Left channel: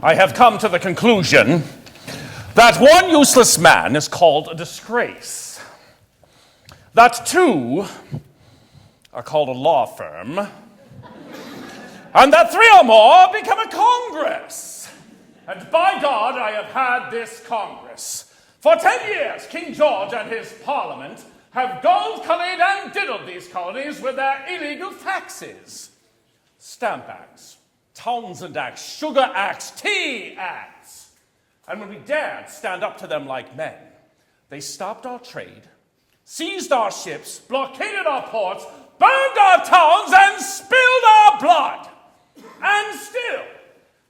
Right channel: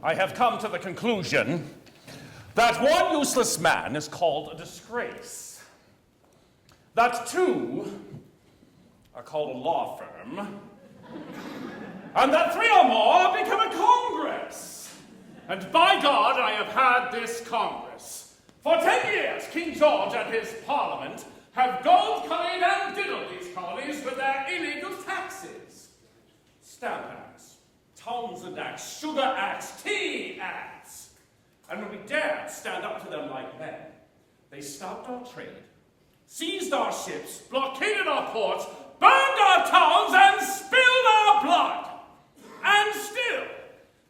I have come to the conclusion that one useless man is called a disgrace, that two are called a law firm, and that three or more become a Congress. And by God, I have had this Congress. For 10 years, King George and his Parliament have gold-collared and diddled these colonies with their illegal taxes. Stamp Acts, Townsend Acts, Sugar Acts, Tea Acts. And when we dared stand up to them like men, they stopped our trade, seized our ships, blockaded our ports, burned our towns, and spilled our blood. And still,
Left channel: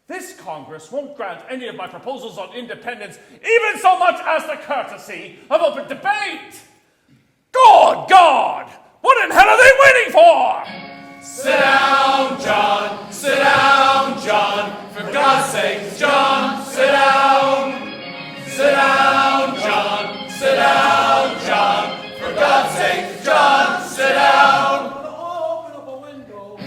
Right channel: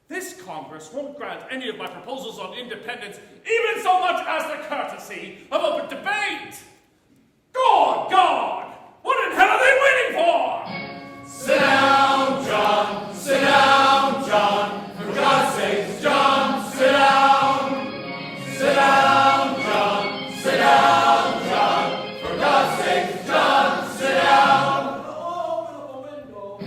this Congress won't grant any of my proposals on independence even so much as the courtesy of open debate. Good God! What in hell are they waiting for? Sit down, John. Sit down, John. For God's sake, John, sit down. Sit down, John. Sit down, John. For God's sake, John, sit down. Open up a window.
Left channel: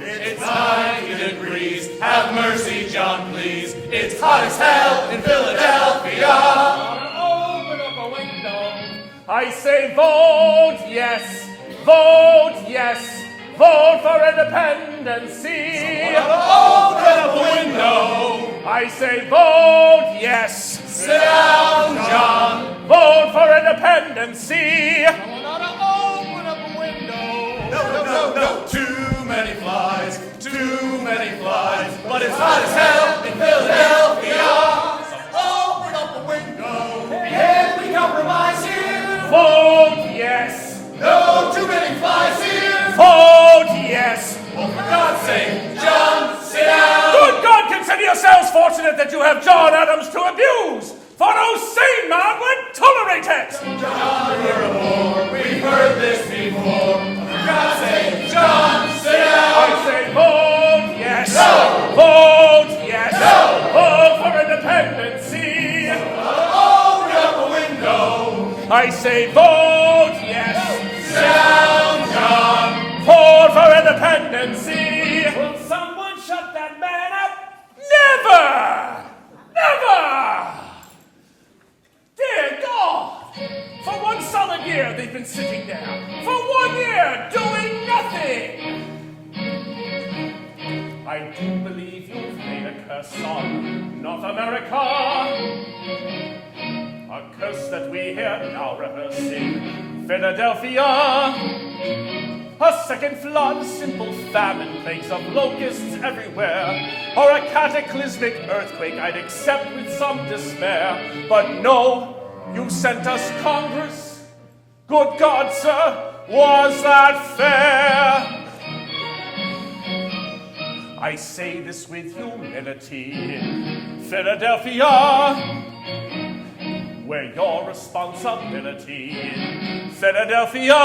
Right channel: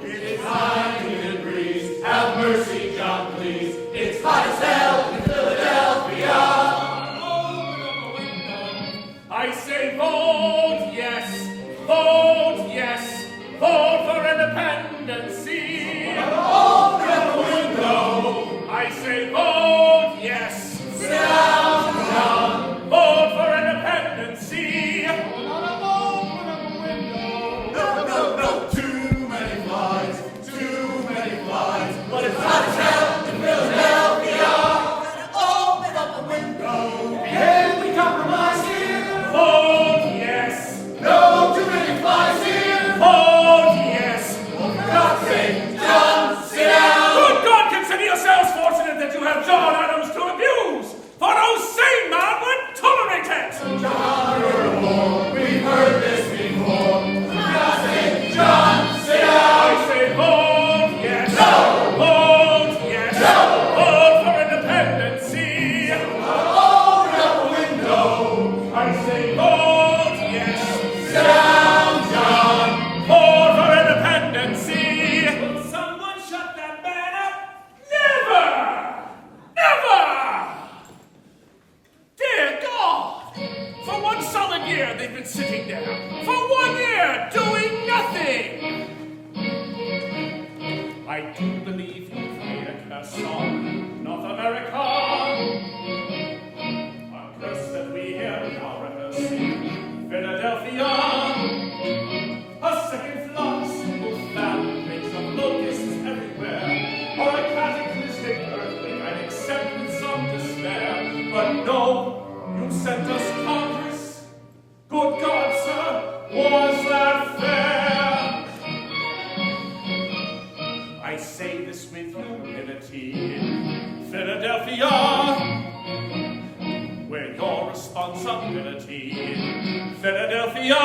It's 90 degrees. Have mercy, John, please. It's hot as hell in Philadelphia. I say vote yes, vote for independency. Open up a window. I say vote yes. Sit down, John. Vote for independency. Open up a window. No. Too many flies, but it's hot as hell in Philadelphia. Open up a window. Can we compromise here? Vote yes. No, too many flies here. Vote yes. For God's sake, John, sit down. Good God, consider yourselves fortunate that you have John Adams to abuse, for no sane man would tolerate it. John, we're a war. We've heard this before. For God's sake, John, sit down. I say vote yes. No. Vote yes. No. Vote for independency. Open up a window. I say vote yes. Sit down, John. Vote for independency. Will someone shut that man up? Never! Never! Dear God! For one solid year they've been sitting there. For 1 year doing nothing. I do believe you've made a curse on North America. A curse that we hear now rehearsing. Philadelphia. A second flood, simple famine, plagues of locusts everywhere, or a cataclysmic earthquake I'd accept with some despair. But no, you sent us Congress. Good God, sir, was that fair? I say this with humility. Philadelphia, where your responsibility. Philadelphia,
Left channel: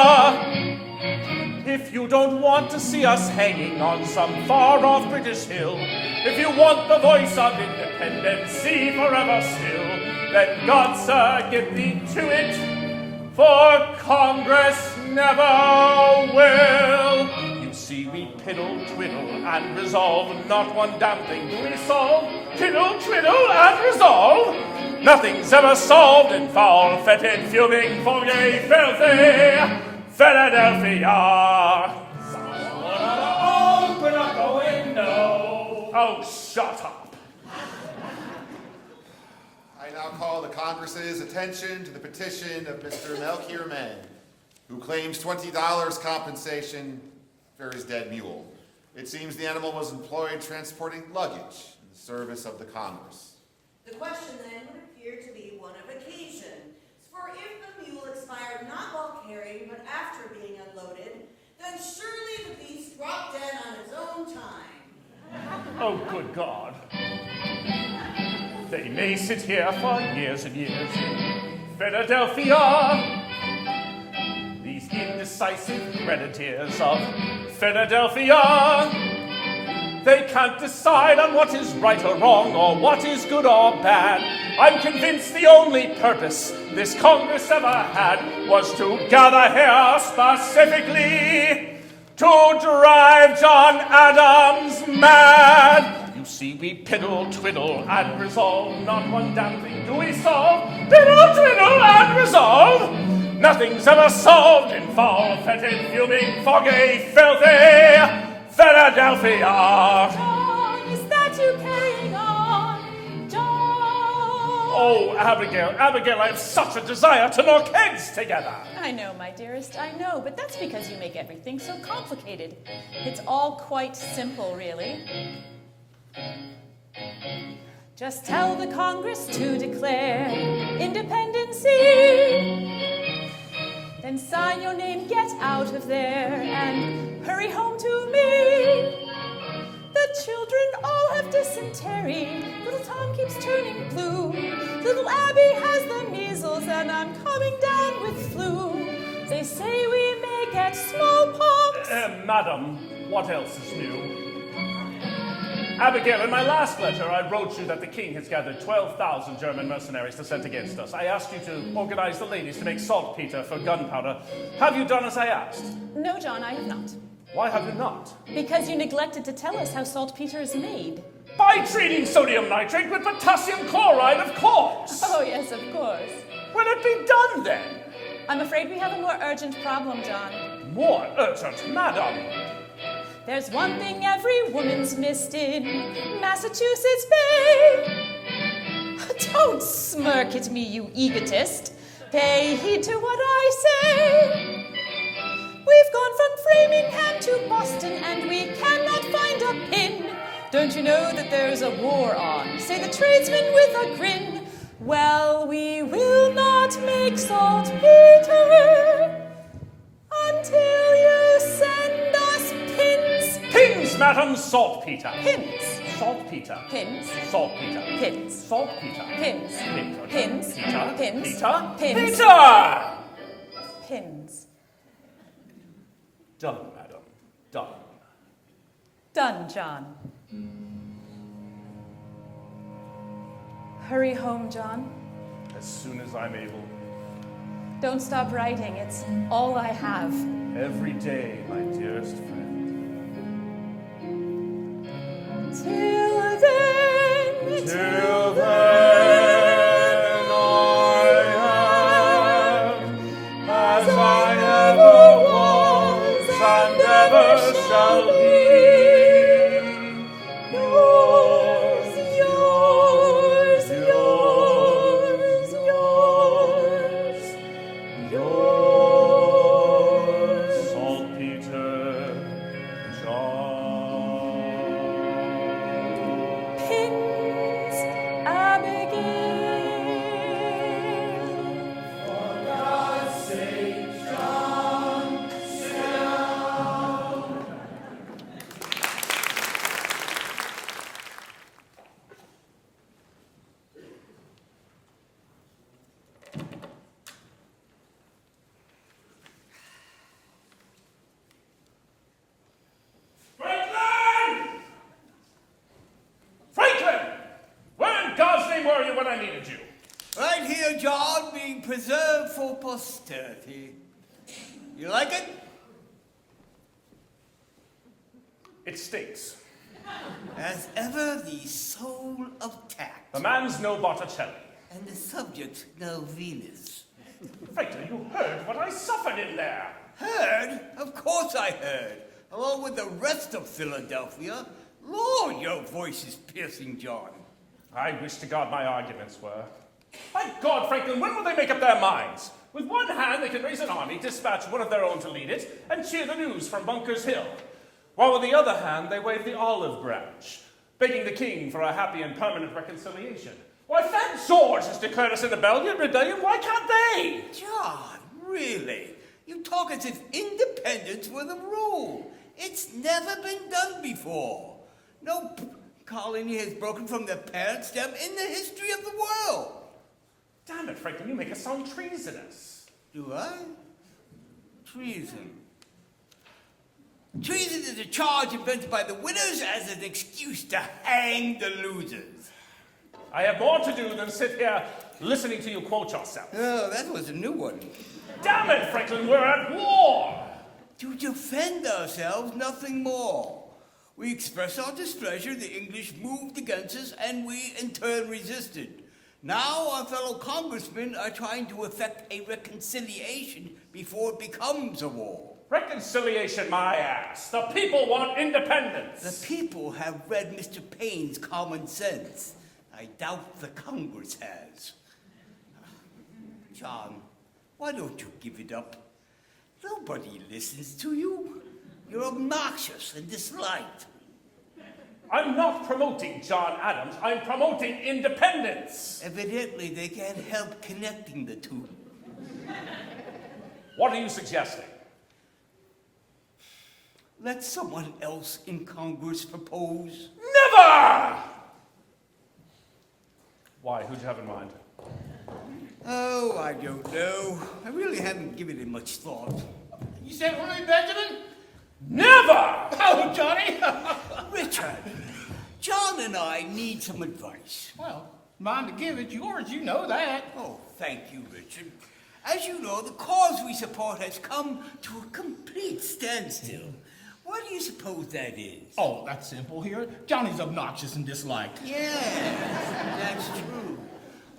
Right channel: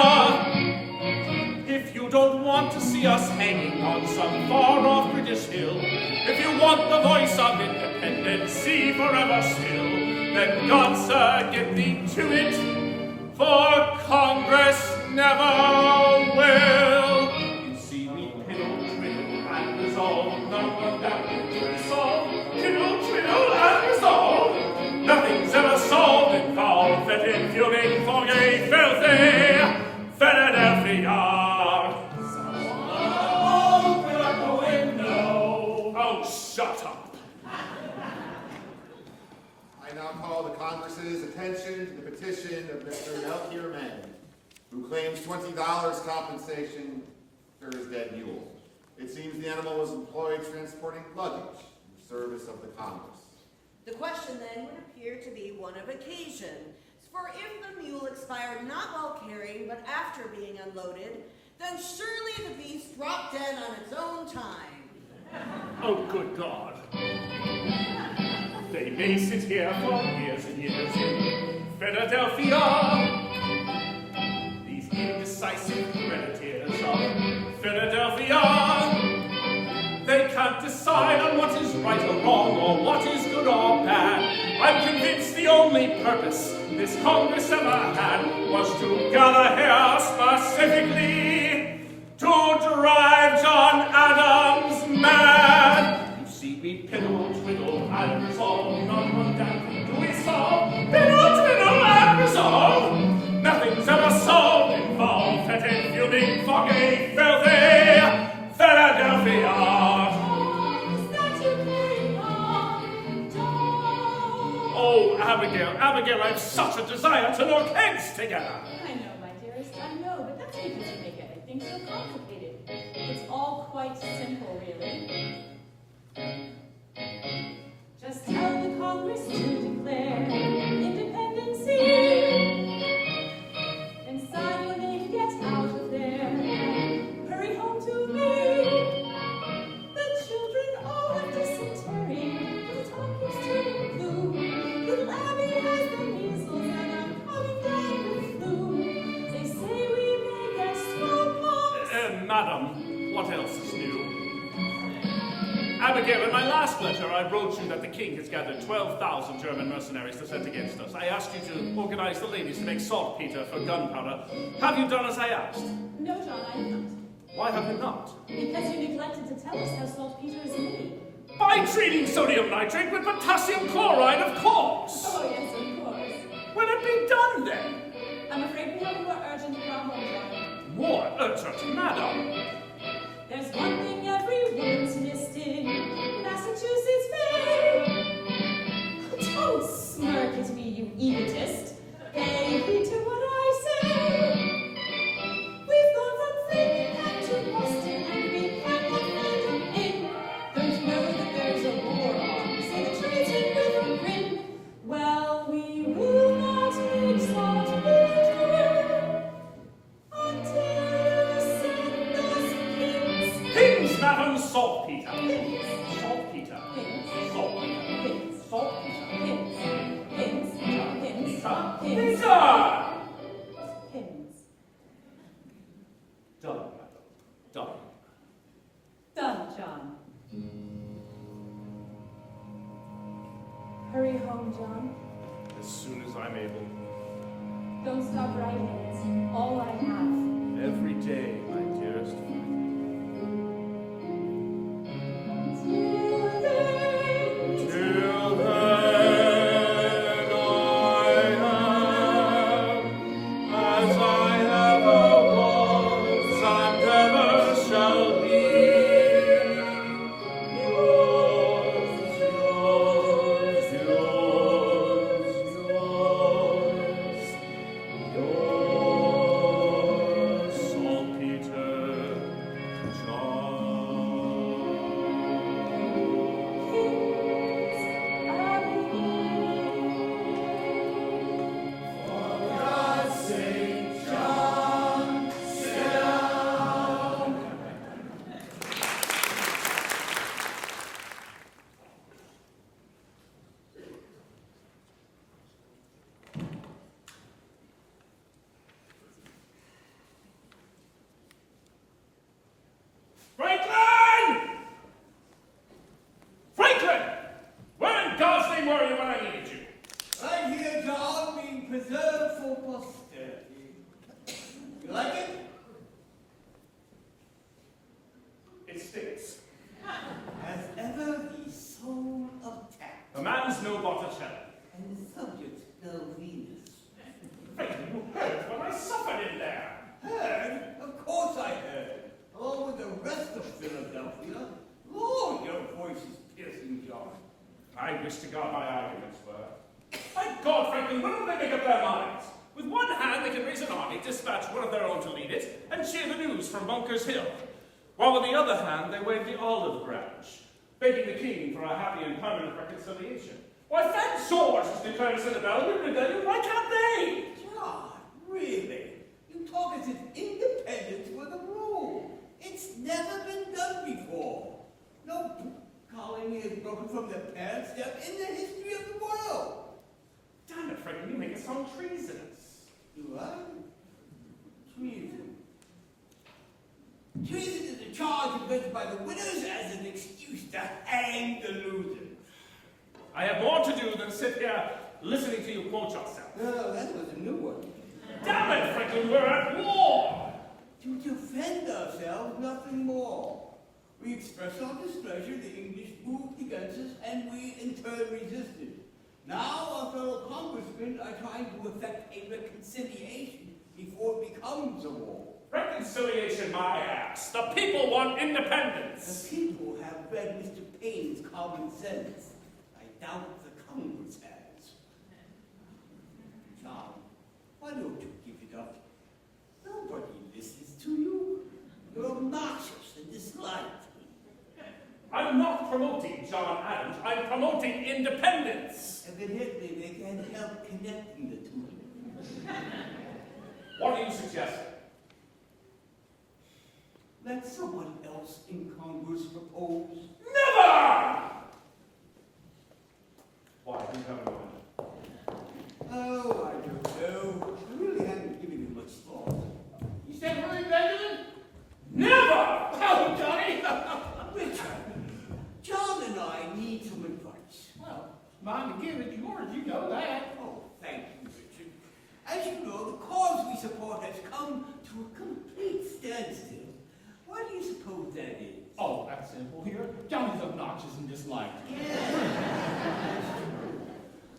if you don't want to see us hanging on some far-off British hill, if you want the voice of independency forever still, then God, sir, get thee to it, for Congress never will. You see, we piddle, twiddle, and resolve, not one damn thing to be solved. Piddle, twiddle, and resolve. Nothing's ever solved in foul, fetid, fuming, foggy, filthy Philadelphia. Open up a window. Oh, shut up. I now call the Congress's attention to the petition of Mr. Melchior Mann, who claims $20 compensation for his dead mule. It seems the animal was employed transporting luggage in the service of the Congress. The question then would appear to be one of occasion. For if the mule expired not while carrying, but after being unloaded, then surely the beast dropped dead on its own time. Oh, good God. They may sit here for years and years in Philadelphia. These indecisive creditors of Philadelphia. They can't decide on what is right or wrong, or what is good or bad. I'm convinced the only purpose this Congress ever had was to gather here specifically to drive John Adams mad. You see, we piddle, twiddle, and resolve. Not one damn thing do we solve. Piddle, twiddle, and resolve. Nothing's ever solved, involved, fetid, fuming, foggy, filthy Philadelphia. John, is that you carrying on? John! Oh, Abigail, Abigail, I have such a desire to knock heads together. I know, my dearest, I know, but that's because you make everything so complicated. It's all quite simple, really. Just tell the Congress to declare independency. Then sign your name, get out of there, and hurry home to me. The children all have dysentery. Little Tom keeps turning blue. Little Abby has the measles, and I'm coming down with flu. They say we may get smallpox. Madam, what else is new? Abigail, in my last letter, I wrote you that the king has gathered 12,000 German mercenaries to send against us. I asked you to organize the ladies to make saltpeter for gunpowder. Have you done as I asked? No, John, I have not. Why have you not? Because you neglected to tell us how saltpeter is made. By treating sodium nitrate with potassium chloride, of course. Oh, yes, of course. Will it be done then? I'm afraid we have a more urgent problem, John. More urgent, madam. There's one thing every woman's missed in Massachusetts Bay. Don't smirk at me, you egotist. Pay heed to what I say. We've gone from Framingham to Boston, and we cannot find a pin. Don't you know that there's a war on? Say the tradesman with a grin. Well, we will not make saltpeter until you send us pins. Pins, madam, saltpeter. Pins. Saltpeter. Pins. Saltpeter. Pins. Saltpeter. Pins. Pins. Peter. Pins. Peter. Pins. Peter! Pins. Done, madam. Done. Done, John. Hurry home, John. As soon as I'm able. Don't stop writing. It's all I have. Every day, my dearest friend. Till then. Till then, I am as I ever was and ever shall be. Yours, Saltpeter John. Pins, Abigail. For God's sake, John, sit down. Franklin! Franklin! Where in God's name were you when I needed you? Right here, John, being preserved for posterity. You like it? It stinks. As ever, the soul of tact. The man's no Botticelli. And the subject, no Venus. Franklin, you heard what I suffered in there. Heard? Of course I heard. Along with the rest of Philadelphia. Lord, your voice is piercing, John. I wish to God my arguments were. My God, Franklin, when will they make up their minds? With one hand, they can raise an army, dispatch one of their own to lead it, and cheer the news from Bunker's Hill. While with the other hand, they wave the olive branch, begging the king for a happy and permanent reconciliation. Why, Fat George has declared us in a rebellion, why can't they? John, really? You talk as if independence were the rule. It's never been done before. No colony has broken from the parent stem in the history of the world. Damn it, Franklin, you make us sound treasonous. Do I? Treason. Treason is a charge invented by the winners as an excuse to hang the losers. I have more to do than sit here listening to you quote yourself. Oh, that was a new one. Damn it, Franklin, we're at war! To defend ourselves, nothing more. We expressed our displeasure, the English moved against us, and we in turn resisted. Now our fellow congressmen are trying to effect a reconciliation before it becomes a war. Reconciliation, my ass. The people want independence. The people have read Mr. Paine's Common Sense. I doubt the Congress has. John, why don't you give it up? Nobody listens to you. You're obnoxious and disliked. I'm not promoting John Adams. I'm promoting independence. Evidently, they can't help connecting the two. What are you suggesting? Let someone else in Congress propose. Never! Why? Who do you have in mind? Oh, I don't know. I really haven't given it much thought. You said really, Benjamin? Never! Oh, Johnny! Richard, John and I need some advice. Well, mine to give, it's yours, you know that. Oh, thank you, Richard. As you know, the cause we support has come to a complete standstill. Why do you suppose that is? Oh, that's simple here. Johnny's obnoxious and disliked. Yeah, that's true.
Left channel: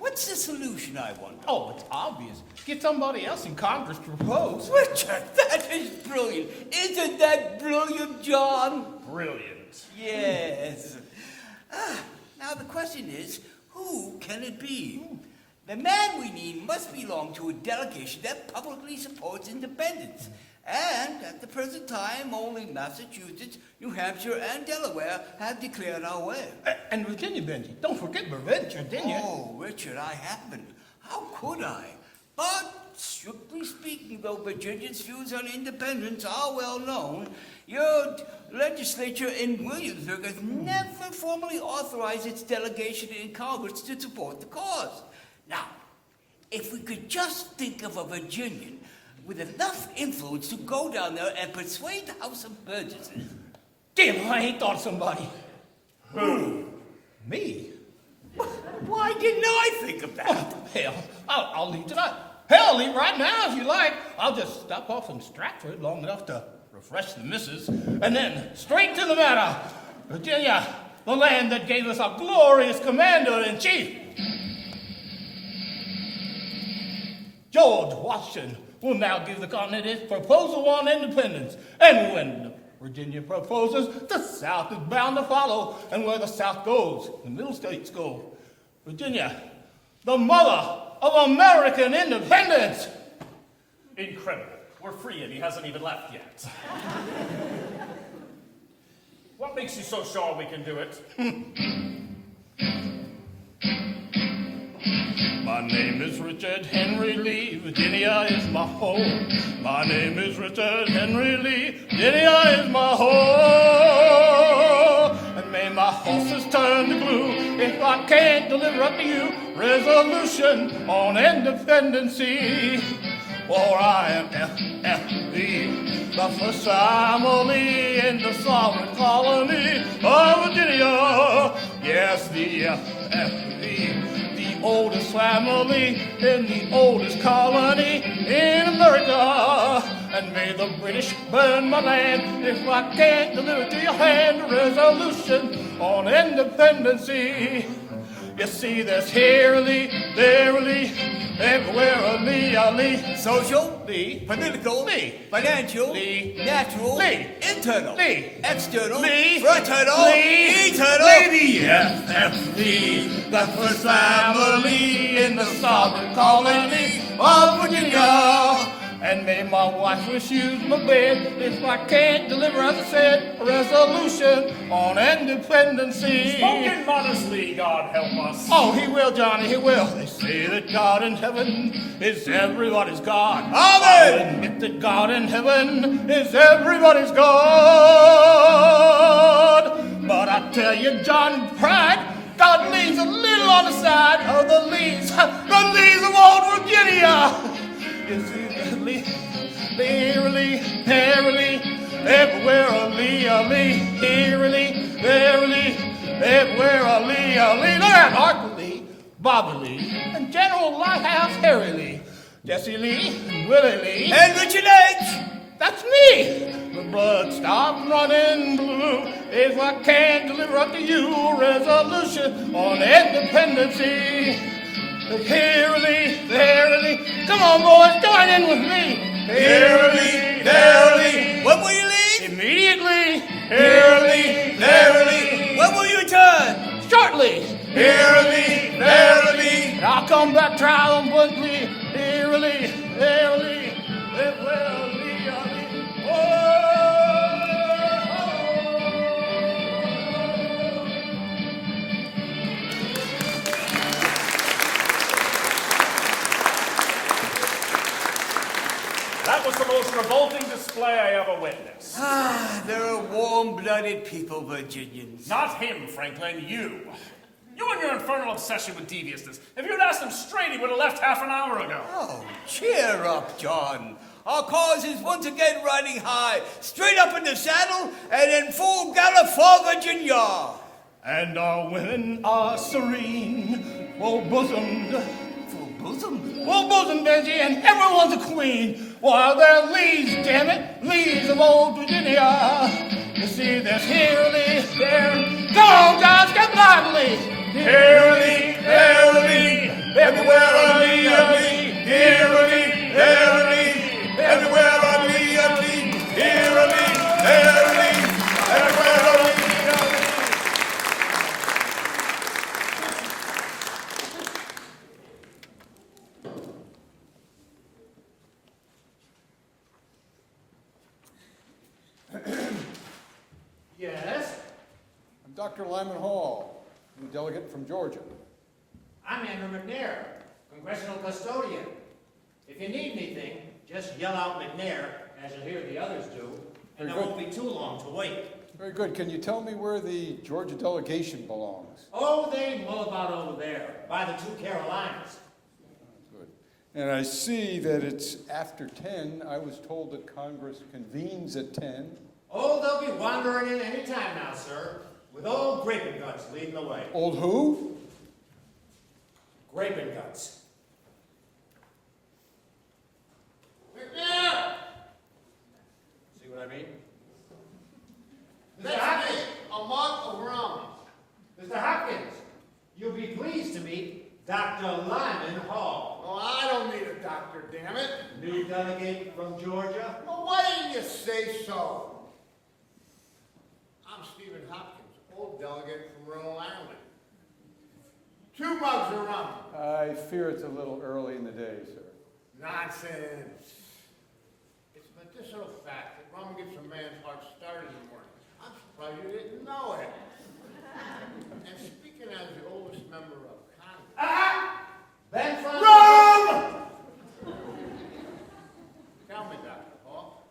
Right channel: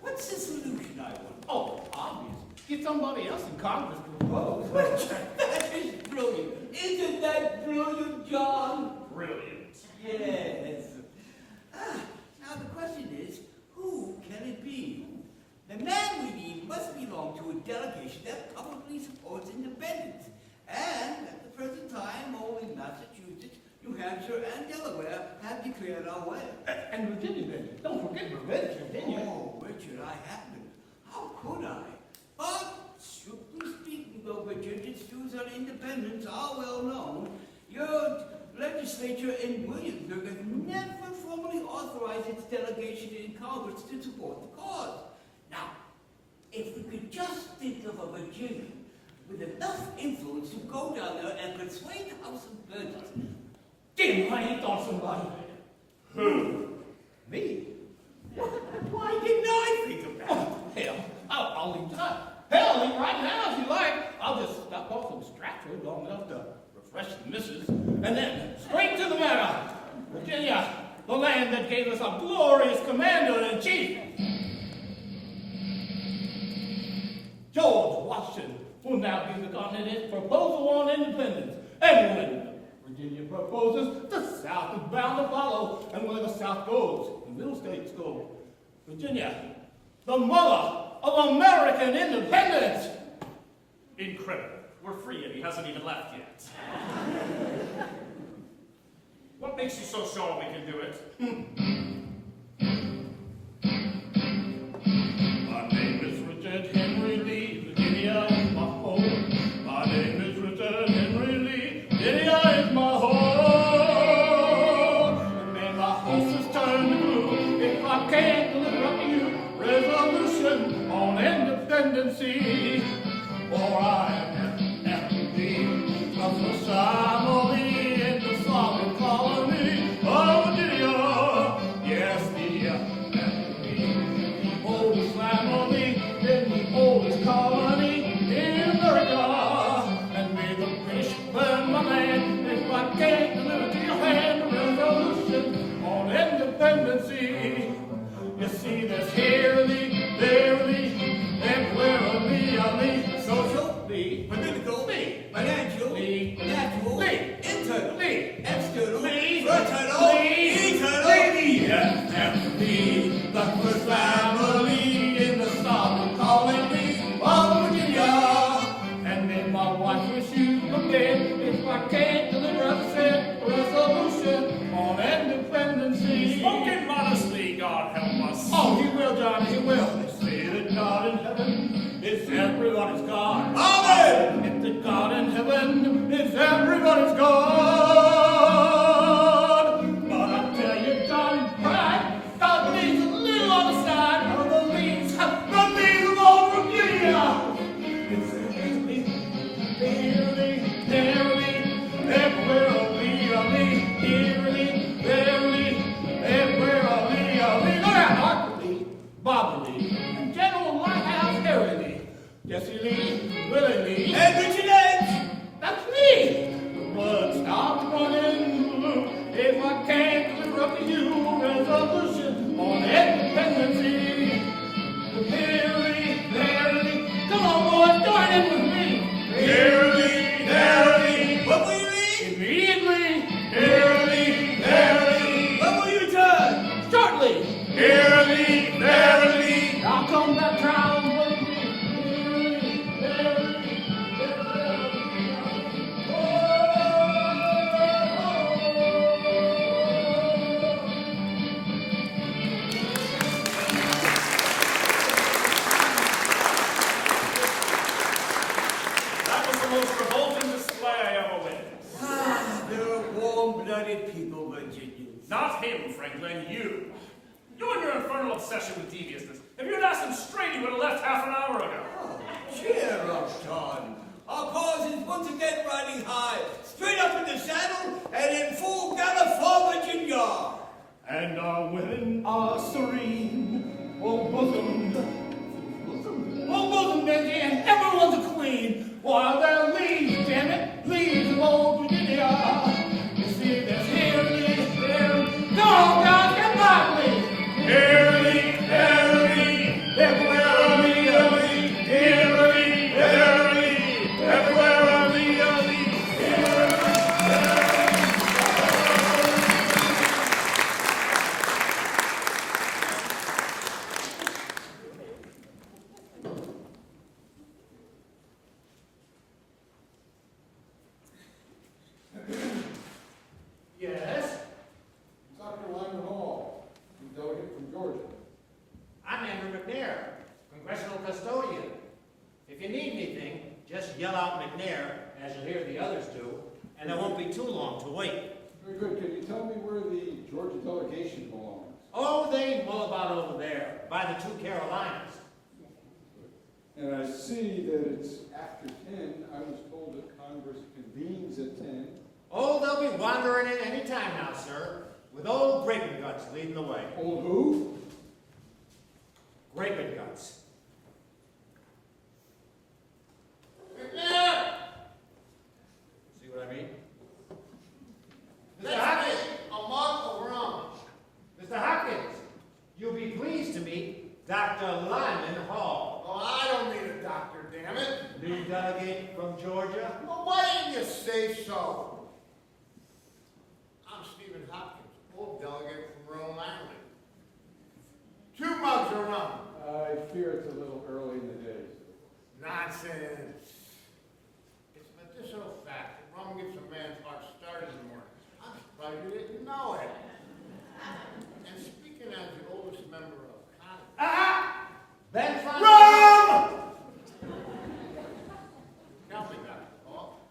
What's the solution, I wonder? Oh, it's obvious. Get somebody else in Congress to propose. Richard, that is brilliant. Isn't that brilliant, John? Brilliant. Yes. Now the question is, who can it be? The man we need must belong to a delegation that publicly supports independence. And at the present time, only Massachusetts, New Hampshire, and Delaware have declared our way. And Virginia, Benji. Don't forget Virginia. Oh, Richard, I haven't. How could I? But, strictly speaking, though Virginia's views on independence are well known, your legislature in Williamsburg has never formally authorized its delegation in Congress to support the cause. Now, if we could just think of a Virginian with enough influence to go down there and persuade the House of Burgesses. Damn, I ain't thought of somebody. Who? Me? Why didn't I think of that? Oh, hell, I'll leave tonight. Hell, leave right now if you like. I'll just stop off in Stratford long enough to refresh the missus, and then straight to the matter. Virginia, the land that gave us a glorious commander-in-chief. George Washington will now give the continent its proposal on independence. And when Virginia proposes, the South is bound to follow. And where the South goes, the Middle States go. Virginia, the mother of American independence. Incredible. We're free and he hasn't even left yet. What makes you so sure we can do it? My name is Richard Henry Lee, Virginia is my home. My name is Richard Henry Lee, Virginia is my home. And may my horses turn to glue if I can't deliver up to you resolution on independency. For I am FFD, the first family in the sovereign colony of Virginia. Yes, the FFD. Oldest family in the oldest colony in America. And may the British burn my land if I can't deliver to your hand a resolution on independency. You see, there's here a Lee, there a Lee, everywhere a Lee, a Lee. Social, Lee, political, Lee, financial, Lee, natural, Lee, internal, Lee, external, Lee, fraternal, Lee, eternal. Lee, FFD, the first family in the sovereign colony of Virginia. And may my wife refuse my bed if I can't deliver, as I said, a resolution on independency. Spoken modestly, God help us. Oh, he will, Johnny, he will. They say that God in heaven is everybody's God. Amen. If the God in heaven is everybody's God. But I tell you, John, pride, God leaves a little on the side of the leaves of old Virginia. It's eerily, everywhere a Lee, eerily, verily, everywhere a Lee. Look at Arthur Lee, Bobby Lee, and General Lighthouse Harry Lee, Jesse Lee, Willie Lee, And Richard H. That's me. The blood stopped running blue if I can't deliver up to you a resolution on independency. Verily, verily, come on, boys, join in with me. Verily, verily, When will you leave? immediately. Verily, verily, When will you return? shortly. Verily, verily. I'll come back triumphantly. Verily, verily, verily. That was the most revolting display I ever witnessed. They're a warm-blooded people, Virginians. Not him, Franklin, you. You and your infernal obsession with deviousness. If you'd asked him straight, he would have left half an hour ago. Oh, cheer up, John. Our cause is once again riding high, straight up in the saddle and in full gallop for Virginia. And our women are serene, full-bosomed. Bosom. Full-bosomed, Benji, and everyone's a queen. While they're leads, damn it, leads of old Virginia. You see, there's here, there. Come on, guys, get lively. Verily, verily, everywhere are we, verily, verily, everywhere are we, verily, verily, everywhere are we. Yes? I'm Dr. Lyman Hall, the delegate from Georgia. I'm Andrew McNair, Congressional Custodian. If you need anything, just yell out McNair, as you'll hear the others do, and there won't be too long to wait. Very good. Can you tell me where the Georgia delegation belongs? Oh, they mull about over there, by the two Carolinas. Good. And I see that it's after 10. I was told that Congress convenes at 10. Oh, they'll be wandering in any time now, sir, with old Grapin Guts leading the way. Old who? Grapin Guts. McNair! See what I mean? Mr. Hopkins, a mug of rum. Mr. Hopkins, you'll be pleased to meet Dr. Lyman Hall, Oh, I don't need a doctor, damn it. new delegate from Georgia. Well, why didn't you say so? I'm Stephen Hopkins, old delegate from Rhode Island. 2 mugs of rum. I fear it's a little early in the day, sir. Nonsense. It's a medicinal fact that rum gets a man's heart started in the morning. I'm surprised you didn't know it. And speaking as the oldest member of Congress, Ben Franklin. rum! Tell me, Dr. Hall,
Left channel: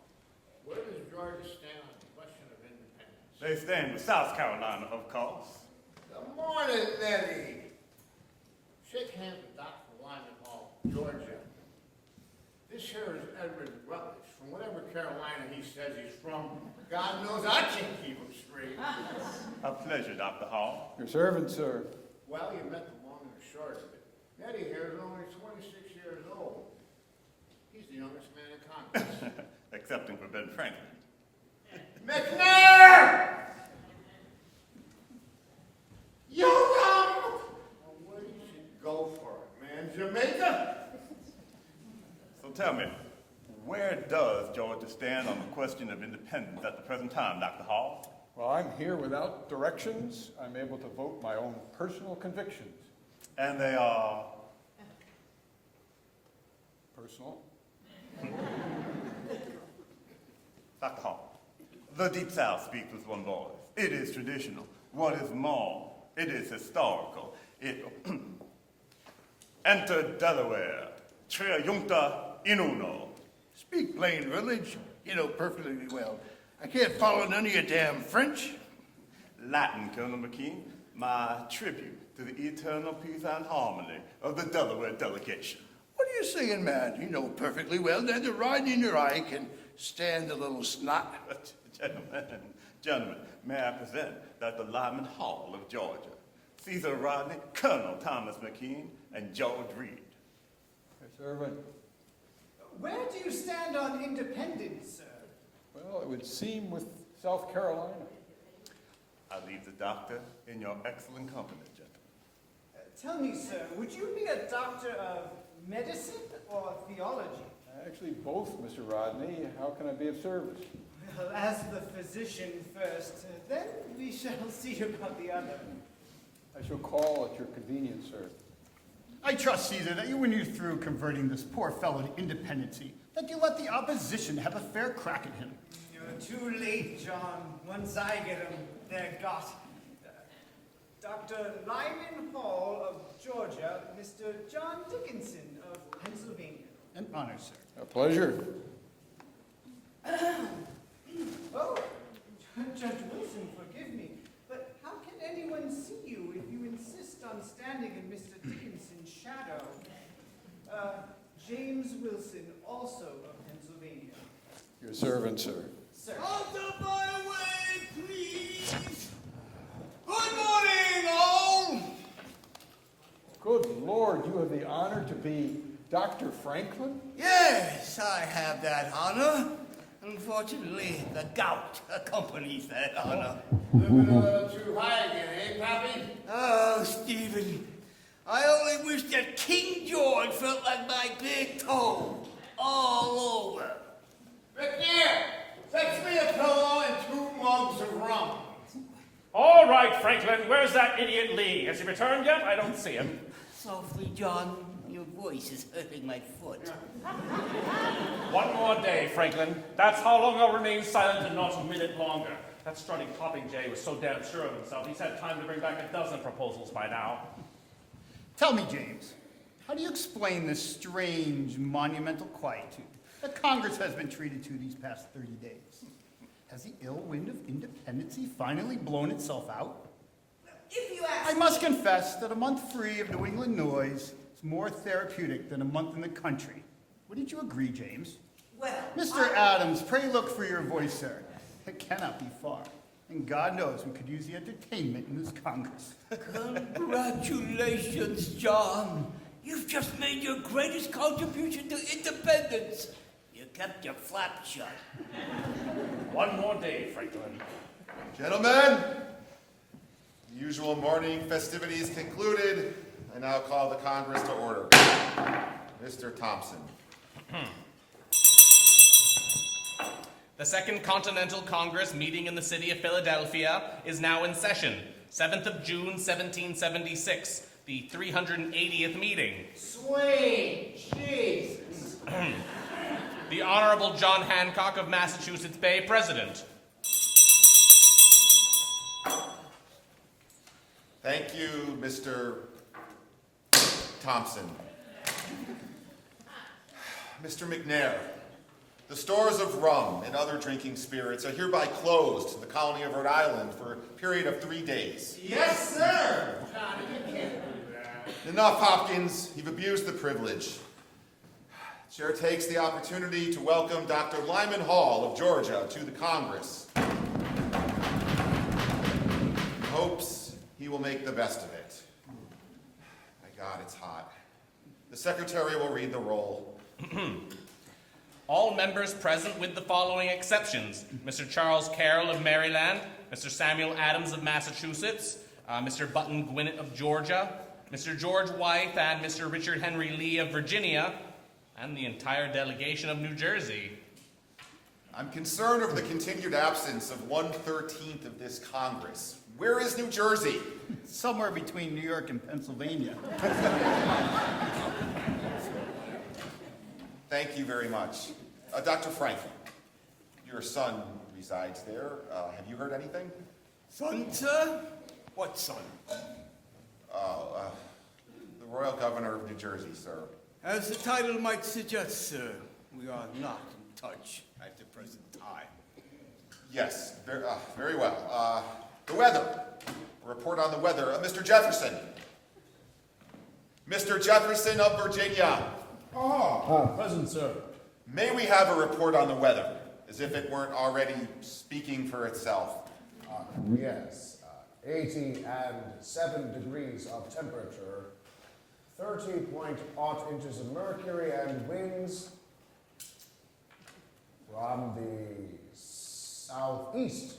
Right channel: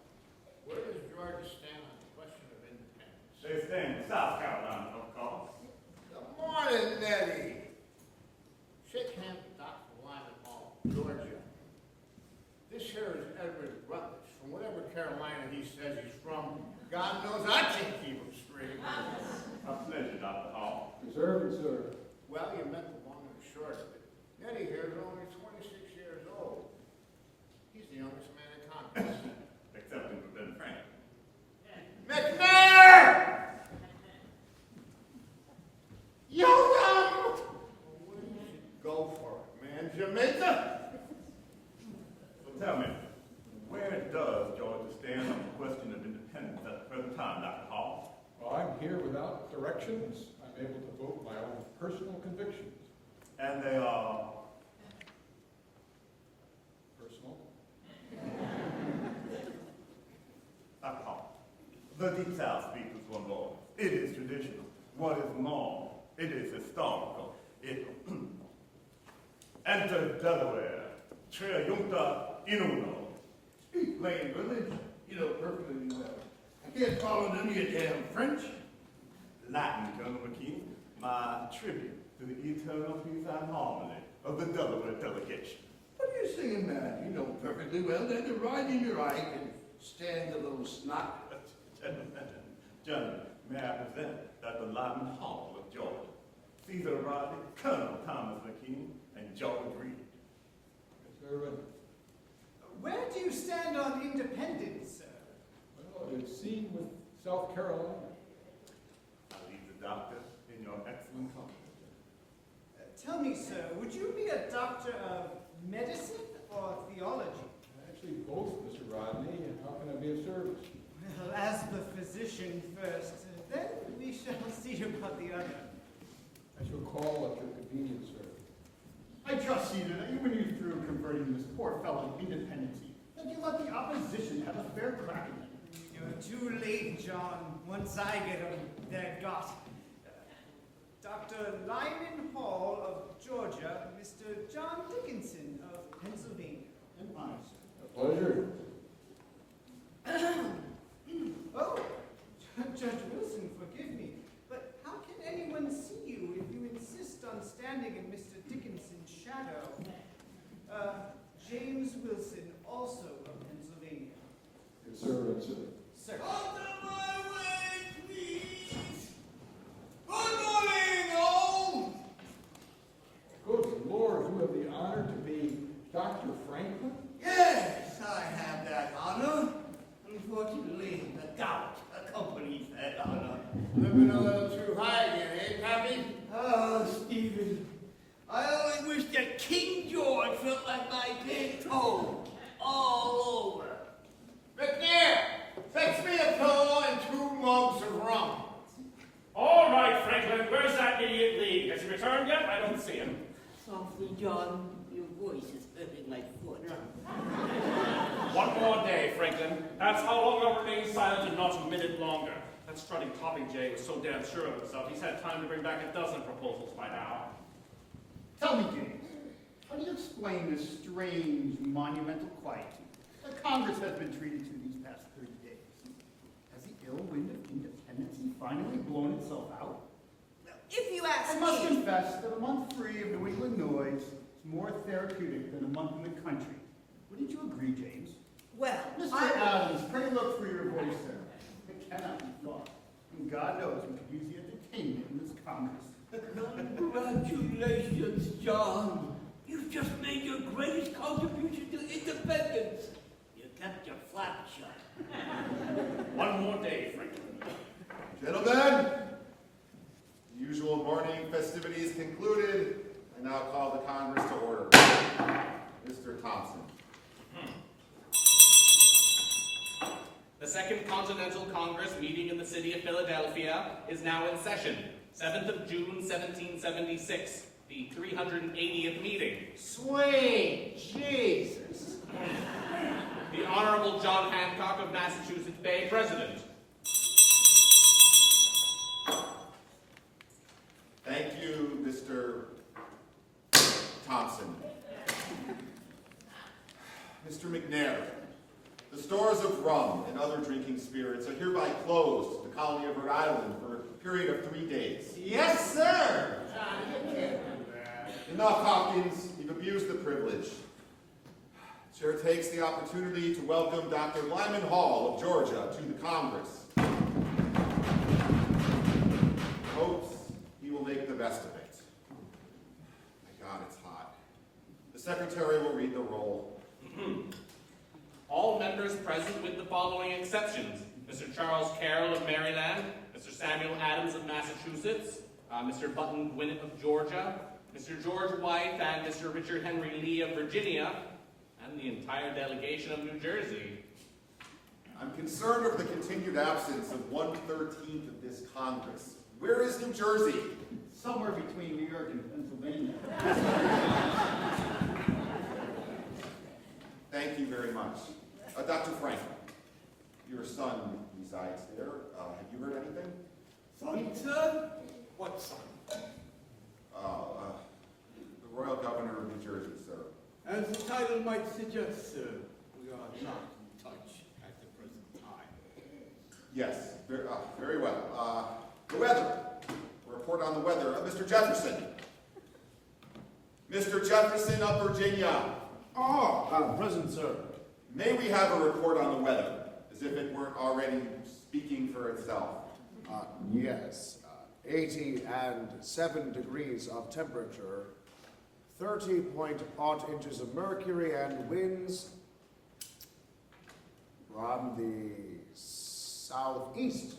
where does Georgia stand on the question of independence? They stand with South Carolina, of course. Good morning, Nettie. Shake hands with Dr. Lyman Hall, Georgia. This here is Edward Rutledge, from whatever Carolina he says he's from. God knows I can't keep him straight. A pleasure, Dr. Hall. Your servant, sir. Well, you met the long and the short of it. Nettie here is only 26 years old. He's the youngest man in Congress. Excepting for Ben Franklin. McNair! Yo, rum! Well, where you should go for it, man? Jamaica? So tell me, where does Georgia stand on the question of independence at the present time, Dr. Hall? Well, I'm here without directions. I'm able to vote my own personal convictions. And they are... Personal? Dr. Hall, the Deep South speaks with one voice. It is traditional. What is more, it is historical. It entered Delaware, triumpta in uno. Speak plain, Rutledge. You know perfectly well. I can't follow none of your damn French. Latin, Colonel McKean, my tribute to the eternal peace and harmony of the Delaware delegation. What are you saying, man? You know perfectly well that the ride in your eye can stand a little snot. Gentlemen, may I present Dr. Lyman Hall of Georgia, Caesar Rodney, Colonel Thomas McKean, and George Reed. Your servant. Where do you stand on independence, sir? Well, it would seem with South Carolina. doctor, in your excellent company, Tell me, sir, would you be a doctor of medicine or theology? Actually, both, Mr. Rodney. How can I be of service? Well, as the physician first, then we shall see about the other. I shall call at your convenience, sir. I trust, Caesar, that when you're through converting this poor fellow to independency, that you let the opposition have a fair crack at him. You're too late, John. Once I get him, they're got. Dr. Lyman Hall of Georgia, Mr. John Dickinson of Pennsylvania. An honor, sir. A pleasure. Oh, Judge Wilson, forgive me, but how can anyone see you if you insist on standing in Mr. Dickinson's shadow? James Wilson, also of Pennsylvania. Your servant, sir. Sir. Out of my way, please! Good morning, all! Good Lord, you have the honor to be Dr. Franklin? Yes, I have that honor. Unfortunately, the gout accompanies that honor. Living a little too high again, eh, Pappy? Oh, Stephen, I only wish that King George felt like my big toe all over. McNair, fetch me a pillow and 2 mugs of rum. All right, Franklin, where's that idiot Lee? Has he returned yet? I don't see him. Softly, John, your voice is hurting my foot. One more day, Franklin. That's how long I'll remain silent and not a minute longer. That strutting popinjay was so damn sure of himself, he's had time to bring back a dozen proposals by now. Tell me, James, how do you explain this strange, monumental quietude that Congress has been treated to these past 30 days? Has the ill wind of independency finally blown itself out? If you ask I must me, confess that a month free of New England noise is more therapeutic than a month in the country. Wouldn't you agree, James? well, Mr. Adams, pray look for your voice, sir. It cannot be far. And God knows we could use the entertainment in this Congress. Congratulations, John. You've just made your greatest contribution to independence. You kept your flap shut. One more day, Franklin. Gentlemen, the usual morning festivities concluded. I now call the Congress to order. Mr. Thompson. The Second Continental Congress meeting in the city of Philadelphia is now in session. 7th of June, 1776, the 380th meeting. Sweet Jesus. The Honorable John Hancock of Massachusetts Bay, President. Thank you, Mr. Thompson. Mr. McNair, the stores of rum and other drinking spirits are hereby closed to the colony of Rhode Island for a period of 3 days. Yes, sir. Johnny, you can't do that. Enough, Hopkins. You've abused the privilege. Chair takes the opportunity to welcome Dr. Lyman Hall of Georgia to the Congress. Hopes he will make the best of it. My God, it's hot. The secretary will read the roll. All members present with the following exceptions. Mr. Charles Carroll of Maryland, Mr. Samuel Adams of Massachusetts, Mr. Button Gwinnett of Georgia, Mr. George Wythe and Mr. Richard Henry Lee of Virginia, and the entire delegation of New Jersey. I'm concerned over the continued absence of 1/13 of this Congress. Where is New Jersey? Somewhere between New York and Pennsylvania. Thank you very much. Dr. Franklin, your son resides there. Have you heard anything? Son, sir? What son? The Royal Governor of New Jersey, sir. As the title might suggest, sir, we are not in touch at the present time. Yes, very well. The weather. A report on the weather. Mr. Jefferson. Mr. Jefferson of Virginia. Present, sir. May we have a report on the weather, as if it weren't already speaking for itself? Yes. 87 degrees of temperature, 30.8 inches of mercury, and winds from the southeast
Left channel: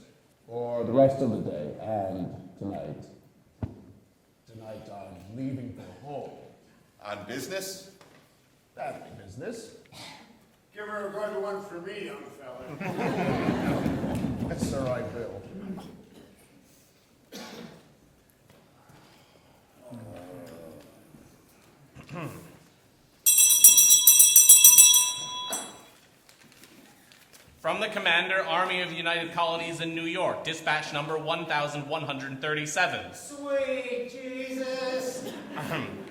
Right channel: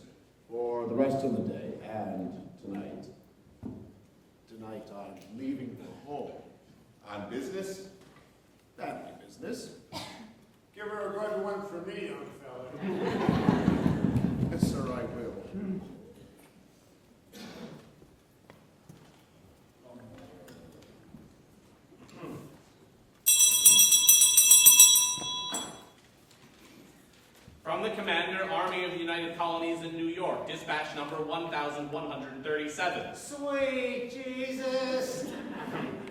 for the rest of the day and leaving for home. On business? Family business. Give her a good one for me, young fella. Yes, sir, I will. From the Commander, Army of the United Colonies in New York, dispatch number 1137. Sweet Jesus!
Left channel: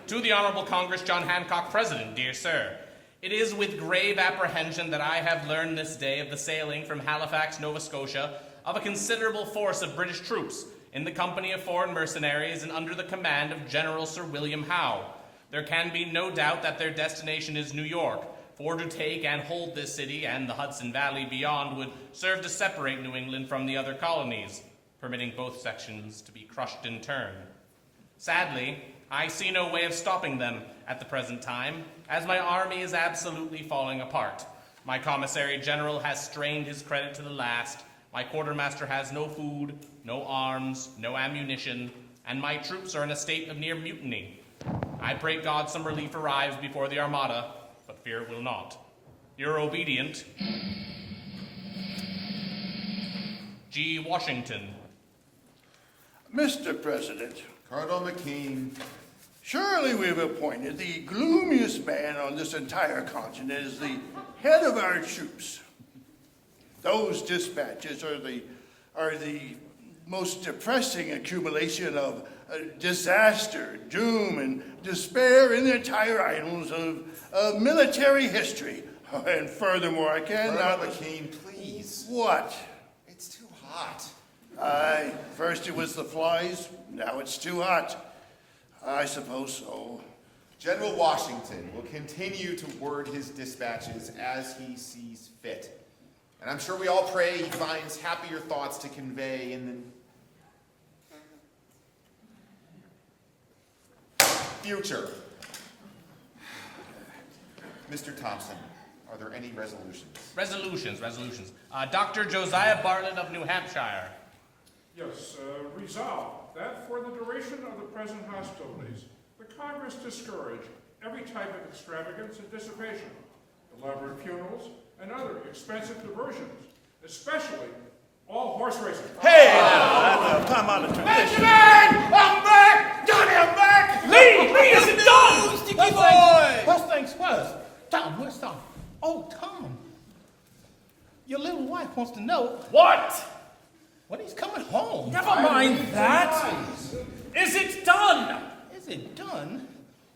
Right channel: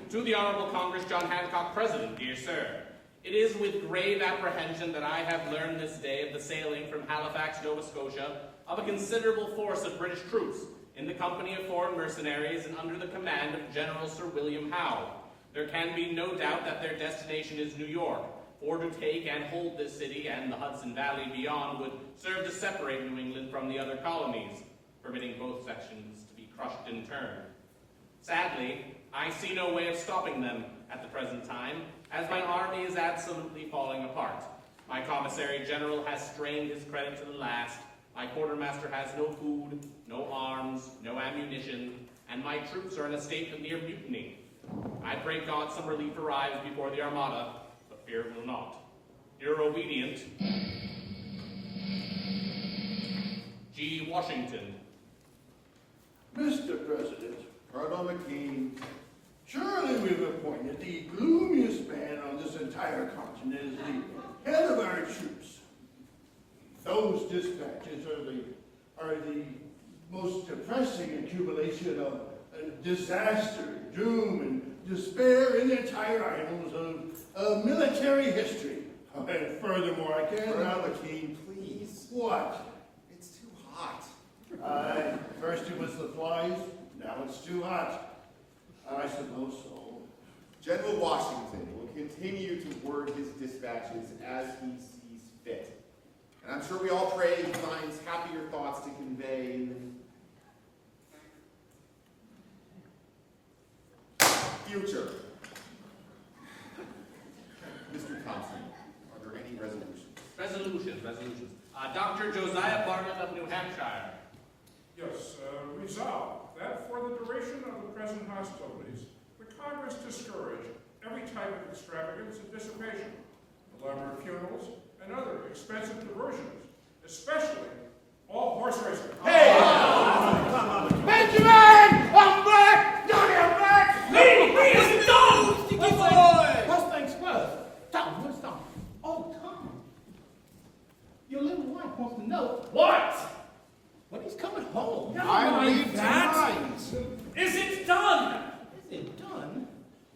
To the Honorable Congress, John Hancock, President, dear sir. It is with grave apprehension that I have learned this day of the sailing from Halifax, Nova Scotia, of a considerable force of British troops, in the company of foreign mercenaries and under the command of General Sir William Howe. There can be no doubt that their destination is New York, for to take and hold this city and the Hudson Valley beyond would serve to separate New England from the other colonies, permitting both sections to be crushed in turn. Sadly, I see no way of stopping them at the present time, as my army is absolutely falling apart. My commissary general has strained his credit to the last, my quartermaster has no food, no arms, no ammunition, and my troops are in a state of near mutiny. I pray God some relief arrives before the Armada, but fear it will not. Your obedient, G. Washington. Mr. President, Cardinal McKean. Surely we've appointed the gloomiest man on this entire continent as the head of our troops. Those dispatches are the most depressing accumulation of disaster, doom, and despair in the entire annals of military history. And furthermore, I cannot... Cardinal McKean, please. What? It's too hot. Aye, first it was the flies, now it's too hot. I suppose so. General Washington will continue to word his dispatches as he sees fit. And I'm sure we all pray he finds happier thoughts to convey in the future. Mr. Thompson, are there any resolutions? Resolutions. Dr. Josiah Bartlett of New Hampshire. Yes, resolve that for the duration of the present hostilities, the Congress discourage every type of extravagance and dissipation, elaborate funerals, and other expensive diversions, especially all horse racing. Hey! Come on. Benjamin! I'm back! Johnny, I'm back! Lee isn't done! Sticky boy! First things first. Tom, where's Tom? Oh, Tom. Your little wife wants to know. What? When he's coming home. Never mind that. Is it done? Is it done?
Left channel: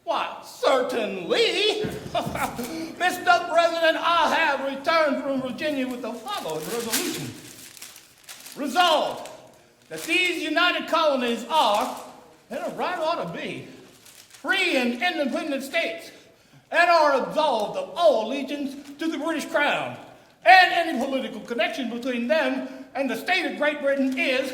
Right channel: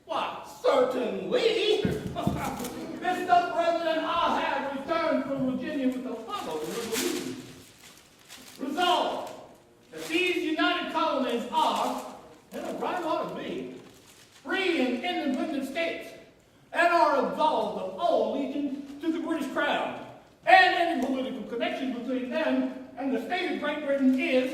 Why, certainly. Mr. President, I have returned from Virginia with the following resolution. Resolved that these United Colonies are, and a right ought to be, free and independent states, and are absolved of all allegiance to the British Crown, and any political connection between them and the state of Great Britain is,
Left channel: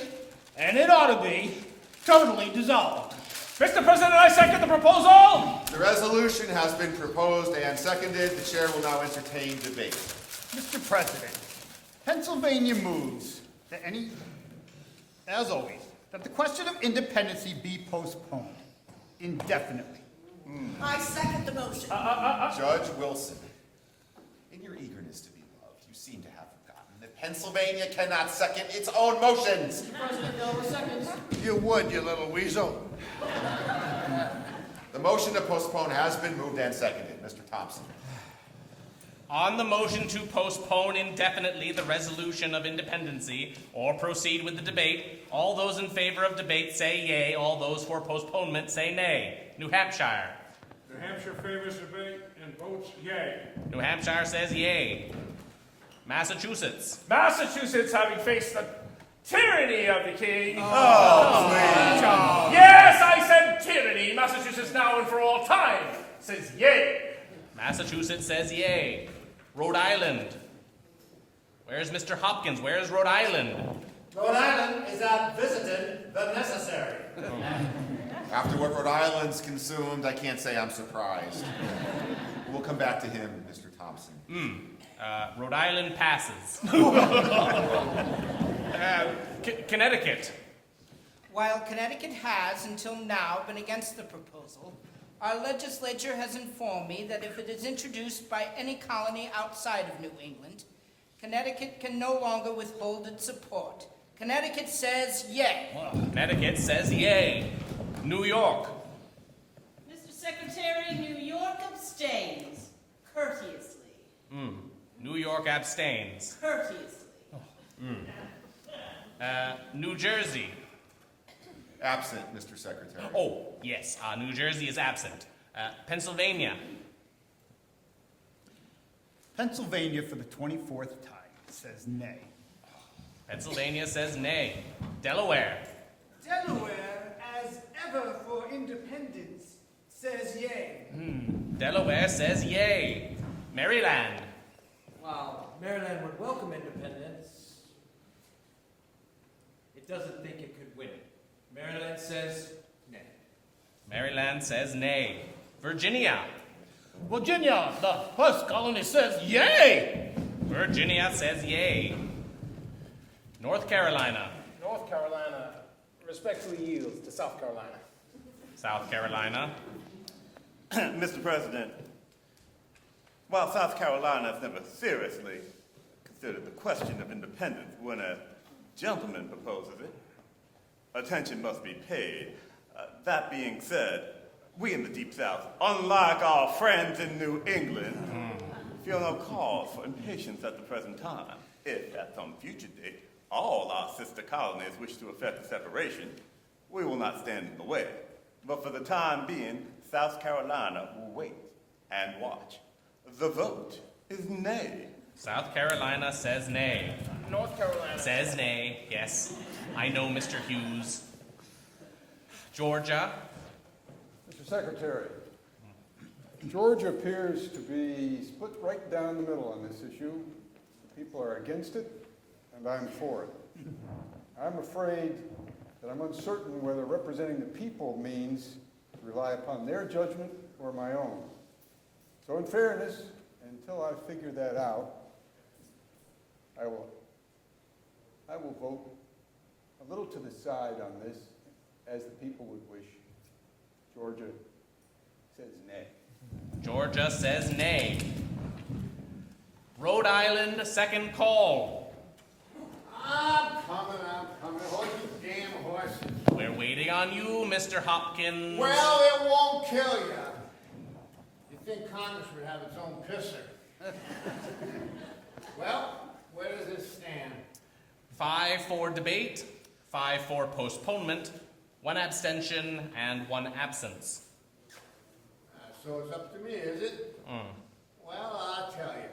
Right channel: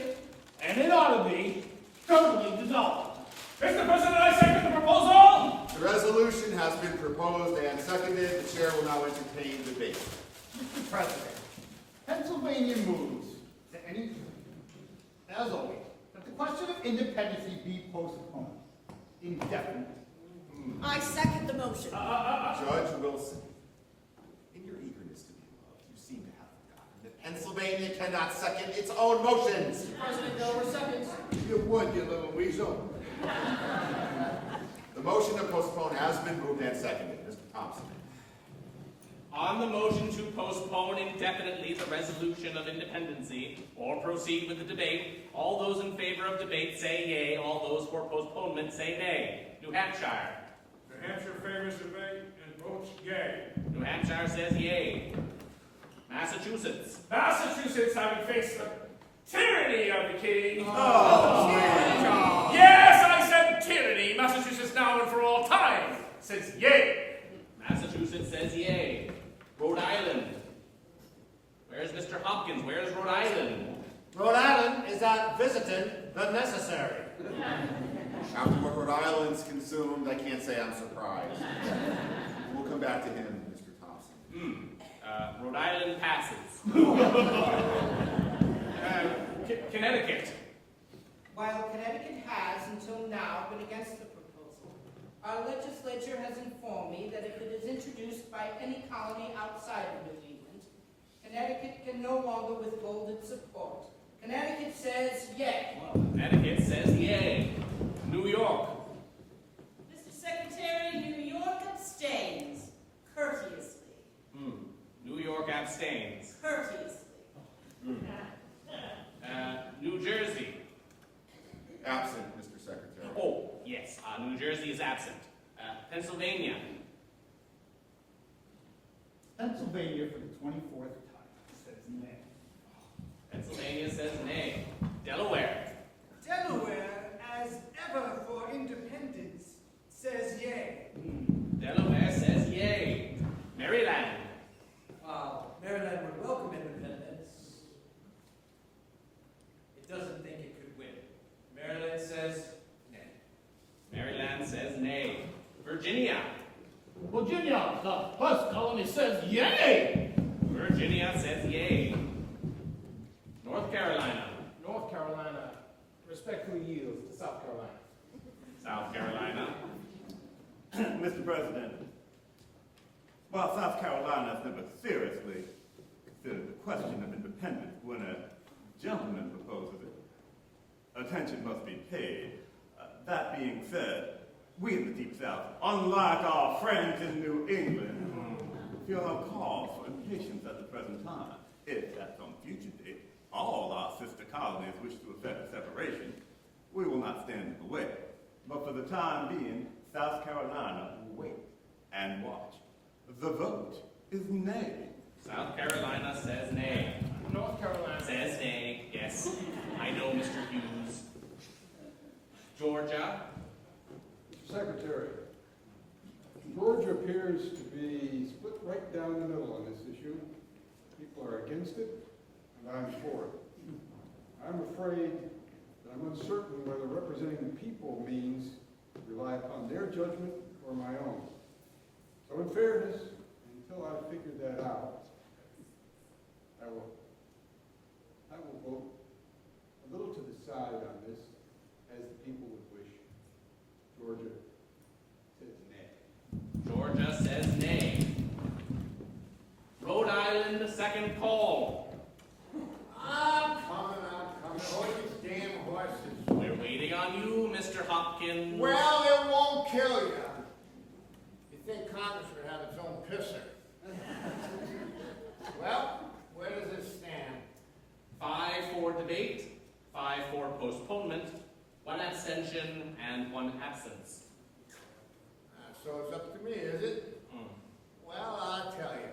and it ought to be, totally dissolved. Mr. President, I second the proposal. The resolution has been proposed and seconded. The chair will now entertain debate. Mr. President, Pennsylvania moves that as always, that the question of independency be postponed indefinitely. I second the motion. Judge Wilson, in your eagerness to be loved, you seem to have forgotten that Pennsylvania cannot second its own motions. Mr. President, there were seconds. You would, you little weasel. The motion to postpone has been moved and seconded. Mr. Thompson. On the motion to postpone indefinitely the resolution of independency, or proceed with the debate, all those in favor of debate say yea, all those for postponement say nay. New Hampshire. New Hampshire favors debate and votes yea. New Hampshire says yea. Massachusetts. Massachusetts, having faced the tyranny of the king. Oh, Yes, I said tyranny. Massachusetts now and for all time says yea. Massachusetts says yea. Rhode Island. Where's Mr. Hopkins? Where's Rhode Island? Rhode Island is not visited the necessary. After what Rhode Island's consumed, I can't say I'm surprised. We'll come back to him, Mr. Thompson. Rhode Island passes. Connecticut. While Connecticut has, until now, been against the proposal, our legislature has informed me that if it is introduced by any colony outside of New England, Connecticut can no longer withhold its support. Connecticut says yay. Well, Connecticut says yay. New York. Mr. Secretary, New York abstains. Courteously. New York abstains. Courteously. New Jersey. Absent, Mr. Secretary. Oh, yes, New Jersey is absent. Pennsylvania. Pennsylvania, for the 24th time, says nay. Pennsylvania says nay. Delaware. Delaware, as ever for independence, says yay. Delaware says yay. Maryland. While Maryland would welcome independence, it doesn't think it could win. Maryland says nay. Maryland says nay. Virginia. Virginia, the first colony, says yay! Virginia says yay. North Carolina. North Carolina respectfully yields to South Carolina. South Carolina. Mr. President, while South Carolina has never seriously considered the question of independence when a gentleman proposes it, attention must be paid. That being said, we in the Deep South, unlike our friends in New England, feel no cause for impatience at the present time. If at some future date all our sister colonies wish to effect a separation, we will not stand in the way. But for the time being, South Carolina will wait and watch. The vote is nay. South Carolina says nay. North Carolina says nay, yes. I know, Mr. Hughes. Georgia. Mr. Secretary, Georgia appears to be split right down the middle on this issue. People are against it, and I'm for it. I'm afraid that I'm uncertain whether representing the people means to rely upon their judgment or my own. So in fairness, until I figure that out, I will vote a little to the side on this, as the people would wish. Georgia says nay. Georgia says nay. Rhode Island, second call. I'm coming. Hold these damn horses. We're waiting on you, Mr. Hopkins. Well, it won't kill you. You think Congress would have its own pisser. Well, where does this stand? 5 for debate, 5 for postponement, 1 abstention, and 1 absence. So it's up to me, is it? Well, I'll tell you.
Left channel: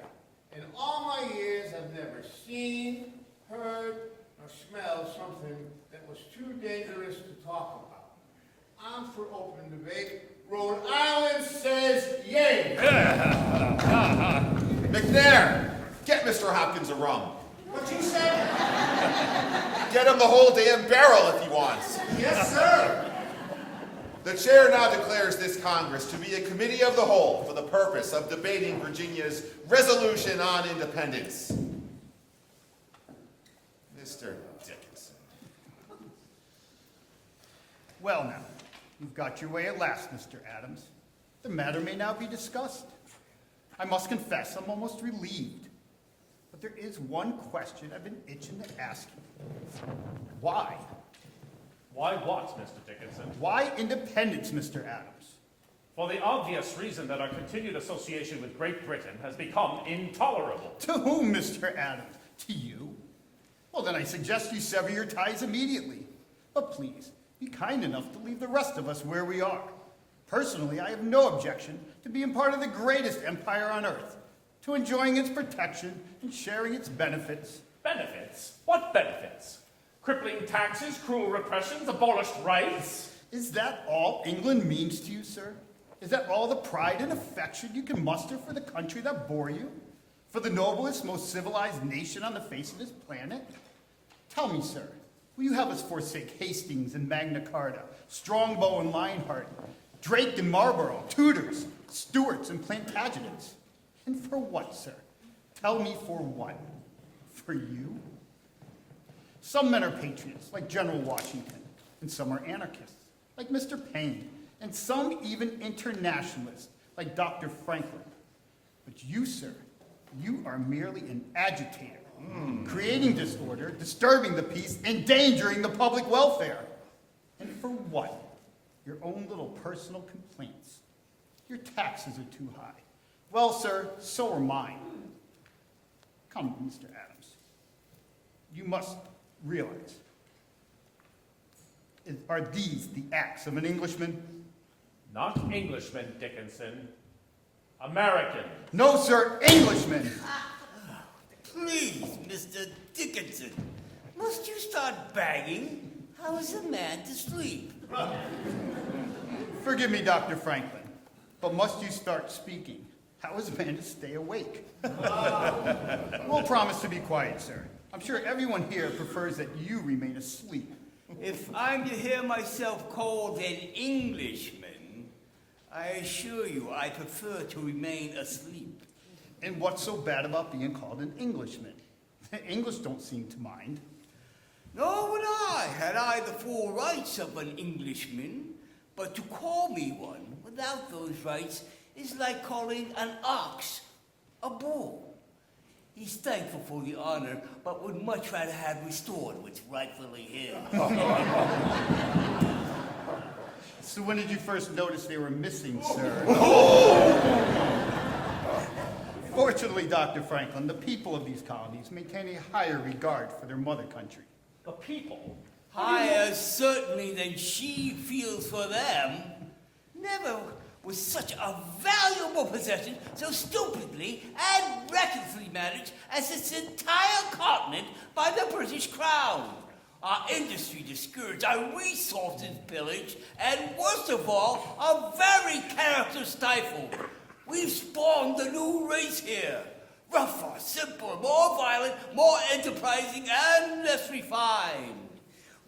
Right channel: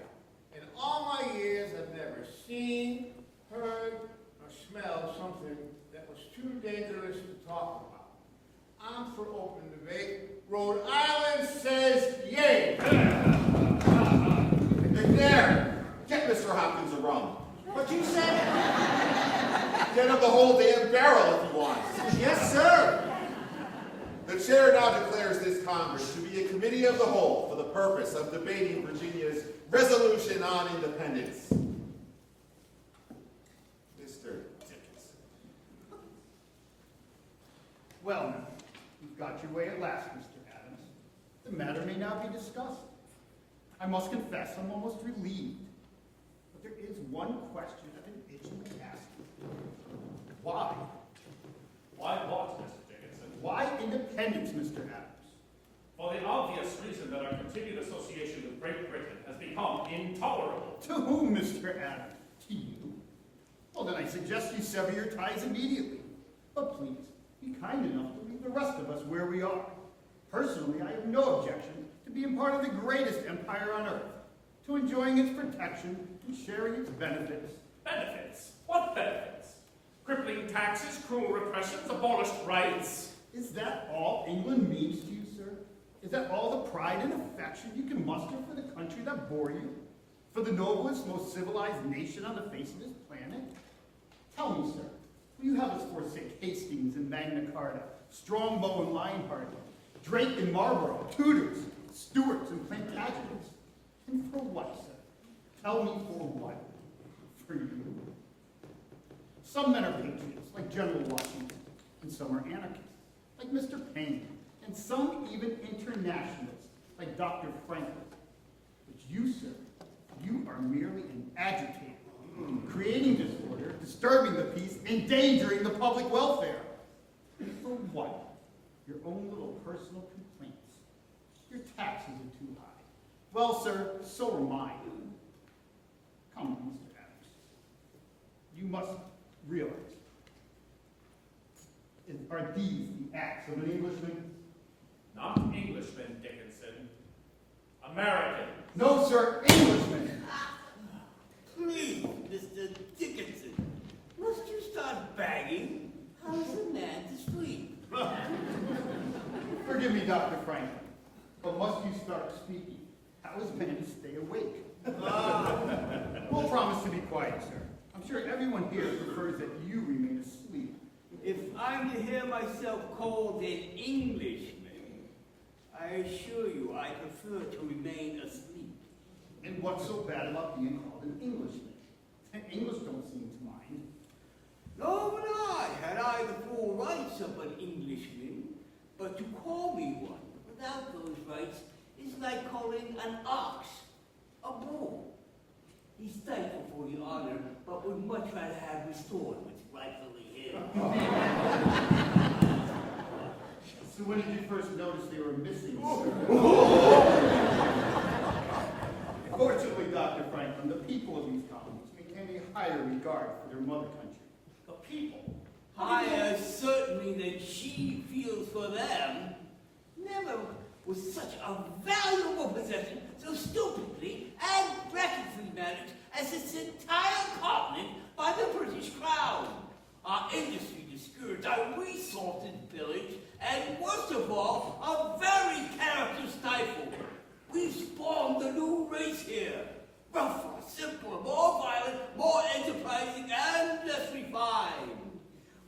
In all my years, I've never seen, heard, or smelled something that was too dangerous to talk about. I'm for open debate. Rhode Island says yay. McNair, get Mr. Hopkins a rum. What you say? Get him the whole damn barrel if he wants. Yes, sir. The chair now declares this Congress to be a committee of the whole for the purpose of debating Virginia's resolution on independence. Mr. Dickinson. Well, now, you've got your way at last, Mr. Adams. The matter may now be discussed. I must confess, I'm almost relieved. But there is one question I've been itching to ask you. Why? Why what, Mr. Dickinson? Why independence, Mr. Adams? For the obvious reason that our continued association with Great Britain has become intolerable. To whom, Mr. Adams? To you? Well, then I suggest you sever your ties immediately. But please, be kind enough to leave the rest of us where we are. Personally, I have no objection to being part of the greatest empire on earth, to enjoying its protection and sharing its benefits. Benefits? What benefits? Crippling taxes, cruel repressions, abolished rights? Is that all England means to you, sir? Is that all the pride and affection you can muster for the country that bore you? For the noblest, most civilized nation on the face of this planet? Tell me, sir, will you have us forsake Hastings and Magna Carta, Strongbow and Lionheart, Drake and Marlborough, Tudors, Stuarts and Plantagenets? And for what, sir? Tell me for what? For you? Some men are patriots, like General Washington. and some are anarchists, like Mr. Payne, and some even internationalists, like Dr. Franklin. But you, sir, you are merely an agitator, creating disorder, disturbing the peace, endangering the public welfare. And for what? Your own little personal complaints. Your taxes are too high. Well, sir, so are mine. Come, Mr. Adams. You must realize, are these the acts of an Englishman? Not Englishman, Dickinson. American. No, sir, Englishman. Please, Mr. Dickinson, must you start bagging? How is a man to sleep? Forgive me, Dr. Franklin, but must you start speaking? How is a man to stay awake? We'll promise to be quiet, sir. I'm sure everyone here prefers that you remain asleep. If I'm to hear myself called an Englishman, I assure you I prefer to remain asleep. And what's so bad about being called an Englishman? English don't seem to mind. Nor would I, had I the full rights of an Englishman. But to call me one without those rights is like calling an ox a bull. He's thankful for the honor, but would much rather have restored what's rightfully his. So when did you first notice they were missing, sir? Fortunately, Dr. Franklin, the people of these colonies maintain a higher regard for their mother country. The people? Higher certainly than she feels for them. Never was such a valuable possession so stupidly and recklessly managed as this entire continent by the British Crown. Our industry discouraged, our resources pillaged, and worst of all, our very character stifled. We've spawned the new race here. Rougher, simpler, more violent, more enterprising, and less refined.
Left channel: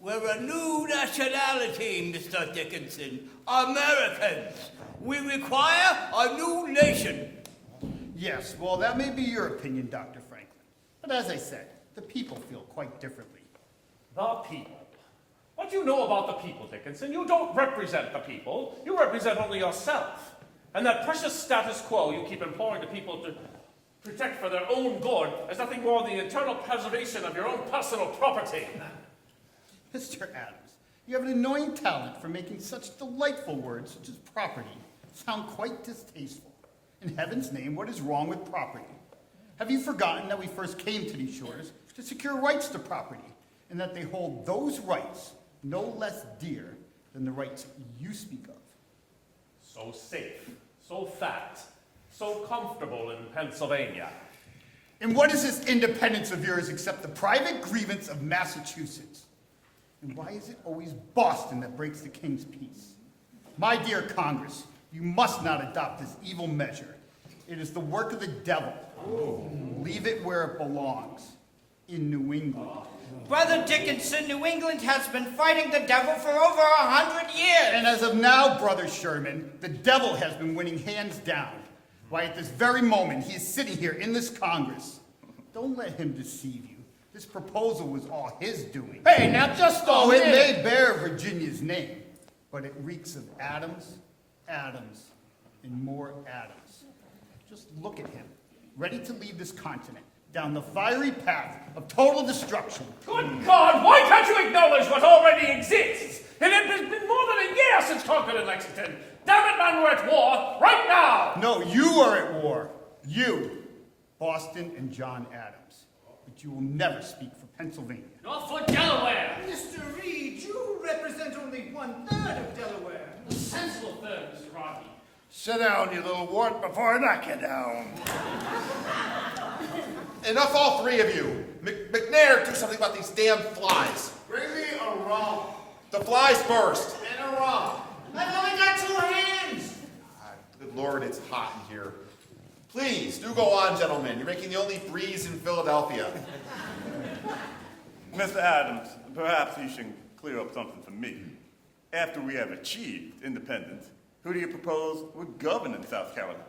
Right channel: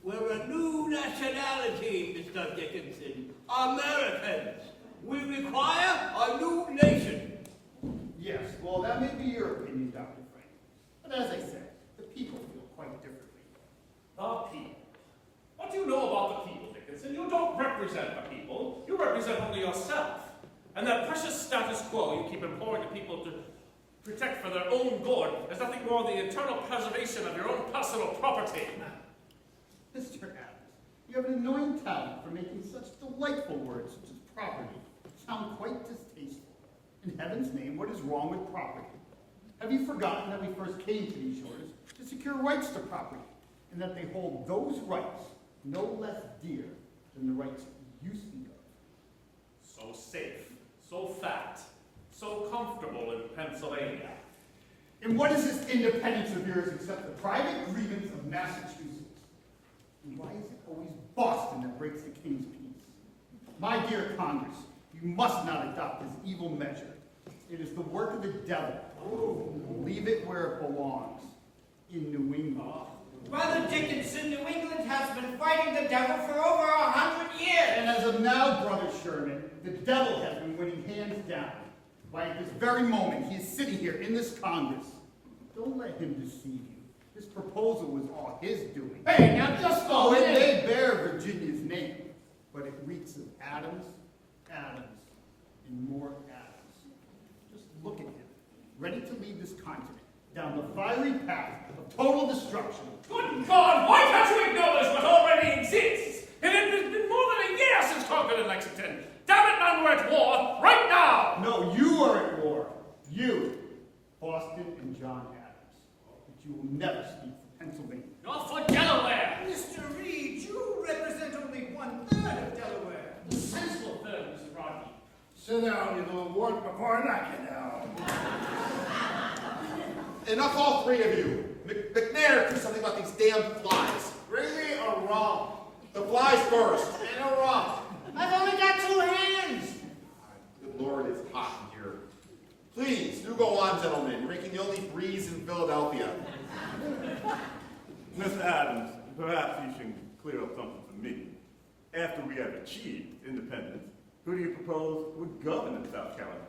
We're a new nationality, Mr. Dickinson. Americans. We require a new nation. Yes, well, that may be your opinion, Dr. Franklin. But as I said, the people feel quite differently. The people. What do you know about the people, Dickinson? You don't represent the people. You represent only yourself. And that precious status quo you keep imploring the people to protect for their own good is nothing more than the eternal preservation of your own personal property. Mr. Adams, you have an annoying talent for making such delightful words such as property sound quite distasteful. In heaven's name, what is wrong with property? Have you forgotten that we first came to these shores to secure rights to property, and that they hold those rights no less dear than the rights you speak of? So safe, so fat, so comfortable in Pennsylvania. And what is this independence of yours except the private grievance of Massachusetts? And why is it always Boston that breaks the king's peace? My dear Congress, you must not adopt this evil measure. It is the work of the devil. Leave it where it belongs, in New England. Brother Dickinson, New England has been fighting the devil for over 100 years. And as of now, Brother Sherman, the devil has been winning hands down. Why, at this very moment, he is sitting here in this Congress. Don't let him deceive you. This proposal was all his doing. Hey, now just Oh, a it minute. may bear Virginia's name, but it reeks of Adams, Adams, and more Adams. Just look at him, ready to lead this continent down the fiery path of total destruction. Good God, why can't you acknowledge what already exists? It has been more than a year since Concord and Lexington. Damn it, man, we're at war right now! No, you are at war. You, Boston and John Adams. But you will never speak for Pennsylvania. Nor for Delaware. Mr. Reed, you represent only 1/3 of Delaware. The sensible third, Mr. Rodney. Sit down, you little wart, before I knock you down. Enough, all three of you. McNair, do something about these damn flies. Bring me a rum. The flies burst. And a rum. I've only got 2 hands. Good Lord, it's hot in here. Please, do go on, gentlemen. You're making the only breeze in Philadelphia. Mr. Adams, perhaps you should clear up something for me. After we have achieved independence, who do you propose would govern in South Carolina?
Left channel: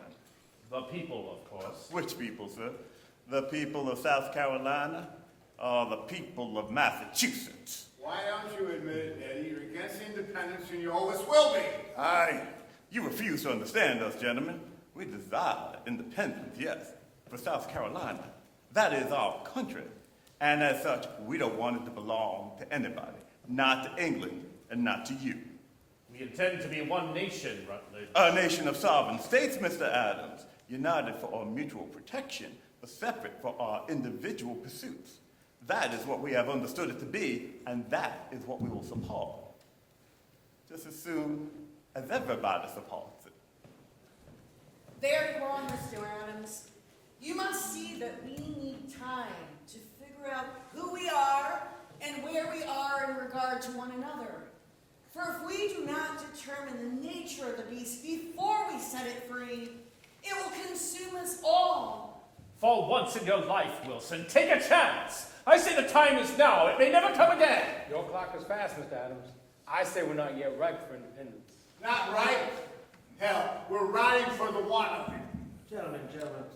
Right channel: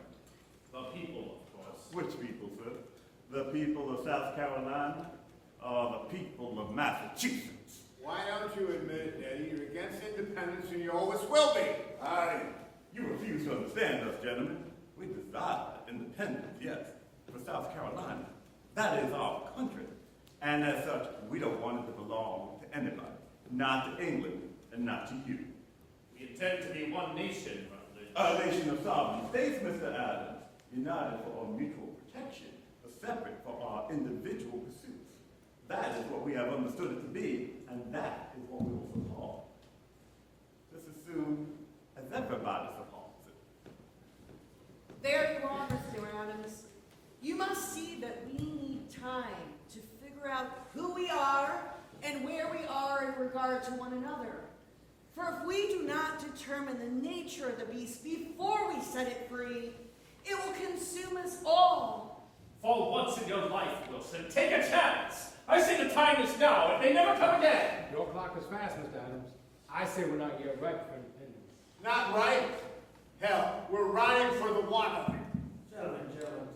The people, of course. Which people, sir? The people of South Carolina or the people of Massachusetts? Why don't you admit it, Eddie? You're against independence and you always will be. Aye. You refuse to understand us, gentlemen. We desire independence, yes, for South Carolina. That is our country. And as such, we don't want it to belong to anybody. Not to England and not to you. We intend to be one nation, Rutledge. A nation of sovereign states, Mr. Adams, united for our mutual protection, but separate for our individual pursuits. That is what we have understood it to be, and that is what we will support. Just as soon as everybody supports it. There you are, Mr. Adams. You must see that we need time to figure out who we are and where we are in regard to one another. For if we do not determine the nature of the beast before we set it free, it will consume us all. For once in your life, Wilson, take a chance. I say the time is now. It may never come again. Your clock is fast, Mr. Adams. I say we're not yet ripe for independence. Not right? Hell, we're riding for the one of it. Gentlemen,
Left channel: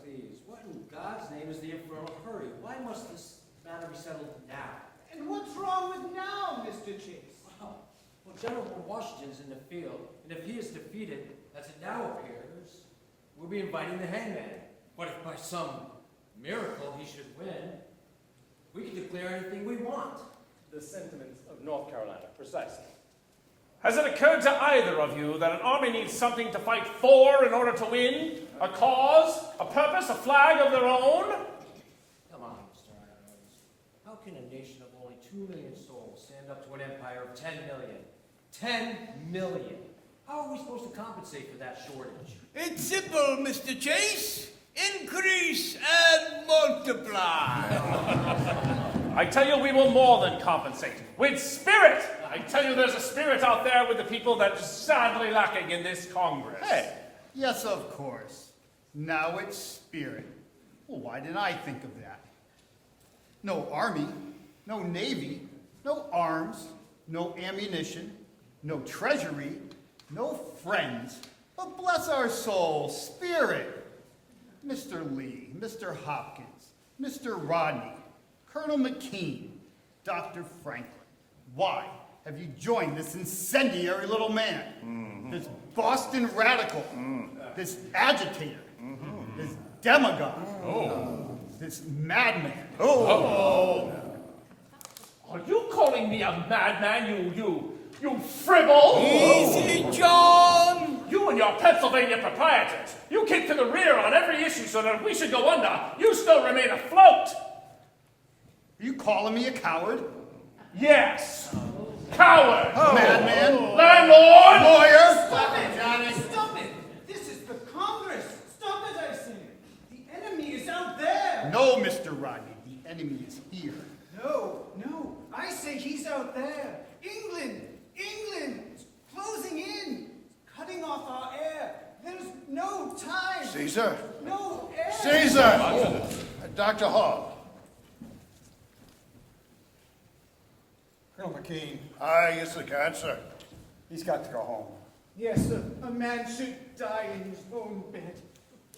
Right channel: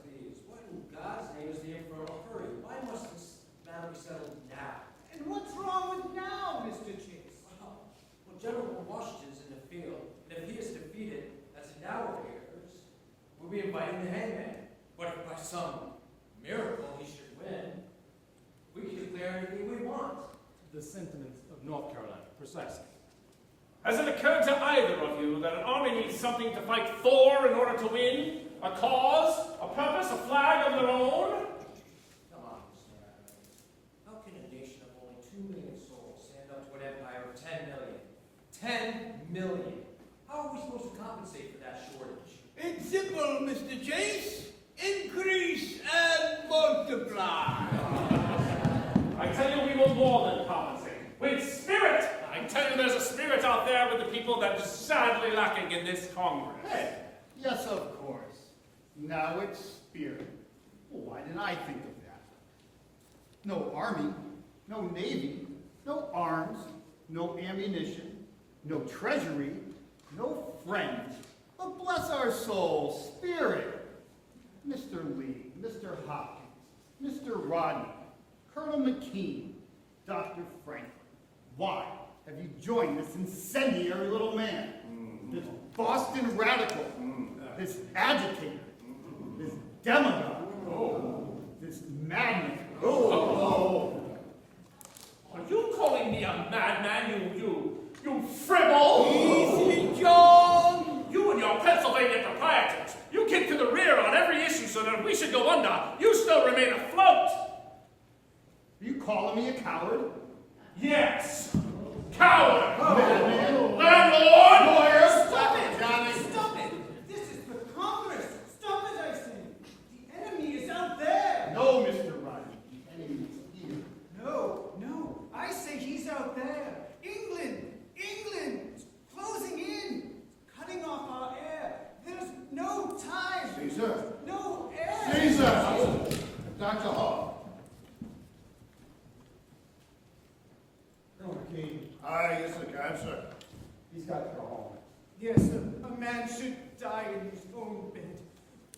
please. What in God's name is the infernal hurry? Why must this matter be settled now? And what's wrong with now, Mr. Chase? Well, General Washington's in the field, and if he is defeated, as it now appears, we'll be inviting the hangman. But if by some miracle he should win, we can declare anything we want. The sentiments of North Carolina, precisely. Has it occurred to either of you that an army needs something to fight for in order to win? A cause, a purpose, a flag of their own? Come on, Mr. Adams. How can a nation of only 2 million souls stand up to an empire of 10 million? 10 million! How are we supposed to compensate for that shortage? It's simple, Mr. Chase. Increase and multiply. I tell you, we will more than compensate. With spirit! I tell you, there's a spirit out there with the people that is sadly lacking in this Congress. Hey, yes, of course. Now it's spirit. Well, why didn't I think of that? No army, no navy, no arms, no ammunition, no treasury, no friends, but bless our souls, spirit. Mr. Lee, Mr. Hopkins, Mr. Rodney, Colonel McKean, Dr. Franklin. Why have you joined this incendiary little man? This Boston radical, this agitator, this demagogue, this madman. Are you calling me a madman, you fribble? Easy, John! You and your Pennsylvania proprietors, you kick to the rear on every issue so that if we should go under, you still remain afloat. Are you calling me a coward? Yes. Coward. Madman. Landlord. Lawyer. Stop it, Johnny. Stop it. This is the Congress. Stop it, I say. The enemy is out there. No, Mr. Rodney. The enemy is here. No. I say he's out there. England. Closing in. Cutting off our air. There's no time. Caesar. No air. Caesar. Dr. Hall. Colonel McKean, Aye, yes, I can, sir. he's got to go home. Yes, a man should die in his own bed.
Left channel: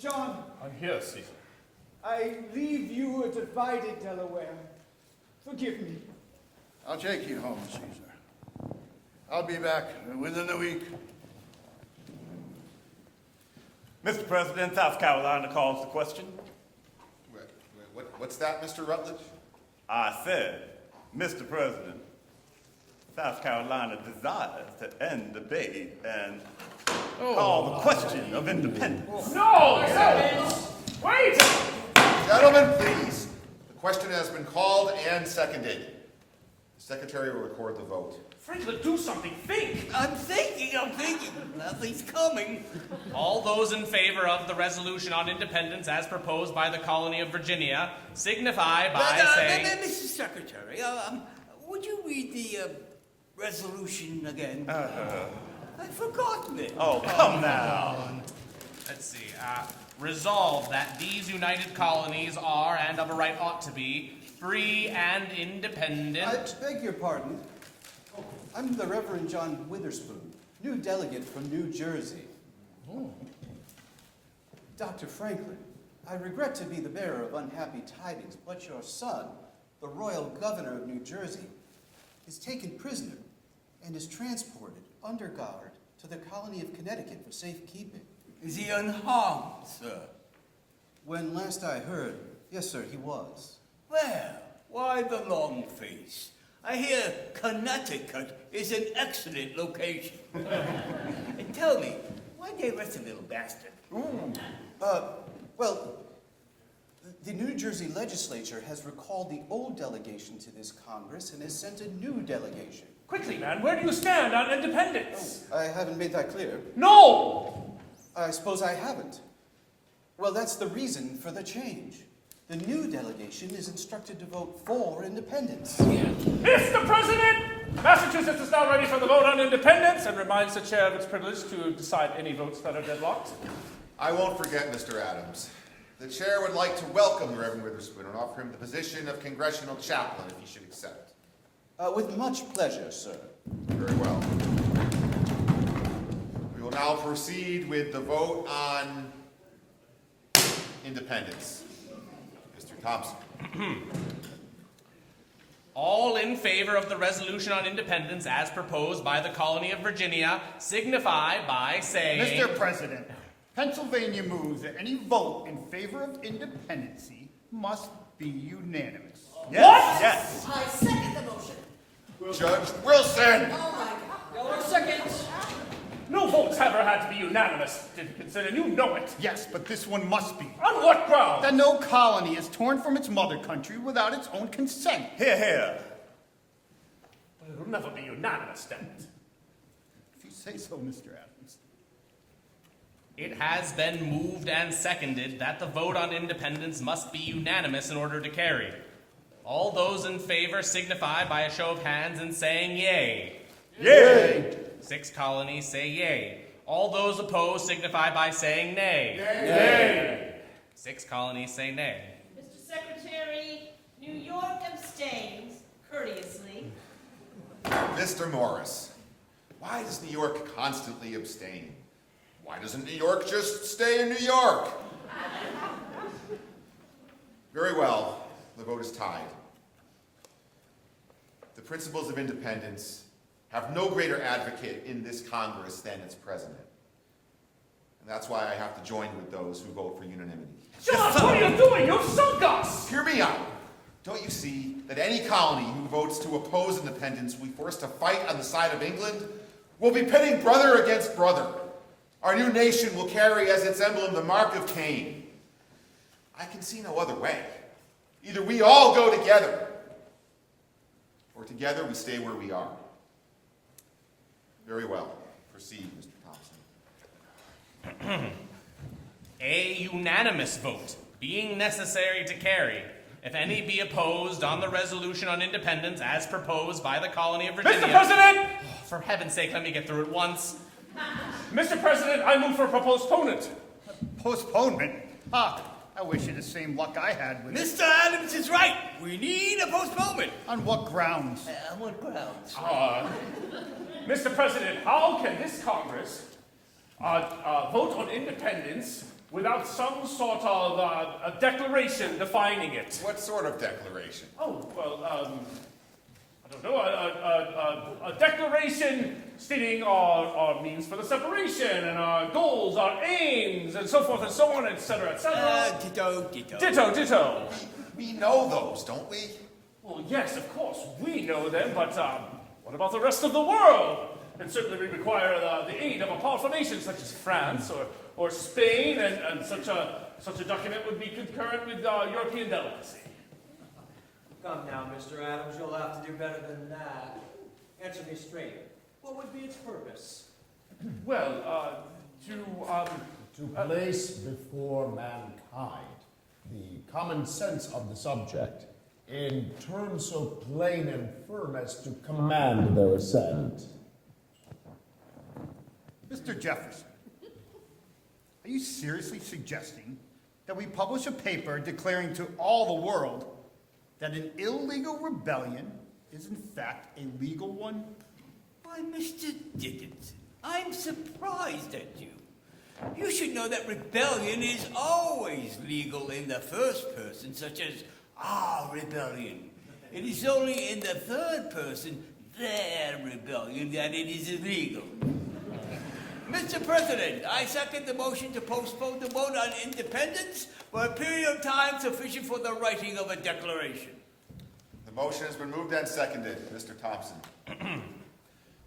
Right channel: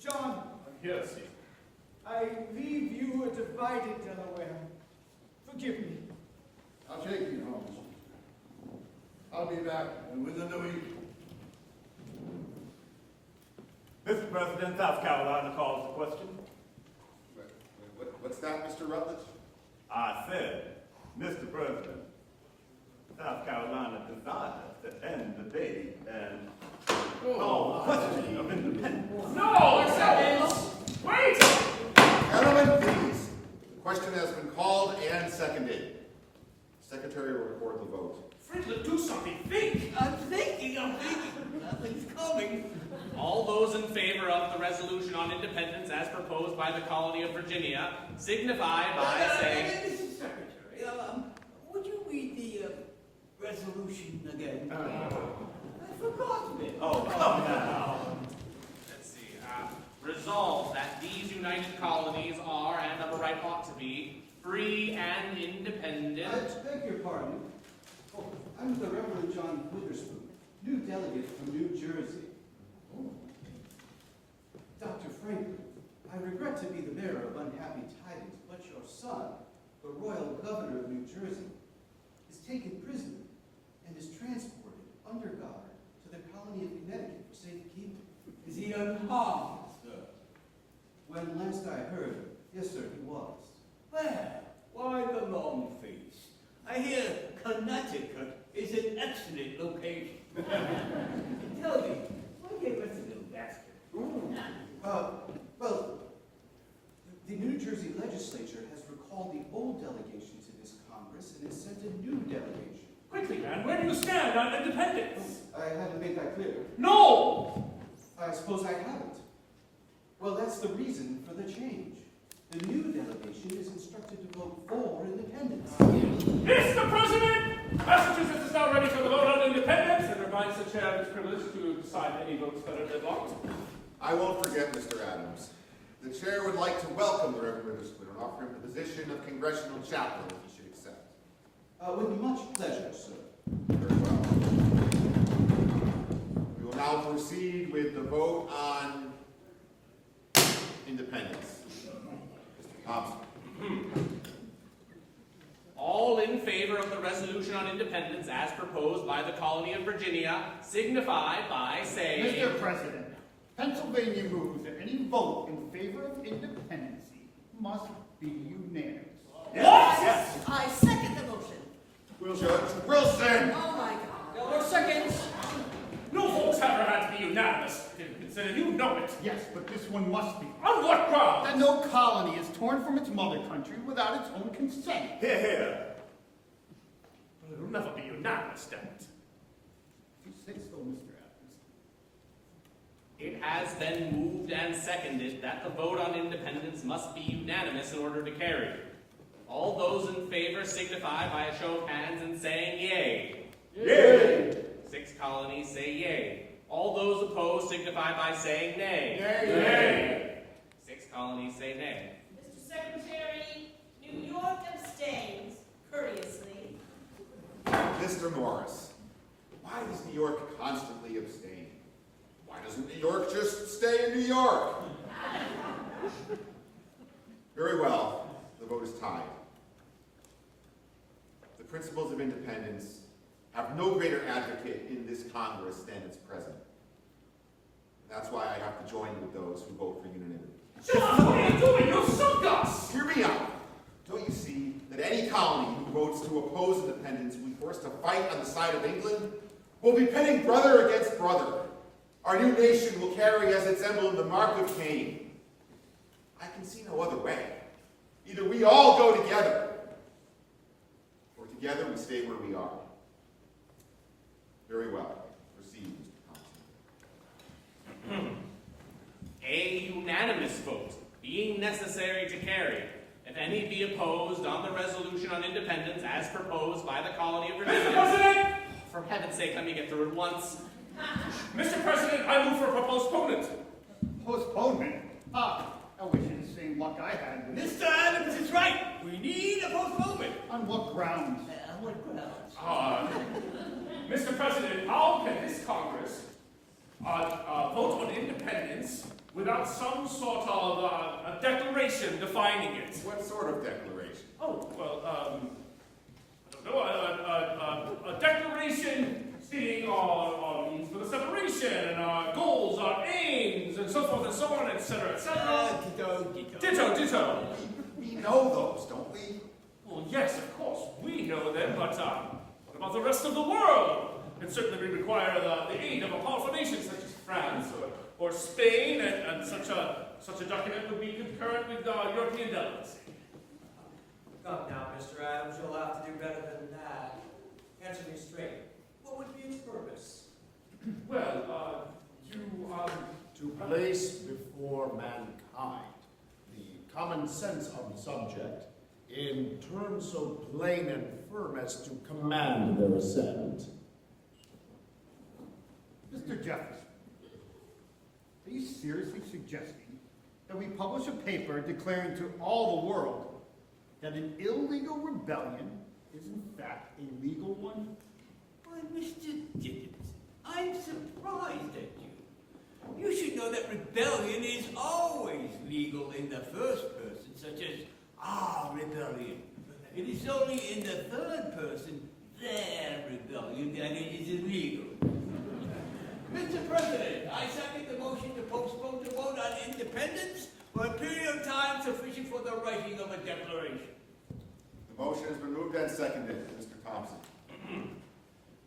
John, I'm here, Caesar. I leave you a divided Delaware. Forgive me. I'll take you home, Caesar. I'll be back within a week. Mr. President, South Carolina calls the question. What's that, Mr. Rutledge? I said, Mr. President, South Carolina desires to end debate and call the question of independence. No! Wait! Gentlemen, please. The question has been called and seconded. Secretary will record the vote. Franklin, do something. Think. I'm thinking. Nothing's coming. All those in favor of the resolution on independence as proposed by the colony of Virginia signify by saying... Mrs. Secretary, would you read the resolution again? I forgot it. Oh, come now. Let's see. Resolve that these united colonies are, and of a right ought to be, free and independent. I beg your pardon. Oh, I'm the Reverend John Witherspoon, new delegate from New Jersey. Dr. Franklin, I regret to be the bearer of unhappy tidings, but your son, the royal governor of New Jersey, is taken prisoner and is transported under guard to the colony of Connecticut for safekeeping. Is he unharmed, sir? When last I heard, yes, sir, he was. Well, why the long face? I hear Connecticut is an excellent location. And tell me, why they arrest a little bastard? Well, the New Jersey legislature has recalled the old delegation to this Congress and has sent a new delegation. Quickly, man, where do you stand on independence? I haven't made that clear. No! I suppose I haven't. Well, that's the reason for the change. The new delegation is instructed to vote for independence. Mr. President, Massachusetts is now ready for the vote on independence and reminds the chair of its privilege to decide any votes that are deadlocked. I won't forget, Mr. Adams. The chair would like to welcome the Reverend Witherspoon and offer him the position of congressional chaplain if he should accept. With much pleasure, sir. Very well. We will now proceed with the vote on independence. Mr. Thompson. All in favor of the resolution on independence as proposed by the colony of Virginia signify by saying... Mr. President, Pennsylvania moves that any vote in favor of independency must be unanimous. Yes. I second the motion. Judge Wilson! Oh my God. Your seconds. No votes ever had to be unanimous, Dickinson, and you know it. Yes, but this one must be. On what ground? That no colony is torn from its mother country without its own consent. Hear, hear. But it'll never be unanimous, damn it. If you say so, Mr. Adams. It has been moved and seconded that the vote on independence must be unanimous in order to carry. All those in favor signify by a show of hands and saying yea. Yea. 6 colonies say yea. All those opposed signify by saying nay. Nay. 6 colonies say nay. Mr. Secretary, New York abstains courteously. Mr. Morris, why does New York constantly abstain? Why doesn't New York just stay in New York? Very well, the vote is tied. The principles of independence have no greater advocate in this Congress than its president. And that's why I have to join with those who vote for unanimity. John, what are you doing? You've sunk us! Hear me out. Don't you see that any colony who votes to oppose independence will be forced to fight on the side of England? We'll be pitting brother against brother. Our new nation will carry as its emblem the mark of Cain. I can see no other way. Either we all go together, or together we stay where we are. Very well. Proceed, Mr. Thompson. A unanimous vote, being necessary to carry, if any be opposed on the resolution on independence as proposed by the colony of Virginia. Mr. President! For heaven's sake, let me get through it once. Mr. President, I move for a postponement. Postponement? Ah, I wish you the same luck I had with Mr. Adams is right. We need a postponement. On what grounds? What grounds? Mr. President, how can this Congress vote on independence without some sort of a declaration defining it? What sort of declaration? Oh, well, I don't know, a declaration stating our means for the separation and our goals, our aims, and so forth and so on, etc., etc. Ditto, ditto. Ditto, ditto. We know those, don't we? Well, yes, of course, we know them, but what about the rest of the world? And certainly we require the aid of a powerful nation such as France or Spain, and such a document would be concurrent with European delegacy. Come now, Mr. Adams, you'll have to do better than that. Answer me straight. What would be its purpose? Well, to place before mankind the common sense of the subject in terms so plain and firm as to command their assent. Mr. Jefferson, are you seriously suggesting that we publish a paper declaring to all the world that an illegal rebellion is in fact a legal one? Why, Mr. Dickinson, I'm surprised at you. You should know that rebellion is always legal in the first person, such as our rebellion. It is only in the third person their rebellion that it is illegal. Mr. President, I second the motion to postpone the vote on independence for a period of time sufficient for the writing of a declaration. The motion has been moved and seconded. Mr. Thompson.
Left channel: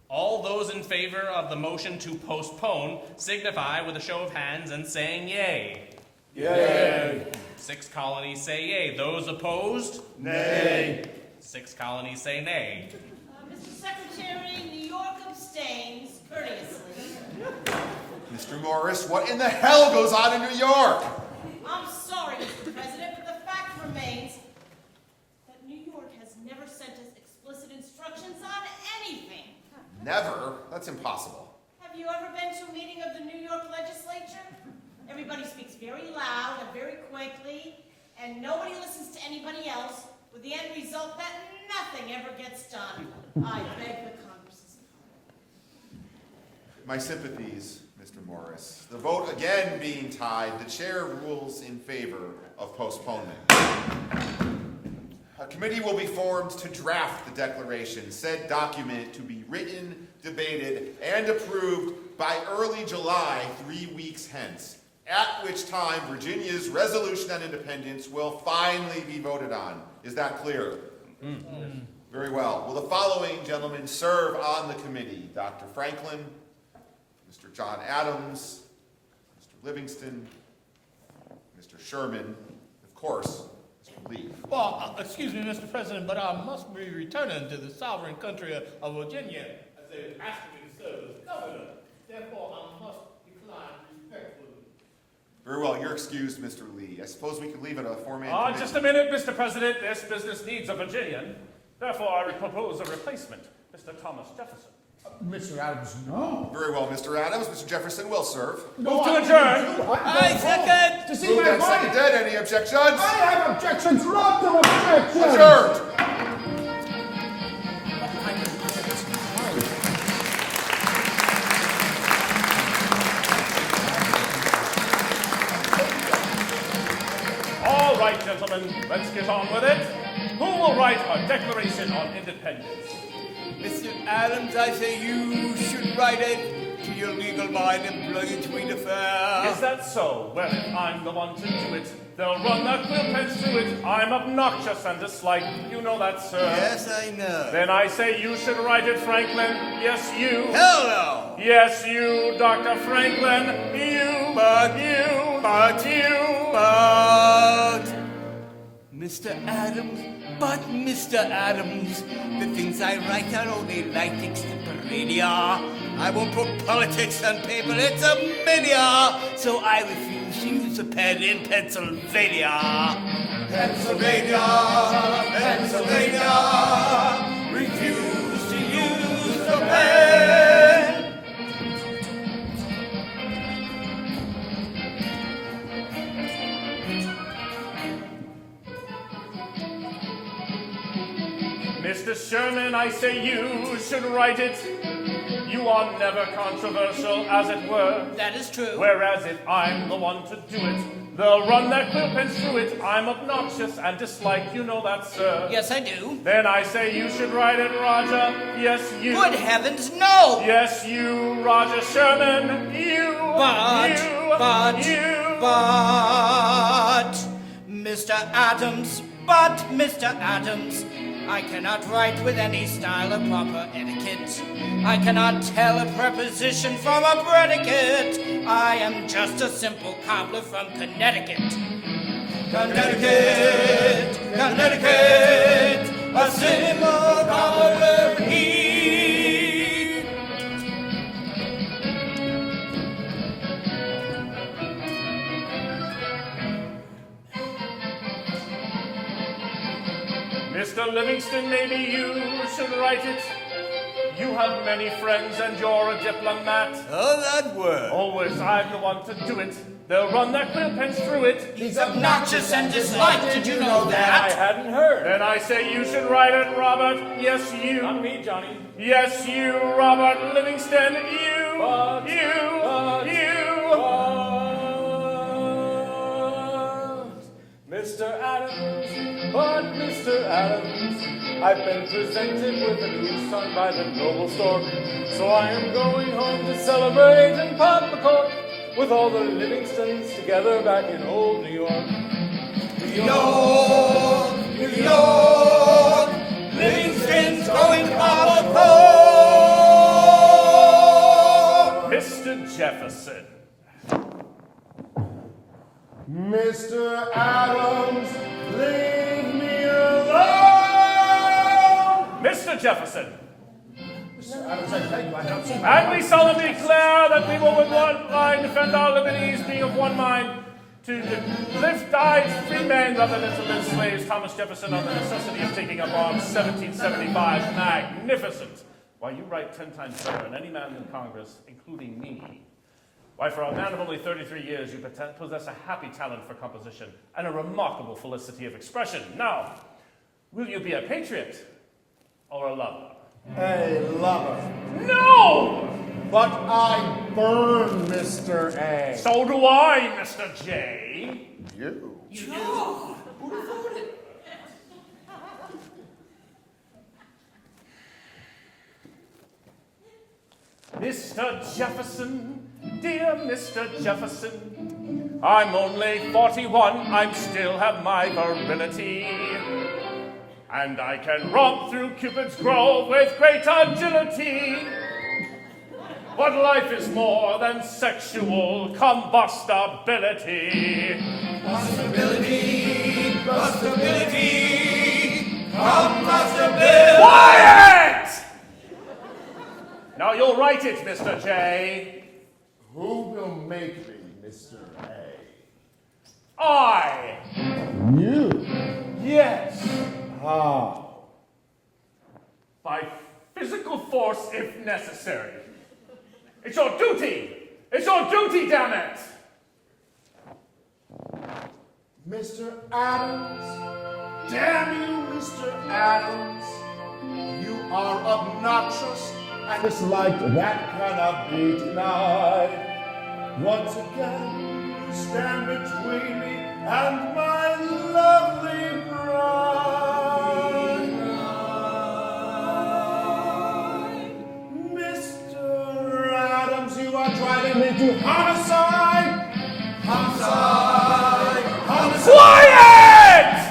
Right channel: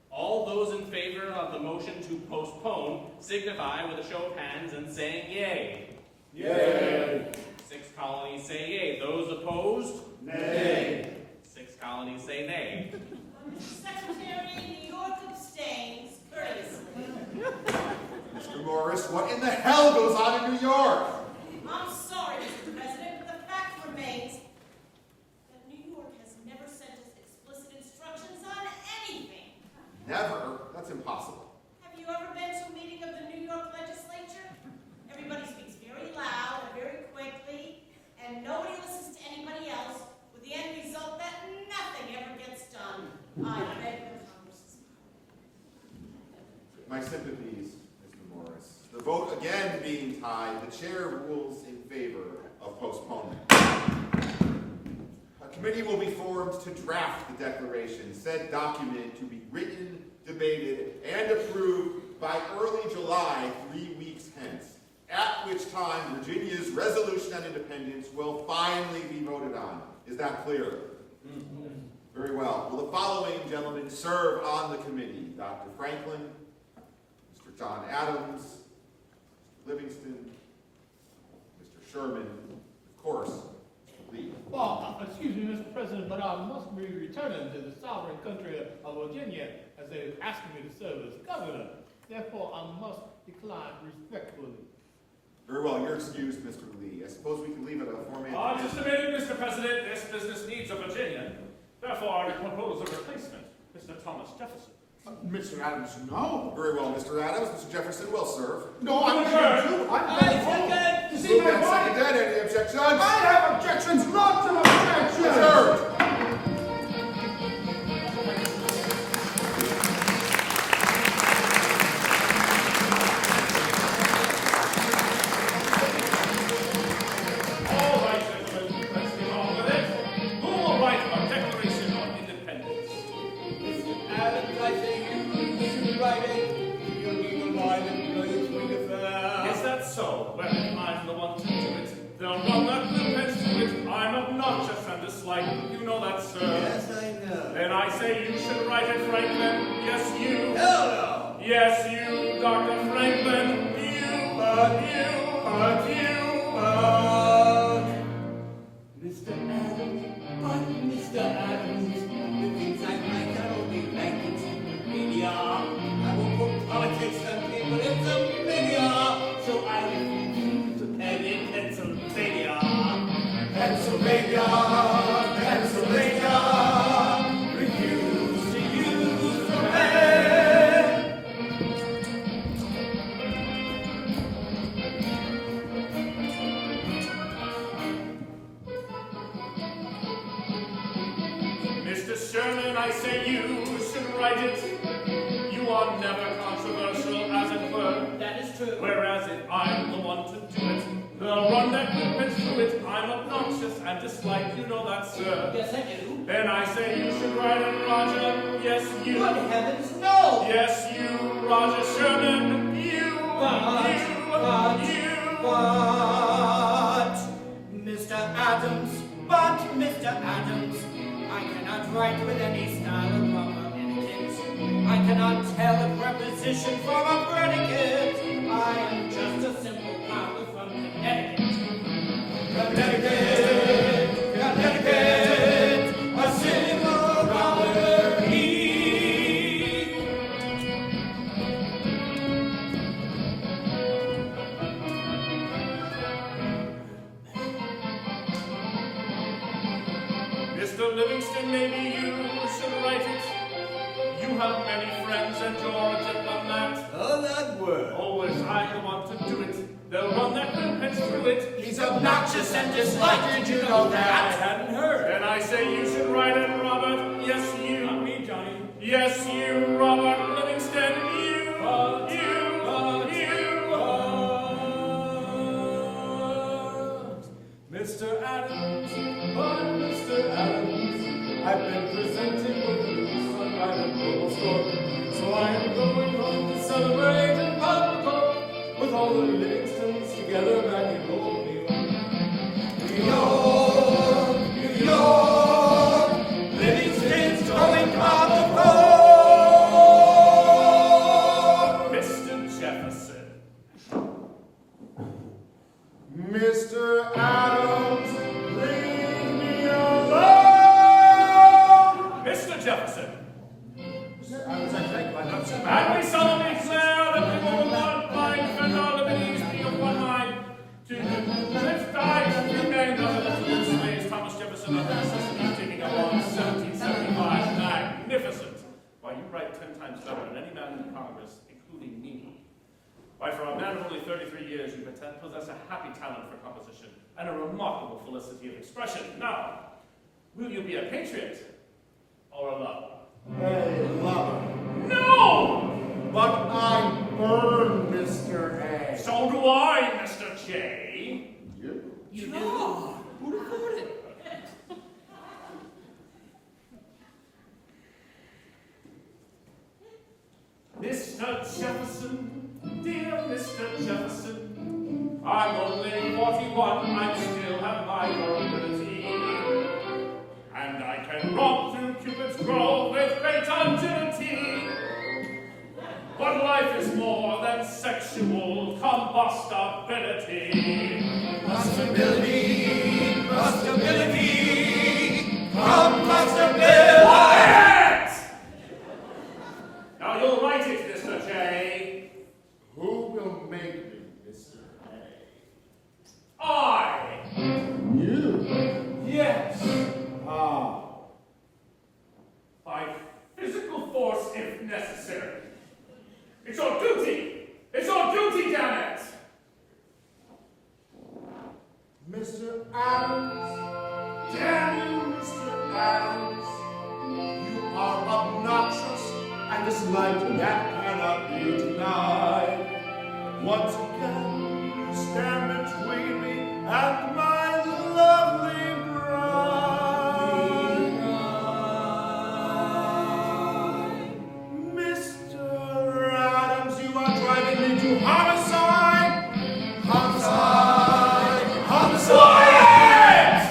All those in favor of the motion to postpone signify with a show of hands and saying yay. Yay. 6 colonies say yay. Those opposed? Nay. 6 colonies say nay. Mr. Secretary, New York abstains courteously. Mr. Morris, what in the hell goes on in New York? I'm sorry, Mr. President, but the fact remains that New York has never sent us explicit instructions on anything. Never? That's impossible. Have you ever been to a meeting of the New York legislature? Everybody speaks very loud and very quickly, and nobody listens to anybody else, with the end result that nothing ever gets done. I beg the Congress's pardon. My sympathies, Mr. Morris. The vote again being tied, the chair rules in favor of postponement. A committee will be formed to draft the declaration, said document to be written, debated, and approved by early July, 3 weeks hence, at which time Virginia's resolution on independence will finally be voted on. Is that clear? Mm-hmm. Very well. Will the following gentlemen serve on the committee? Dr. Franklin, Mr. John Adams, Mr. Livingston, Mr. Sherman, of course, Mr. Lee. Well, excuse me, Mr. President, but I must be returning to the sovereign country of Virginia as they are asking me to serve as governor. Therefore, I must decline respectfully. Very well, you're excused, Mr. Lee. I suppose we can leave it a four-man Just a minute, Mr. President. This business needs a Virginian. Therefore, I would propose a replacement, Mr. Thomas Jefferson. Mr. Adams, no. Very well, Mr. Adams. Mr. Jefferson will serve. No, to I adjourn. I second. To see my body. Dead. Any objections? I have objections, lots of objections. Adjourned. All right, gentlemen, let's get on with it. Who will write a Declaration on Independence? Mr. Adams, I say you should write it to your legal mind and bring it to me to fair. Is that so? Well, if I'm the one to do it, they'll run that quill-pens to it. I'm obnoxious and disliked. You know that, sir. Yes, I know. Then I say you should write it, Franklin. Yes, you. Hell no. Yes, you, Dr. Franklin. You, but you, but you, but... Mr. Adams, but Mr. Adams, the things I write are only light extemporanea. I won't put politics on paper, it's a mania. So I refuse to use a pen in Pennsylvania. Pennsylvania, Pennsylvania, refuse to use a pen. Mr. Sherman, I say you should write it. You are never controversial, as it were. That is true. Whereas if I'm the one to do it, they'll run their quill-pens through it. I'm obnoxious and disliked, you know that, sir. Yes, I do. Then I say you should write it, Roger. Yes, you. Good heavens, no! Yes, you, Roger Sherman. You. But, Mr. Adams, I cannot write with any style of proper etiquette. I cannot tell a preposition from a predicate. I am just a simple cobbler from Connecticut. Connecticut, a simple cobbler he. Mr. Livingston, maybe you should write it. You have many friends and you're a diplomat. Oh, that word. Always I'm the one to do it. They'll run their quill-pens through it. He's obnoxious and disliked, did you know that? I hadn't heard. Then I say you should write it, Robert. Yes, you. Not me, Johnny. Yes, you, Robert Livingston. You. But, Mr. Adams, I've been presented with a new son by noble stork. So I am going home to celebrate and pop the cork with all the Livingstons together back in old New York. New York, New York, Livingston's going pop the cork. Mr. Jefferson. Mr. Adams, leave me alone! Mr. Jefferson. Mr. Adams, I beg you, I have seen And we solemnly declare that we will with one mind defend our liberties, being of one mind, to lift thy free men, brother and slaves, Thomas Jefferson, on the necessity of taking up on 1775. Magnificent! Why, you write 10 times better than any man in Congress, including me. Why, for a man of only 33 years, you possess a happy talent for composition and a remarkable felicity of expression. Now, will you be a patriot or a lover? A lover. No! But I burn Mr. A. So do I, Mr. J. You? You do? Who'd have thought it? Mr. Jefferson, dear Mr. Jefferson, I'm only 41, I still have my virility. And I can romp through Cupid's grove with great agility. But life is more than sexual combustibility. Combustibility, combustibility. Quiet! Now you'll write it, Mr. J. Who will make me Mr. A? I. You? Yes. How? By physical force if necessary. It's your duty! It's your duty, damn it! Mr. Adams, damn you, Mr. Adams, you are obnoxious, and this light that cannot be denied. Once again, you stand between me and my lovely bride. Mr. Adams, you are driving me to homicide! Homicide! Homicide! Quiet!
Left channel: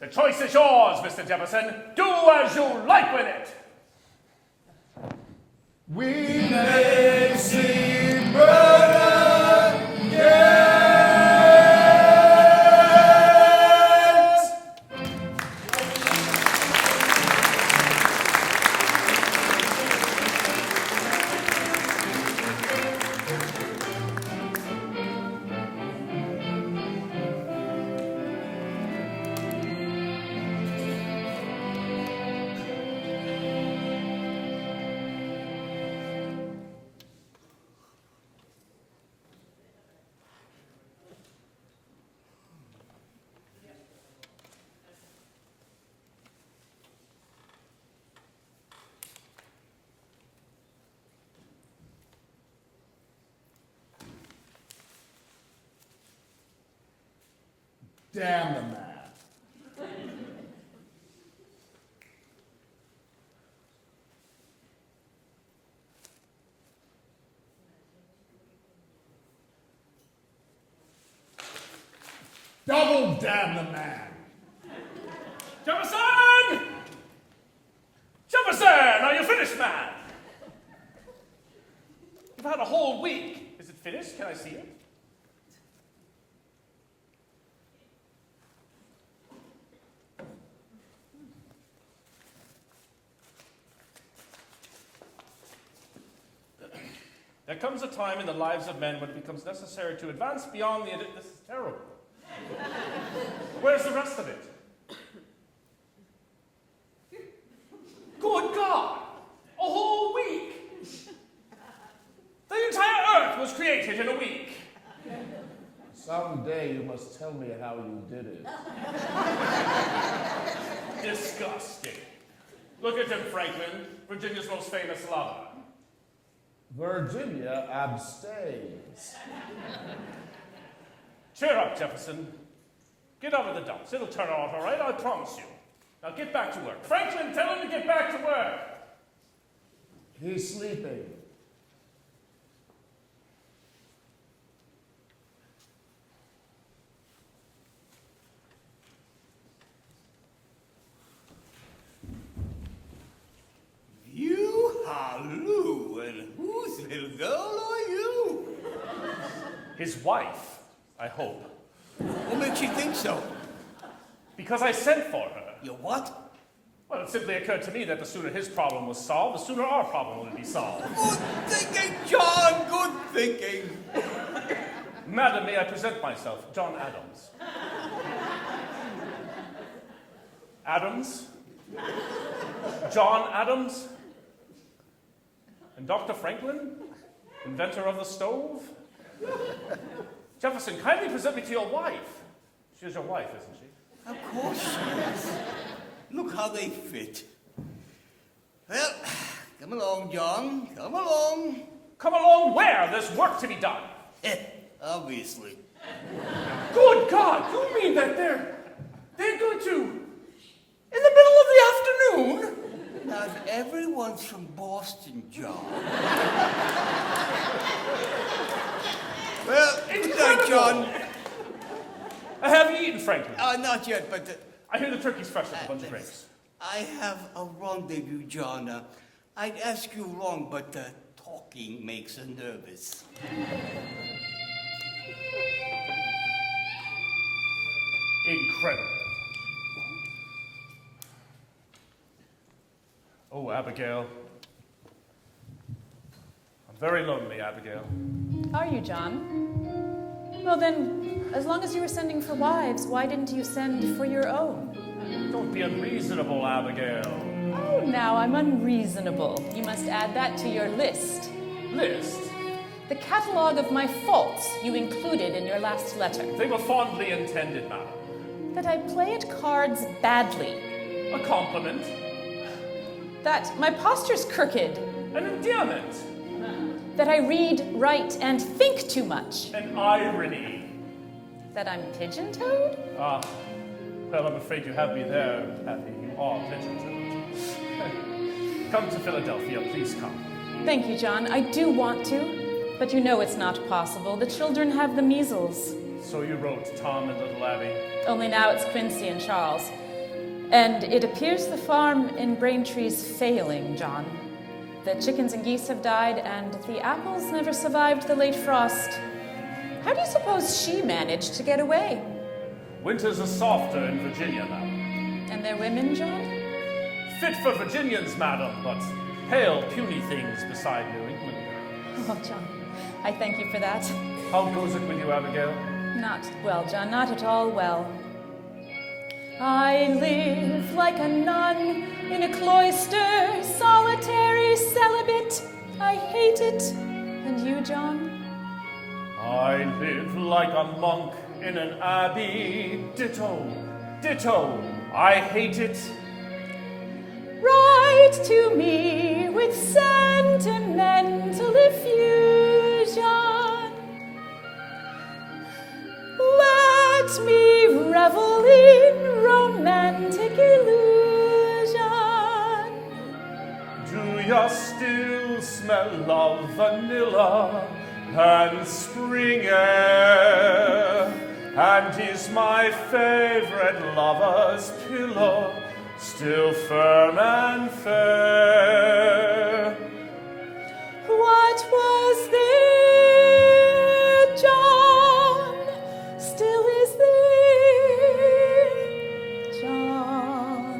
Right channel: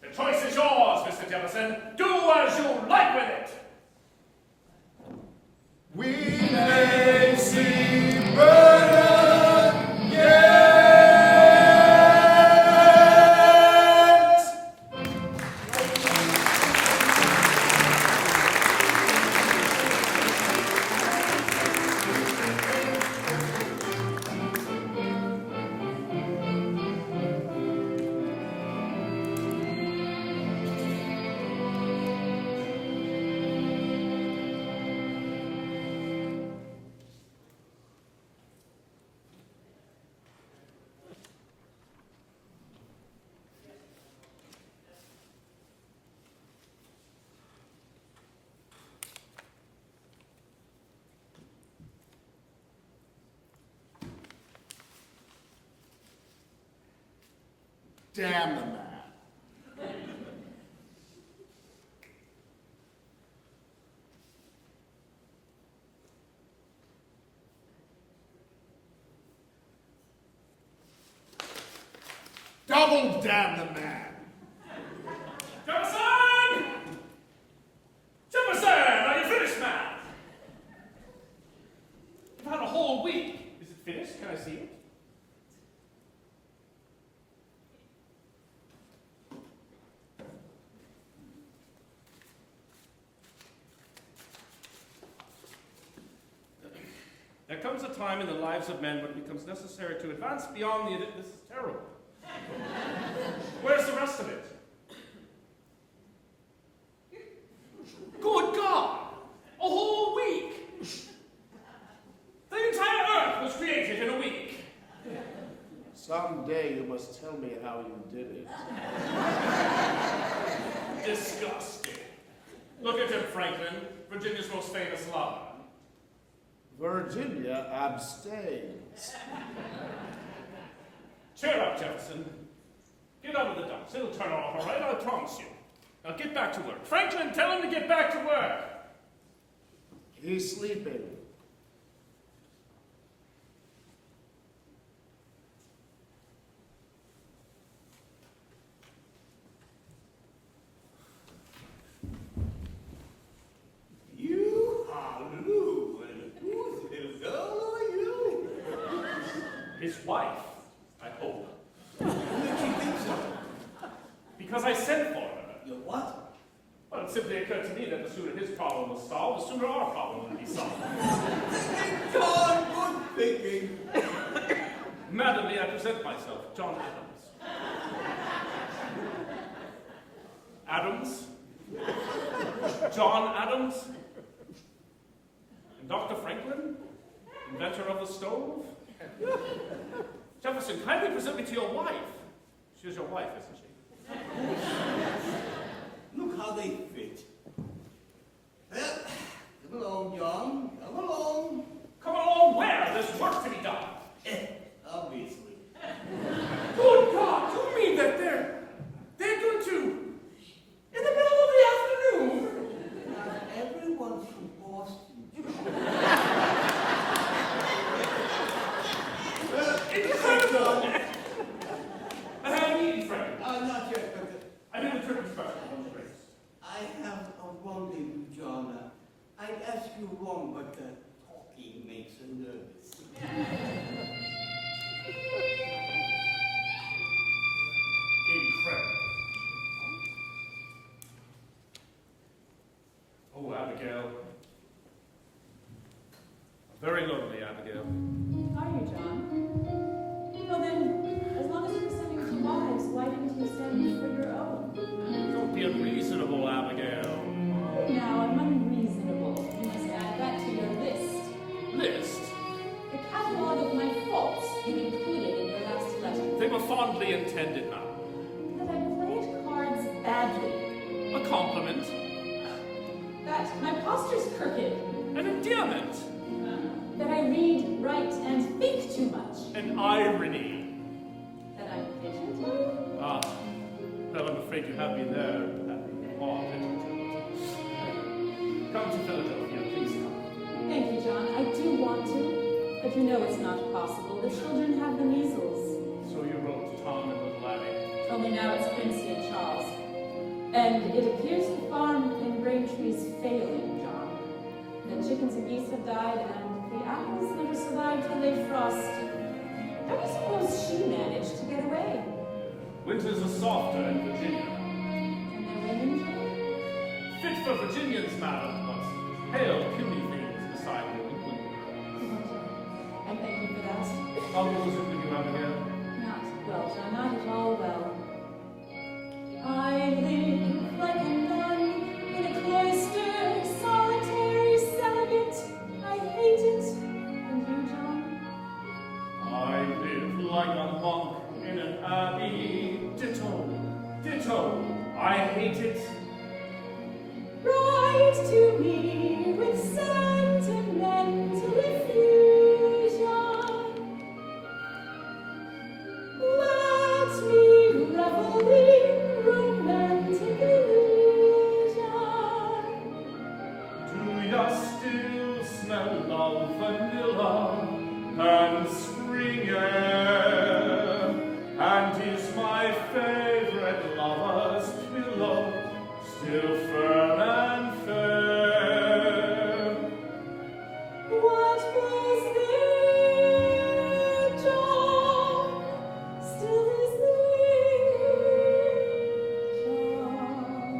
The choice is yours, Mr. Jefferson. Do as you like with it. We may see burden yet. Damn the man. Double damn the man. Jefferson! Jefferson, are you finished, man? You've had a whole week. Is it finished? Can I see it? There comes a time in the lives of men when it becomes necessary to advance beyond the... This is terrible. Where's the rest of it? Good God! A whole week! The entire Earth was created in a week. Someday you must tell me how you did it. Disgusting. Look at him, Franklin, Virginia's most famous lover. Virginia abstains. Cheer up, Jefferson. Get out of the dumps. It'll turn off, all right? I promise you. Now get back to work. Franklin, tell him to get back to work. He's sleeping. You halloo, and whose little girl are you? His wife, I hope. What makes you think so? Because I sent for her. You what? Well, it simply occurred to me that the sooner his problem was solved, the sooner our problem would be solved. Good thinking, John, good thinking. Madam, may I present myself, John Adams. Adams? John Adams? And Dr. Franklin? Inventor of the stove? Jefferson, kindly present me to your wife. She's your wife, isn't she? Of course. Look how they fit. Well, come along, John. Come along. Come along where? There's work to be done. Obviously. Good God! You mean that they're going to, in the middle of the afternoon? Not everyone's from Boston, John. Well, good night, John. I haven't eaten, Franklin. Not yet, but... I hear the turkey's fresh from the race. I have a rendezvous, John. I'd ask you wrong, but talking makes her nervous. Incredible. Oh, Abigail. I'm very lonely, Abigail. Are you, John? Well then, as long as you were sending for wives, why didn't you send for your own? Don't be unreasonable, Abigail. Oh, now I'm unreasonable. You must add that to your list. List? The catalogue of my faults you included in your last letter. They were fondly intended, madam. That I play at cards badly. A compliment. That my posture's crooked. An endearment. That I read, write, and think too much. An irony. That I'm pigeon-toed? Ah, well, I'm afraid you have me there, Patty. You are pigeon-toed. Come to Philadelphia, please come. Thank you, John. I do want to, but you know it's not possible. The children have the measles. So you wrote to Tom and little Abby. Only now it's Quincy and Charles. And it appears the farm in Braintree's failing, John. The chickens and geese have died, and the apples never survived the late frost. How do you suppose she managed to get away? Winters are softer in Virginia, madam. And their women, John? Fit for Virginians, madam, but pale, puny things beside New England. Oh, John, I thank you for that. How goes it with you, Abigail? Not well, John, not at all well. I live like a nun in a cloister, solitary celibate. I hate it. And you, John? I live like a monk in an abbey. Ditto, ditto. I hate it. Write to me with sentimental effusion. Let me revel in romantic illusion. Do you still smell of vanilla and spring air? And is my favorite lover's pillow still firm and fair? What was there, John? Still is there, John.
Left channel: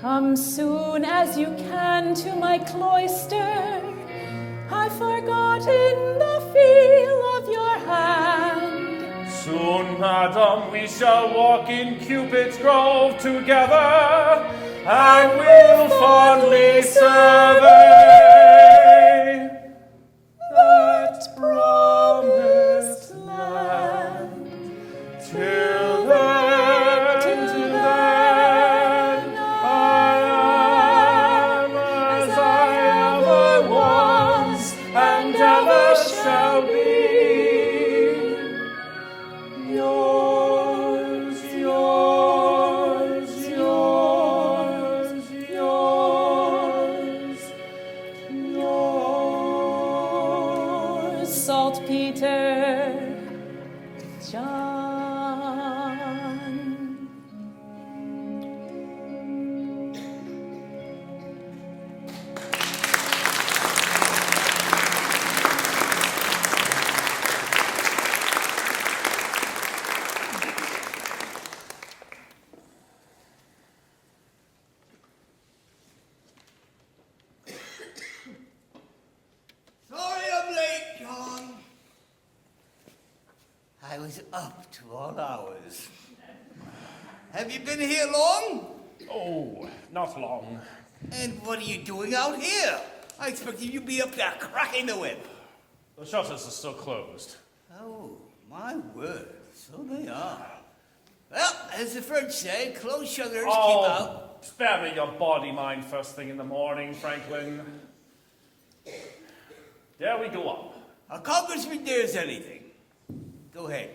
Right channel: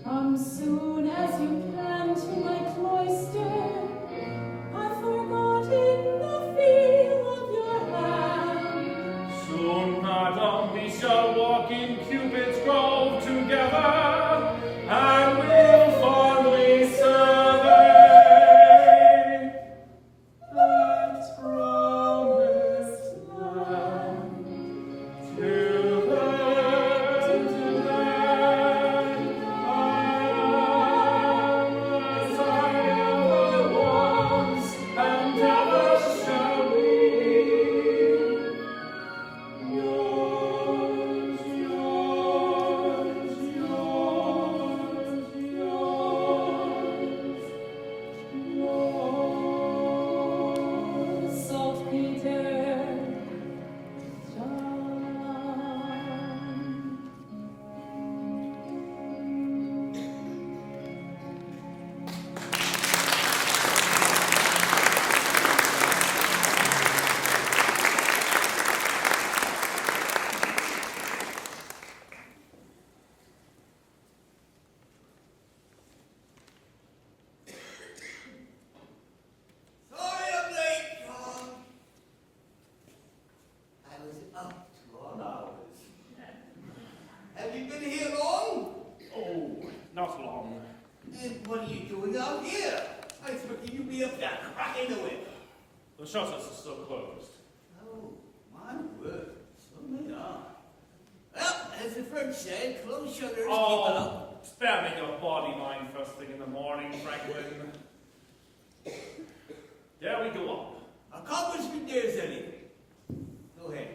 Come soon as you can to my cloister. I've forgotten the feel of your hand. Soon, madam, we shall walk in Cupid's grove together, and we'll fondly survey that promised land. Till then, I am as I ever was, and ever shall be. Yours, yours. is up to all hours. Have you been here long? Oh, not long. And what are you doing out here? I expected you'd be up there cracking the whip. The shutters are still closed. Oh, my word, so they are. Well, as the French say, closed shutters keep out. Spare me your bawdy mind first thing in the morning, Franklin. There we go up. A congressman dares anything. Go ahead.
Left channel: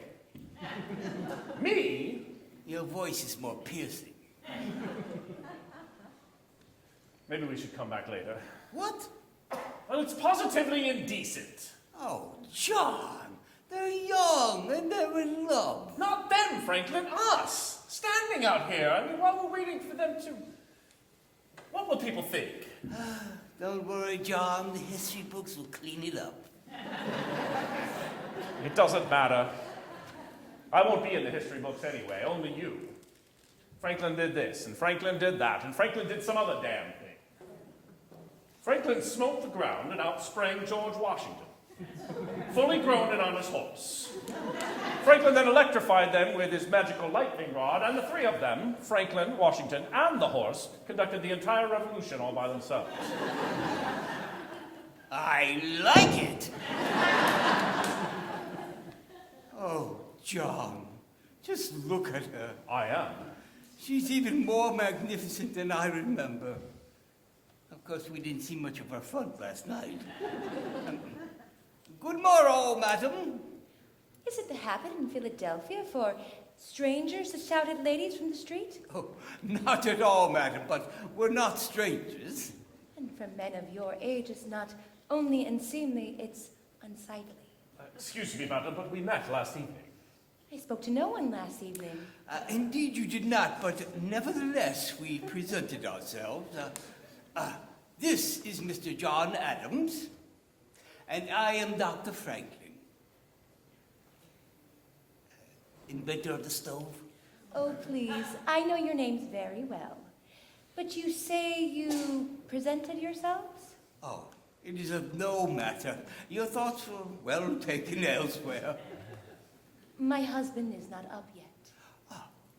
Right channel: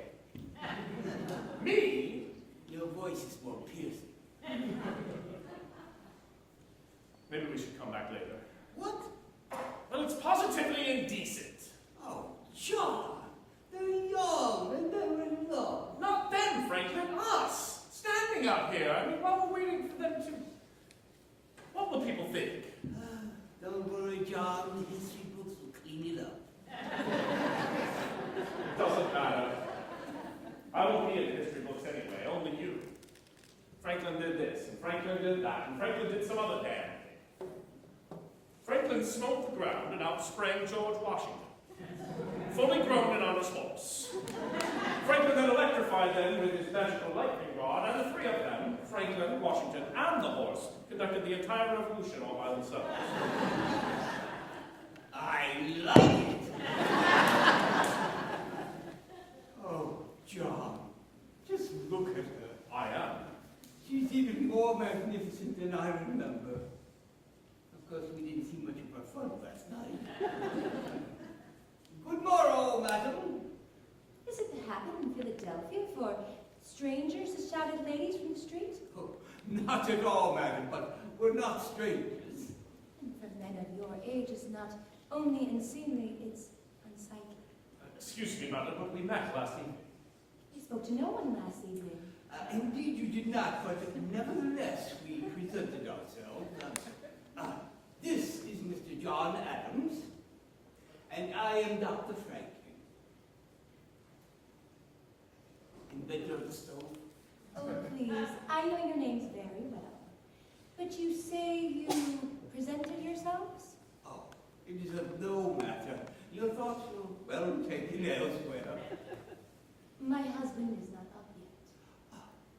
Me? Your voice is more piercing. Maybe we should come back later. What? Well, it's positively indecent. Oh, John, they're young and they're in love. Not them, Franklin, us. Standing out here. I mean, while we're waiting for them to... What will people think? Don't worry, John. The history books will clean it up. It doesn't matter. I won't be in the history books anyway, only you. Franklin did this, and Franklin did that, and Franklin did some other damn thing. Franklin smote the ground, and out sprang George Washington, fully grown and on his horse. Franklin then electrified them with his magical lightning rod, and the three of them, Franklin, Washington, and the horse, conducted the entire revolution all by themselves. I like it. Oh, John, just look at her. I am. She's even more magnificent than I remember. Of course, we didn't see much of her front last night. Good morrow, madam. Is it the habit in Philadelphia for strangers to shout at ladies from the street? Oh, not at all, madam, but we're not strangers. And for men of your age, it's not only unseemly, it's unsightly. Excuse me, madam, but we met last evening. I spoke to no one last evening. Indeed you did not, but nevertheless we presented ourselves. This is Mr. John Adams, and I am Dr. Franklin. Inventor of the stove? Oh, please, I know your names very well. But you say you presented yourselves? Oh, it is of no matter. Your thoughts were well taken elsewhere. My husband is not up yet.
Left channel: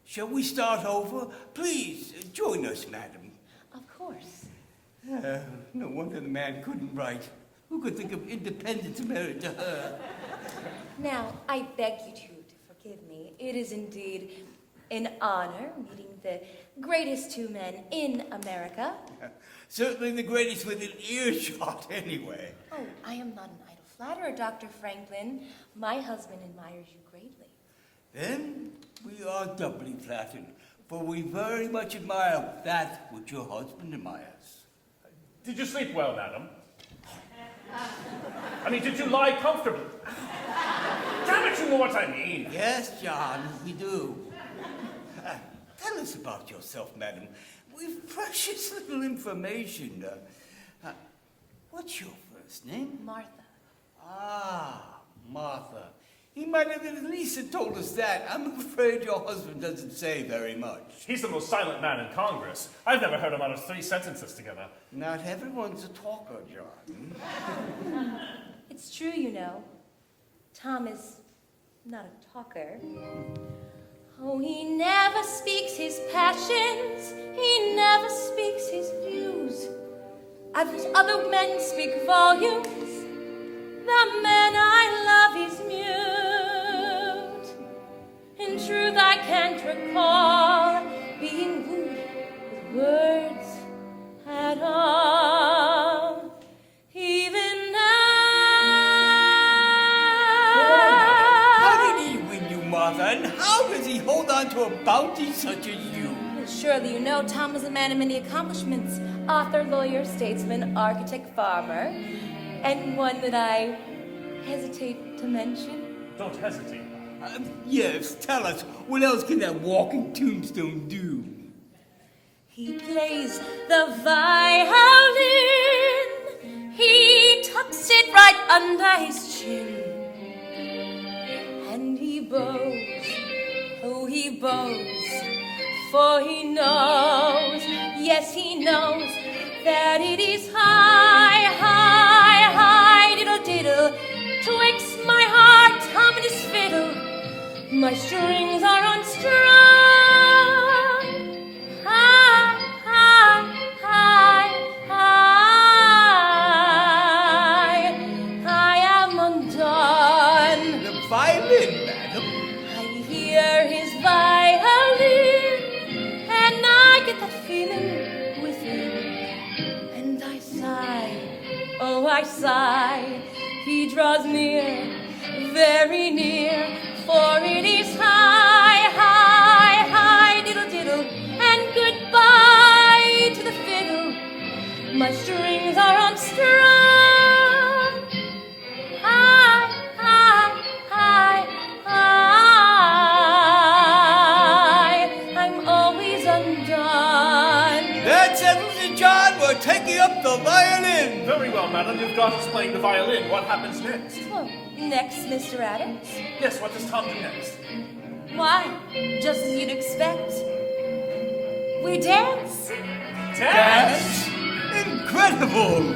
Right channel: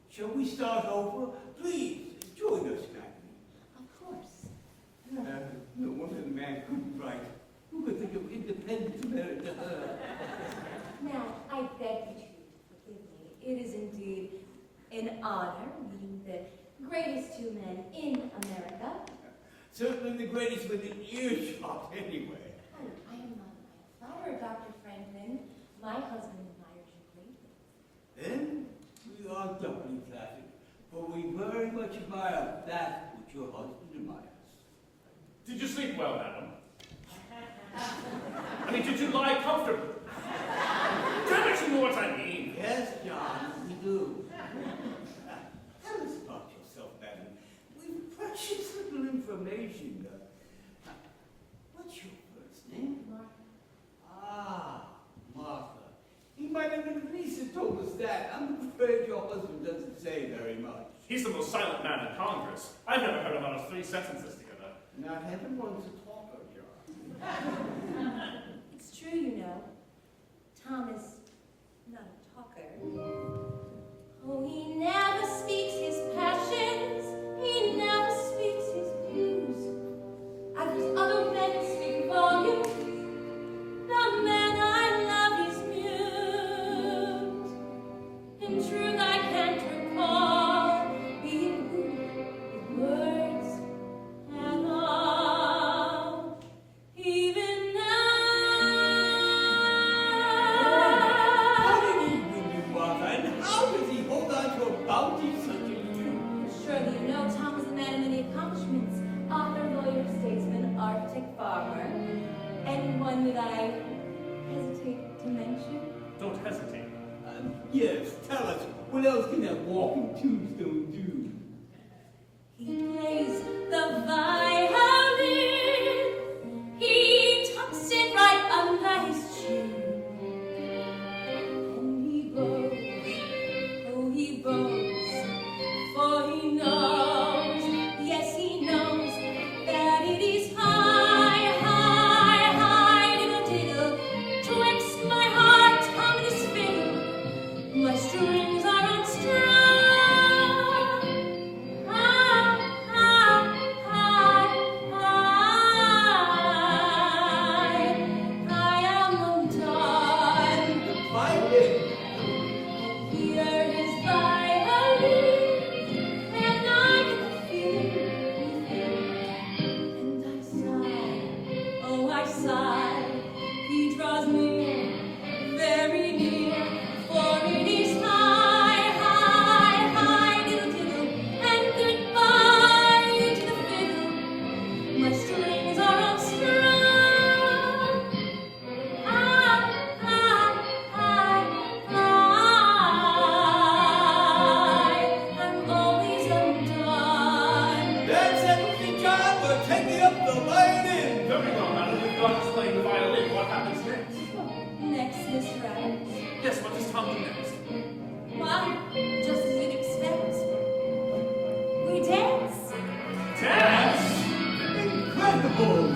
Shall we start over? Please, join us, madam. Of course. No wonder the man couldn't write. Who could think of independence married to her? Now, I beg you to forgive me. It is indeed an honor meeting the greatest two men in America. Certainly the greatest within earshot, anyway. Oh, I am not an idle flatterer, Dr. Franklin. My husband admires you greatly. Then we are doubly flattered, for we very much admire that which your husband admires. Did you sleep well, madam? I mean, did you lie comfortably? Damn it, you know what I mean. Yes, John, we do. Tell us about yourself, madam. We've precious little information. What's your first name? Martha. Ah, Martha. He might have at least have told us that. I'm afraid your husband doesn't say very much. He's the most silent man in Congress. I've never heard him utter 3 sentences together. Not everyone's a talker, John. It's true, you know. Tom is not a talker. Oh, he never speaks his passions. He never speaks his views. I've heard other men speak volumes. The man I love is mute. In truth, I can't recall being wooed with words at all. Even How did he win you, Martha? And how does he hold on to a bounty such as you? surely you know Tom is a man of many accomplishments. Author, lawyer, statesman, architect, farmer, and one that I hesitate to mention. Don't hesitate. Yes, tell us, what else can that walking tombstone do? He plays the violin. He tucks it right under his chin. And he bows, oh he bows, for he knows, yes he knows, that it is high, high, high, diddle, diddle, twixt my heart, Tom and his fiddle. side. He draws near, very near, for it is high, high, high, diddle, diddle, and goodbye to the fiddle. My strings are unstrung. High, high, high, high. I'm always undone. That settles it, John. We're taking up the violin. Very well, madam. You've got us playing the violin. What happens next? Well, next, Mr. Adams. Yes, what does Tom do next? Why, just as you'd expect. We dance. Dance? Incredible.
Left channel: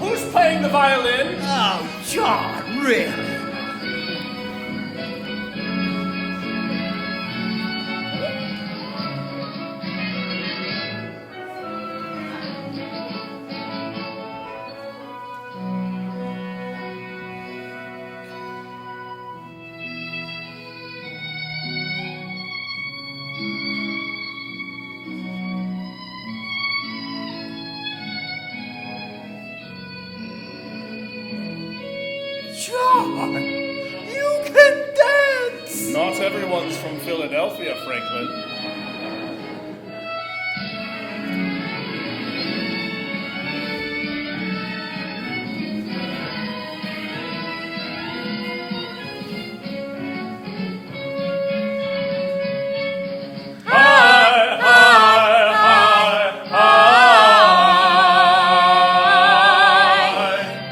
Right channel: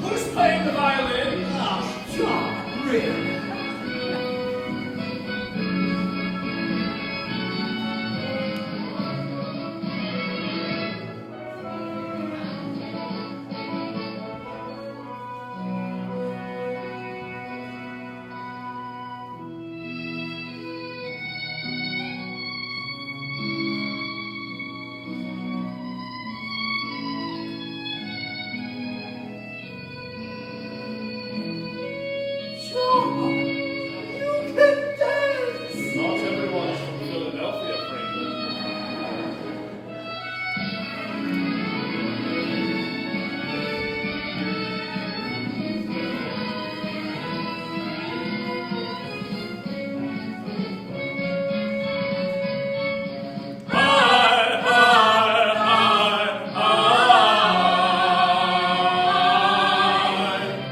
Who's playing the violin? Oh, John, really? John, you can dance! Not everyone's from Philadelphia, Franklin.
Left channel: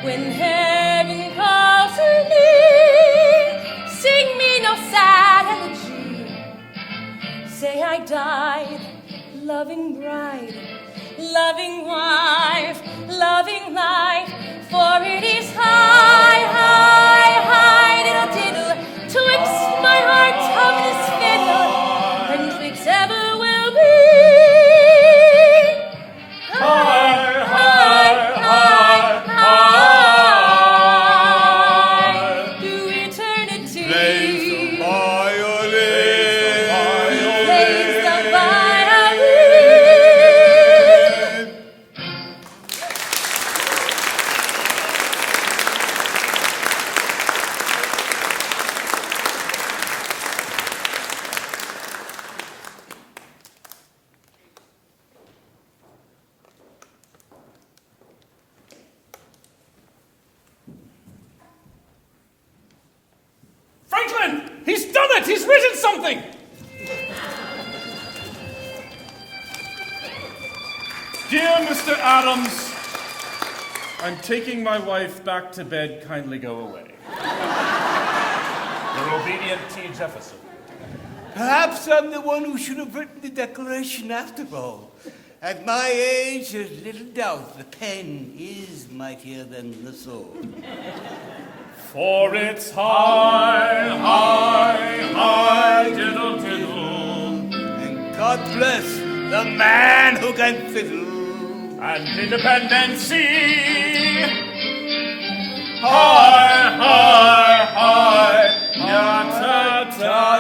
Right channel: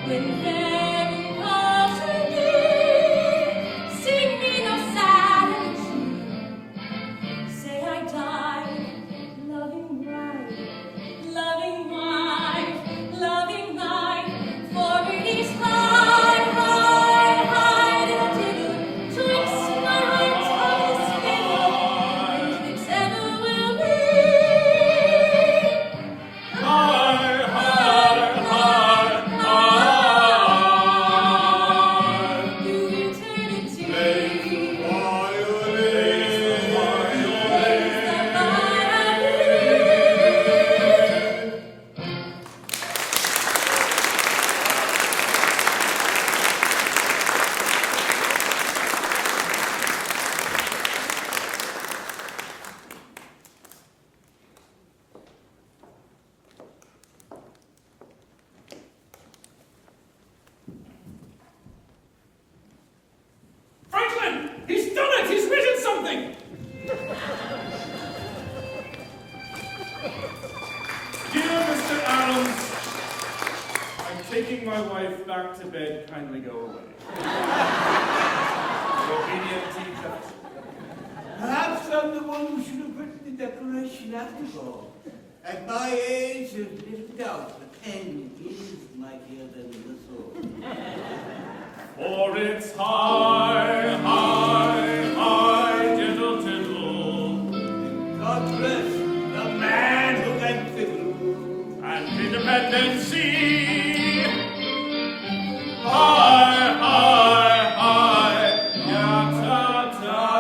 When heaven calls to me, sing me no sad elegy. Say I died, loving bride, loving wife, loving life, for it is high, high, high, diddle, diddle, twixt my heart of this fiddle, and twixt ever will be. High, high, high, high, through eternity. Plays the violin. Franklin! He's done it! He's written something! Dear Mr. Adams, I'm taking my wife back to bed. Kindly go away. Your obedient T. Jefferson. Perhaps I'm the one who should have written the declaration after all. At my age, there's little doubt the pen is mightier than the sword. For it's high, high, high, diddle, diddle. And God bless the man who can fiddle. And independency. High, high, high, ya-ta-ta-ta.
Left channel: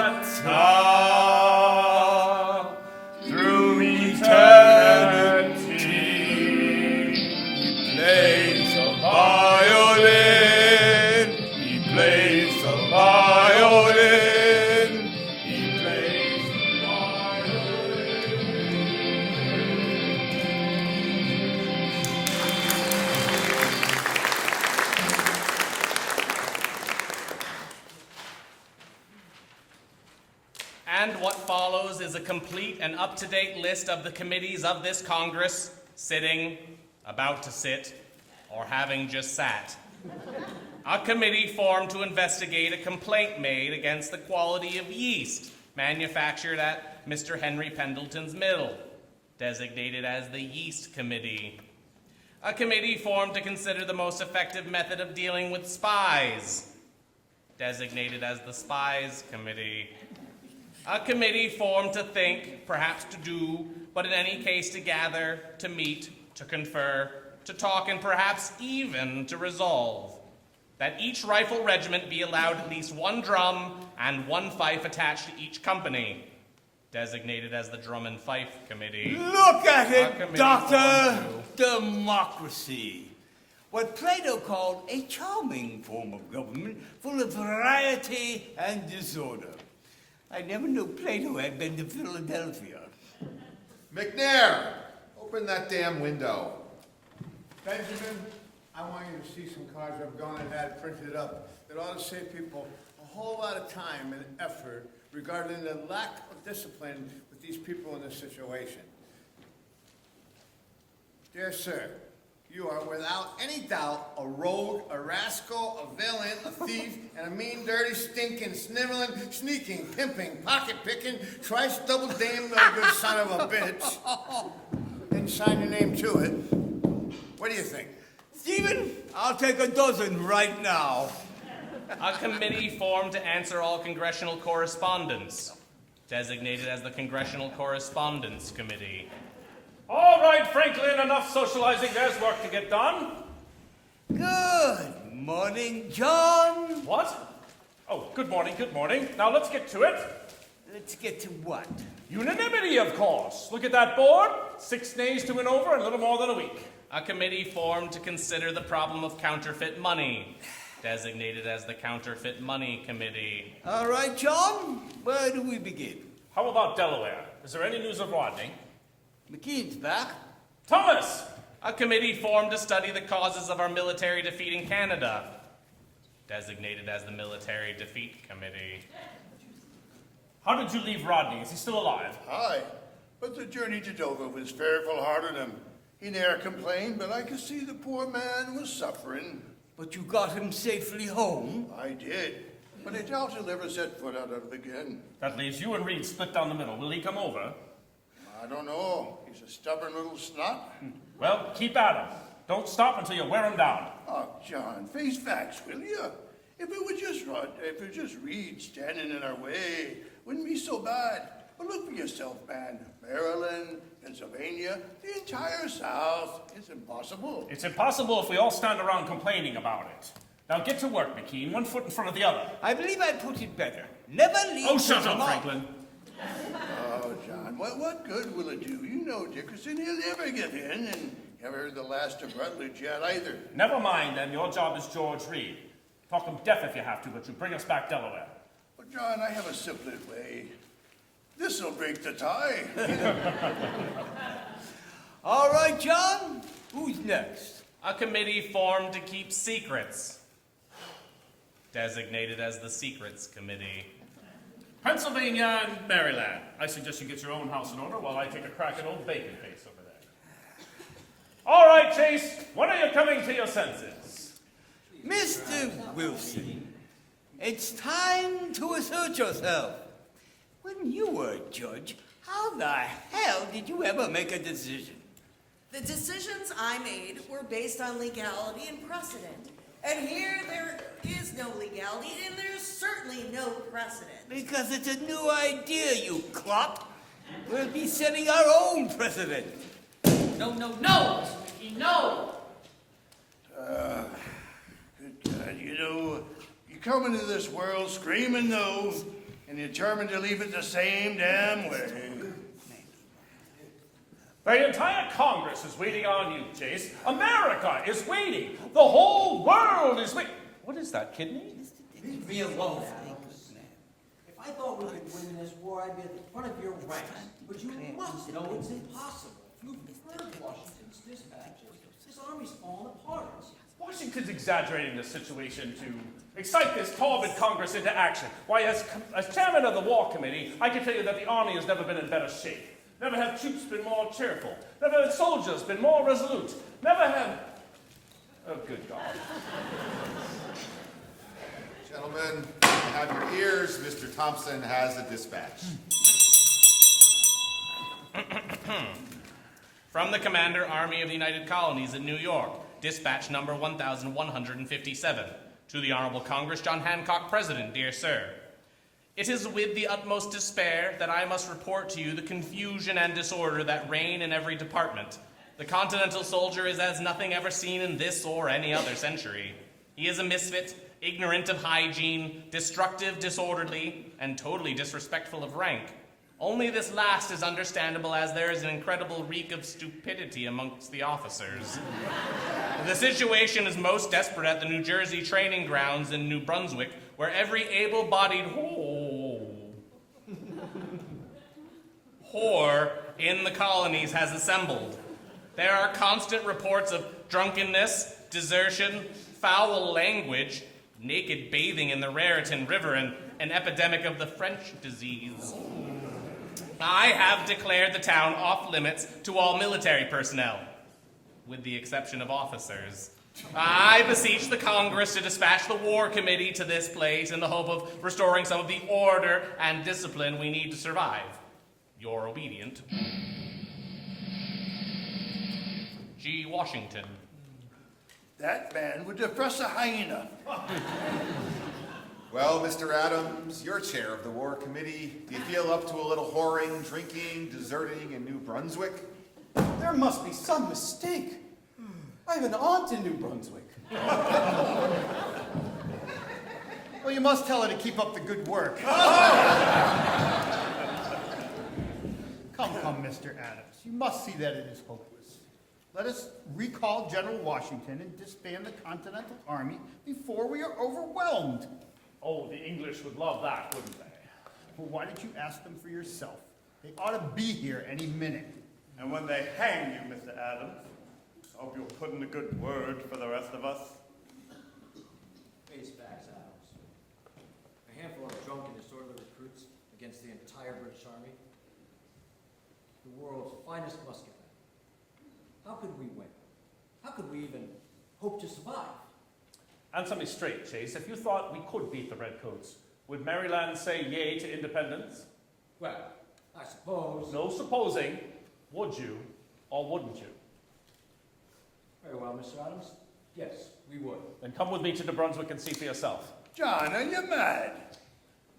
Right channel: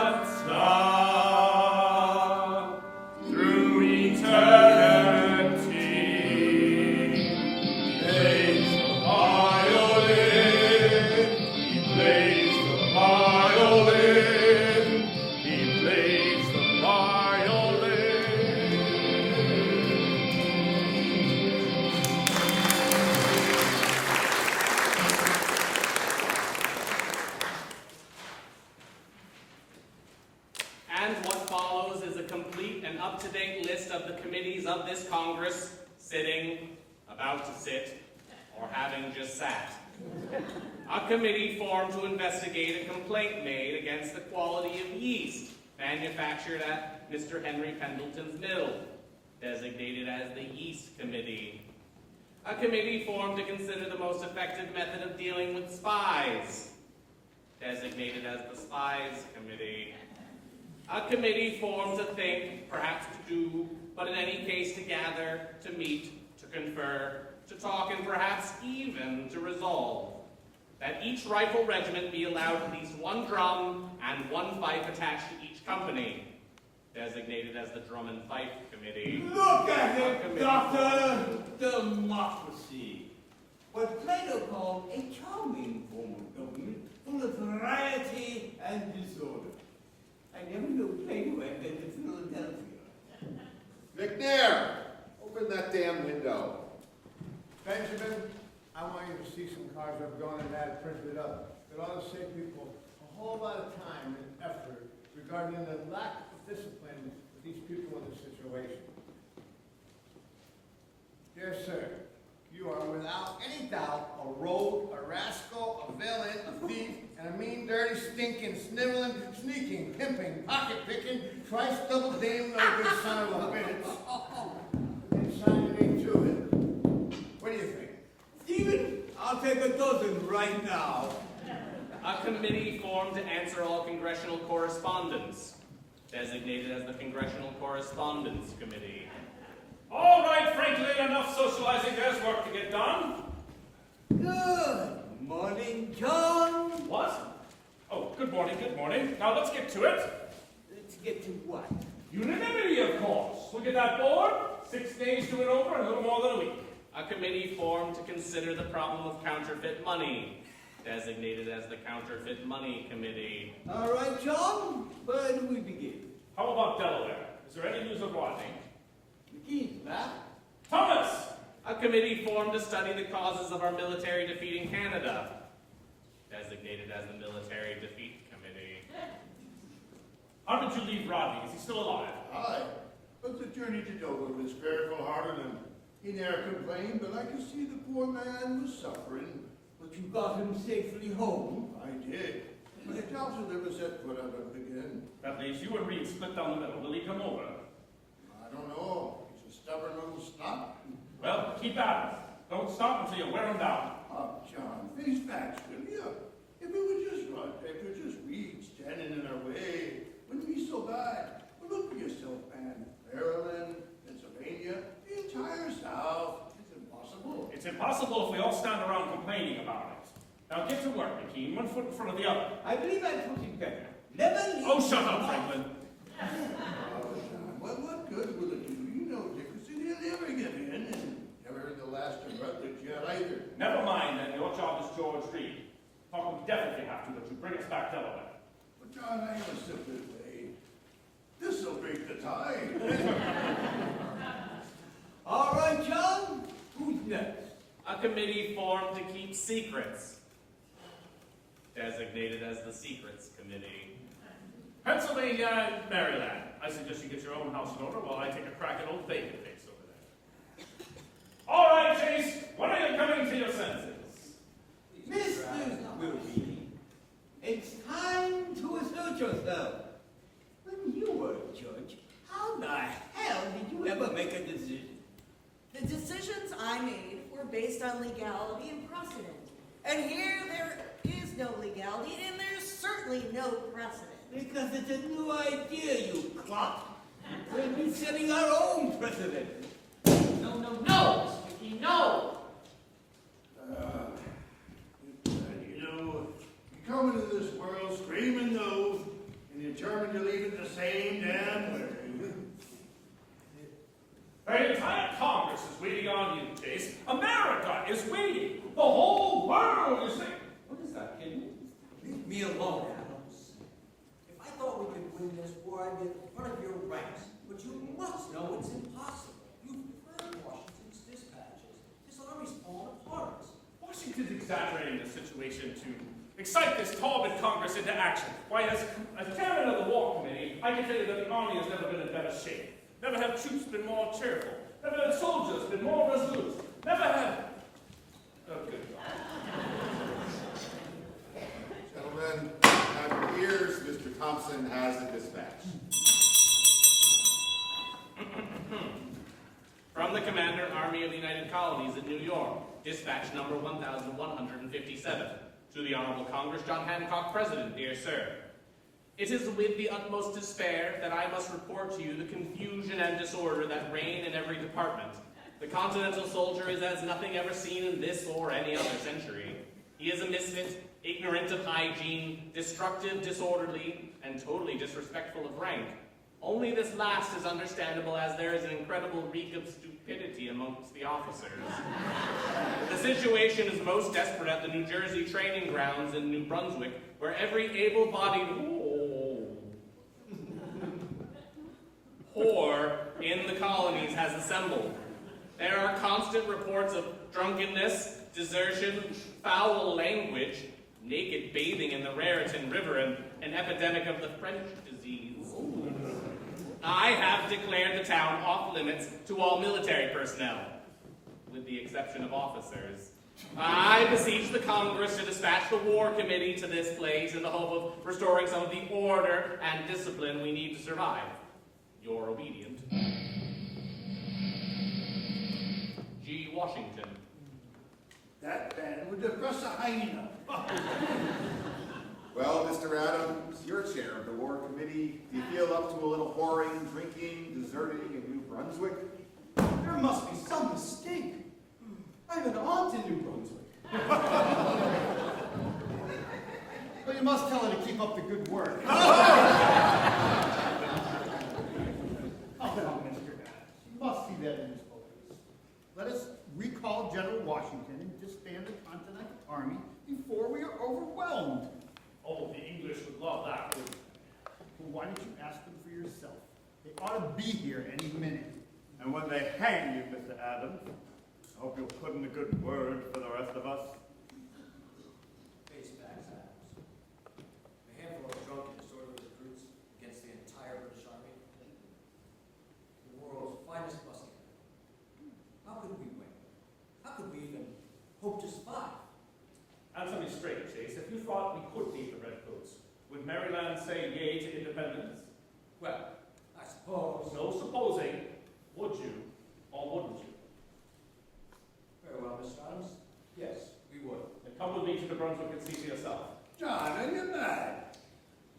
Through eternity. Plays the violin. He plays the violin. He plays the violin. And what follows is a complete and up-to-date list of the committees of this Congress sitting, about to sit, or having just sat. A committee formed to investigate a complaint made against the quality of yeast manufactured at Mr. Henry Pendleton's mill, designated as the Yeast Committee. A committee formed to consider the most effective method of dealing with spies, designated as the Spies Committee. A committee formed to think, perhaps to do, but in any case to gather, to meet, to confer, to talk, and perhaps even to resolve that each rifle regiment be allowed at least one drum and one fife attached to each company, designated as the Drum and Fife Committee. Look at it, Doctor! democracy. What Plato called a charming form of government full of variety and disorder. I never knew Plato had been to Philadelphia. McNair, open that damn window. Benjamin, I want you to see some cards I've gone and had printed up that ought to save people a whole lot of time and effort regarding the lack of discipline with these people in this situation. Dear sir, you are without any doubt a rogue, a rascal, a villain, a thief, and a mean, dirty, stinking, sniveling, sneaking, pimping, pocket-picking, trice-double-dame, no good son of a bitch. And sign your name to it. What do you think? Stephen, I'll take a dozen right now. A committee formed to answer all congressional correspondence, designated as the Congressional Correspondence Committee. All right, Franklin, enough socializing. There's work to get done. Good morning, John. What? Oh, good morning, good morning. Now let's get to it. Let's get to what? Unanimity, of course. Look at that board. 6 days to and over, a little more than a week. A committee formed to consider the problem of counterfeit money, designated as the Counterfeit Money Committee. All right, John, where do we begin? How about Delaware? Is there any news of Rodney? McKean's back. Thomas! A committee formed to study the causes of our military defeat in Canada, designated as the Military Defeat Committee. How did you leave Rodney? Is he still alive? Aye, but the journey to Dover was fearful hard on him. He ne'er complained, but I could see the poor man was suffering. But you got him safely home? I did, but I doubt he'll ever set foot out of it again. That leaves you and Reed split down the middle. Will he come over? I don't know. He's a stubborn little snot. Well, keep at him. Don't stop until you wear him down. Oh, John, face facts, will you? If it were just Reed standing in our way, wouldn't be so bad. But look for yourself, man. Maryland, Pennsylvania, the entire South. It's impossible. It's impossible if we all stand around complaining about it. Now get to work, McKean. 1 foot in front of the other. I believe I put it better. Never leave. Oh, shut up, Franklin. Oh, John, what good will it do? You know Dickinson, he'll never get in, and never heard the last of Rutledge yet either. Never mind, then. Your job is George Reed. Talk him deaf if you have to, but you bring us back Delaware. But, John, I have a simpler way. This'll break the tie. All right, John, who's next? A committee formed to keep secrets, designated as the Secrets Committee. Pennsylvania and Maryland. I suggest you get your own house in order while I take a crack at old Babyface over there. All right, Chase, when are you coming to your senses? Mr. Wilson, it's time to assert yourself. When you were a judge, how the hell did you ever make a decision? The decisions I made were based on legality and precedent. And here there is no legality, and there's certainly no precedent. Because it's a new idea, you clop. We'll be setting our own precedent. No, no, no! Mickey, no! Good God, you know, you come into this world screaming no, and you're determined to leave it the same damn way. The entire Congress is waiting on you, Chase. America is waiting. The whole world is waiting. What is that, kidney? Leave me alone, Adams. If I thought we could win this war, I'd be at the front of your ranks. But you must know it's impossible. You've heard Washington's dispatches. His army's falling apart. Washington's exaggerating the situation to excite this torpid Congress into action. Why, as chairman of the War Committee, I can tell you that the Army has never been in better shape. Never have troops been more cheerful. Never have soldiers been more resolute. Never have... Oh, good God. Gentlemen, have your ears. Mr. Thompson has a dispatch. From the Commander, Army of the United Colonies in New York, dispatch number 1157. To the Honorable Congress, John Hancock, President, dear sir. It is with the utmost despair that I must report to you the confusion and disorder that reign in every department. The continental soldier is as nothing ever seen in this or any other century. He is a misfit, ignorant of hygiene, destructive, disorderly, and totally disrespectful of rank. Only this last is understandable, as there is an incredible reek of stupidity amongst the officers. The situation is most desperate at the New Jersey training grounds in New Brunswick, where every able-bodied whore in the colonies has assembled. There are constant reports of drunkenness, desertion, foul language, naked bathing in the Raritan River, and an epidemic of the French disease. I have declared the town off limits to all military personnel, with the exception of officers. I beseech the Congress to dispatch the War Committee to this place in the hope of restoring some of the order and discipline we need to survive. Your obedient, G. Washington. That man would depress a hyena. Well, Mr. Adams, you're chair of the War Committee. Do you feel up to a little whoring, drinking, deserting in New Brunswick? There must be some mistake. I have an aunt in New Brunswick. Well, you must tell her to keep up the good work. Come, Mr. Adams. You must see that it is hopeless. Let us recall General Washington and disband the Continental Army before we are overwhelmed. Oh, the English would love that, wouldn't they? Well, why don't you ask them for yourself? They ought to be here any minute. And when they hang you, Mr. Adams, I hope you'll put in a good word for the rest of us. Face facts, Adams. A handful of drunken disorderly recruits against the entire British Army. The world's finest musketmen. How could we win? How could we even hope to survive? Answer me straight, Chase. If you thought we could beat the Redcoats, would Maryland say yay to independence? Well, I suppose. No supposing. Would you or wouldn't you? Very well, Mr. Adams. Yes, we would. Then come with me to New Brunswick and see for yourself. John, are you mad?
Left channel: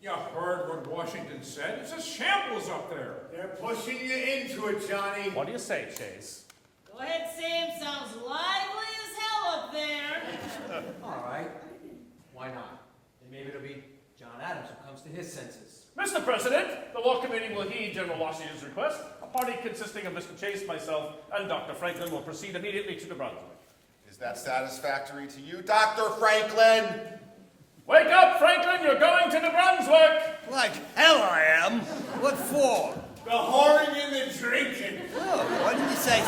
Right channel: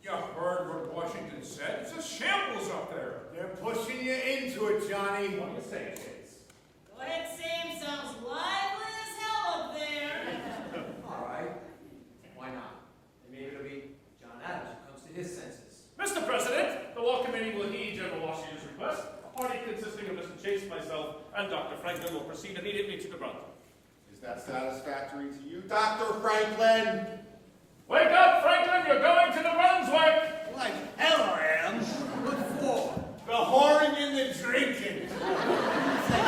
You heard what Washington said. It's a shambles up there. They're pushing you into it, Johnny. What do you say, Chase? Go ahead, Sam. Sounds lively as hell up there. All right. Why not? And maybe it'll be John Adams who comes to his senses. Mr. President, the War Committee will heed General Washington's request. A party consisting of Mr. Chase, myself, and Dr. Franklin will proceed immediately to New Brunswick. Is that satisfactory to you, Dr. Franklin? Wake up, Franklin! You're going to New Brunswick! Like hell I am. What for? The whoring and the drinking. What did he say?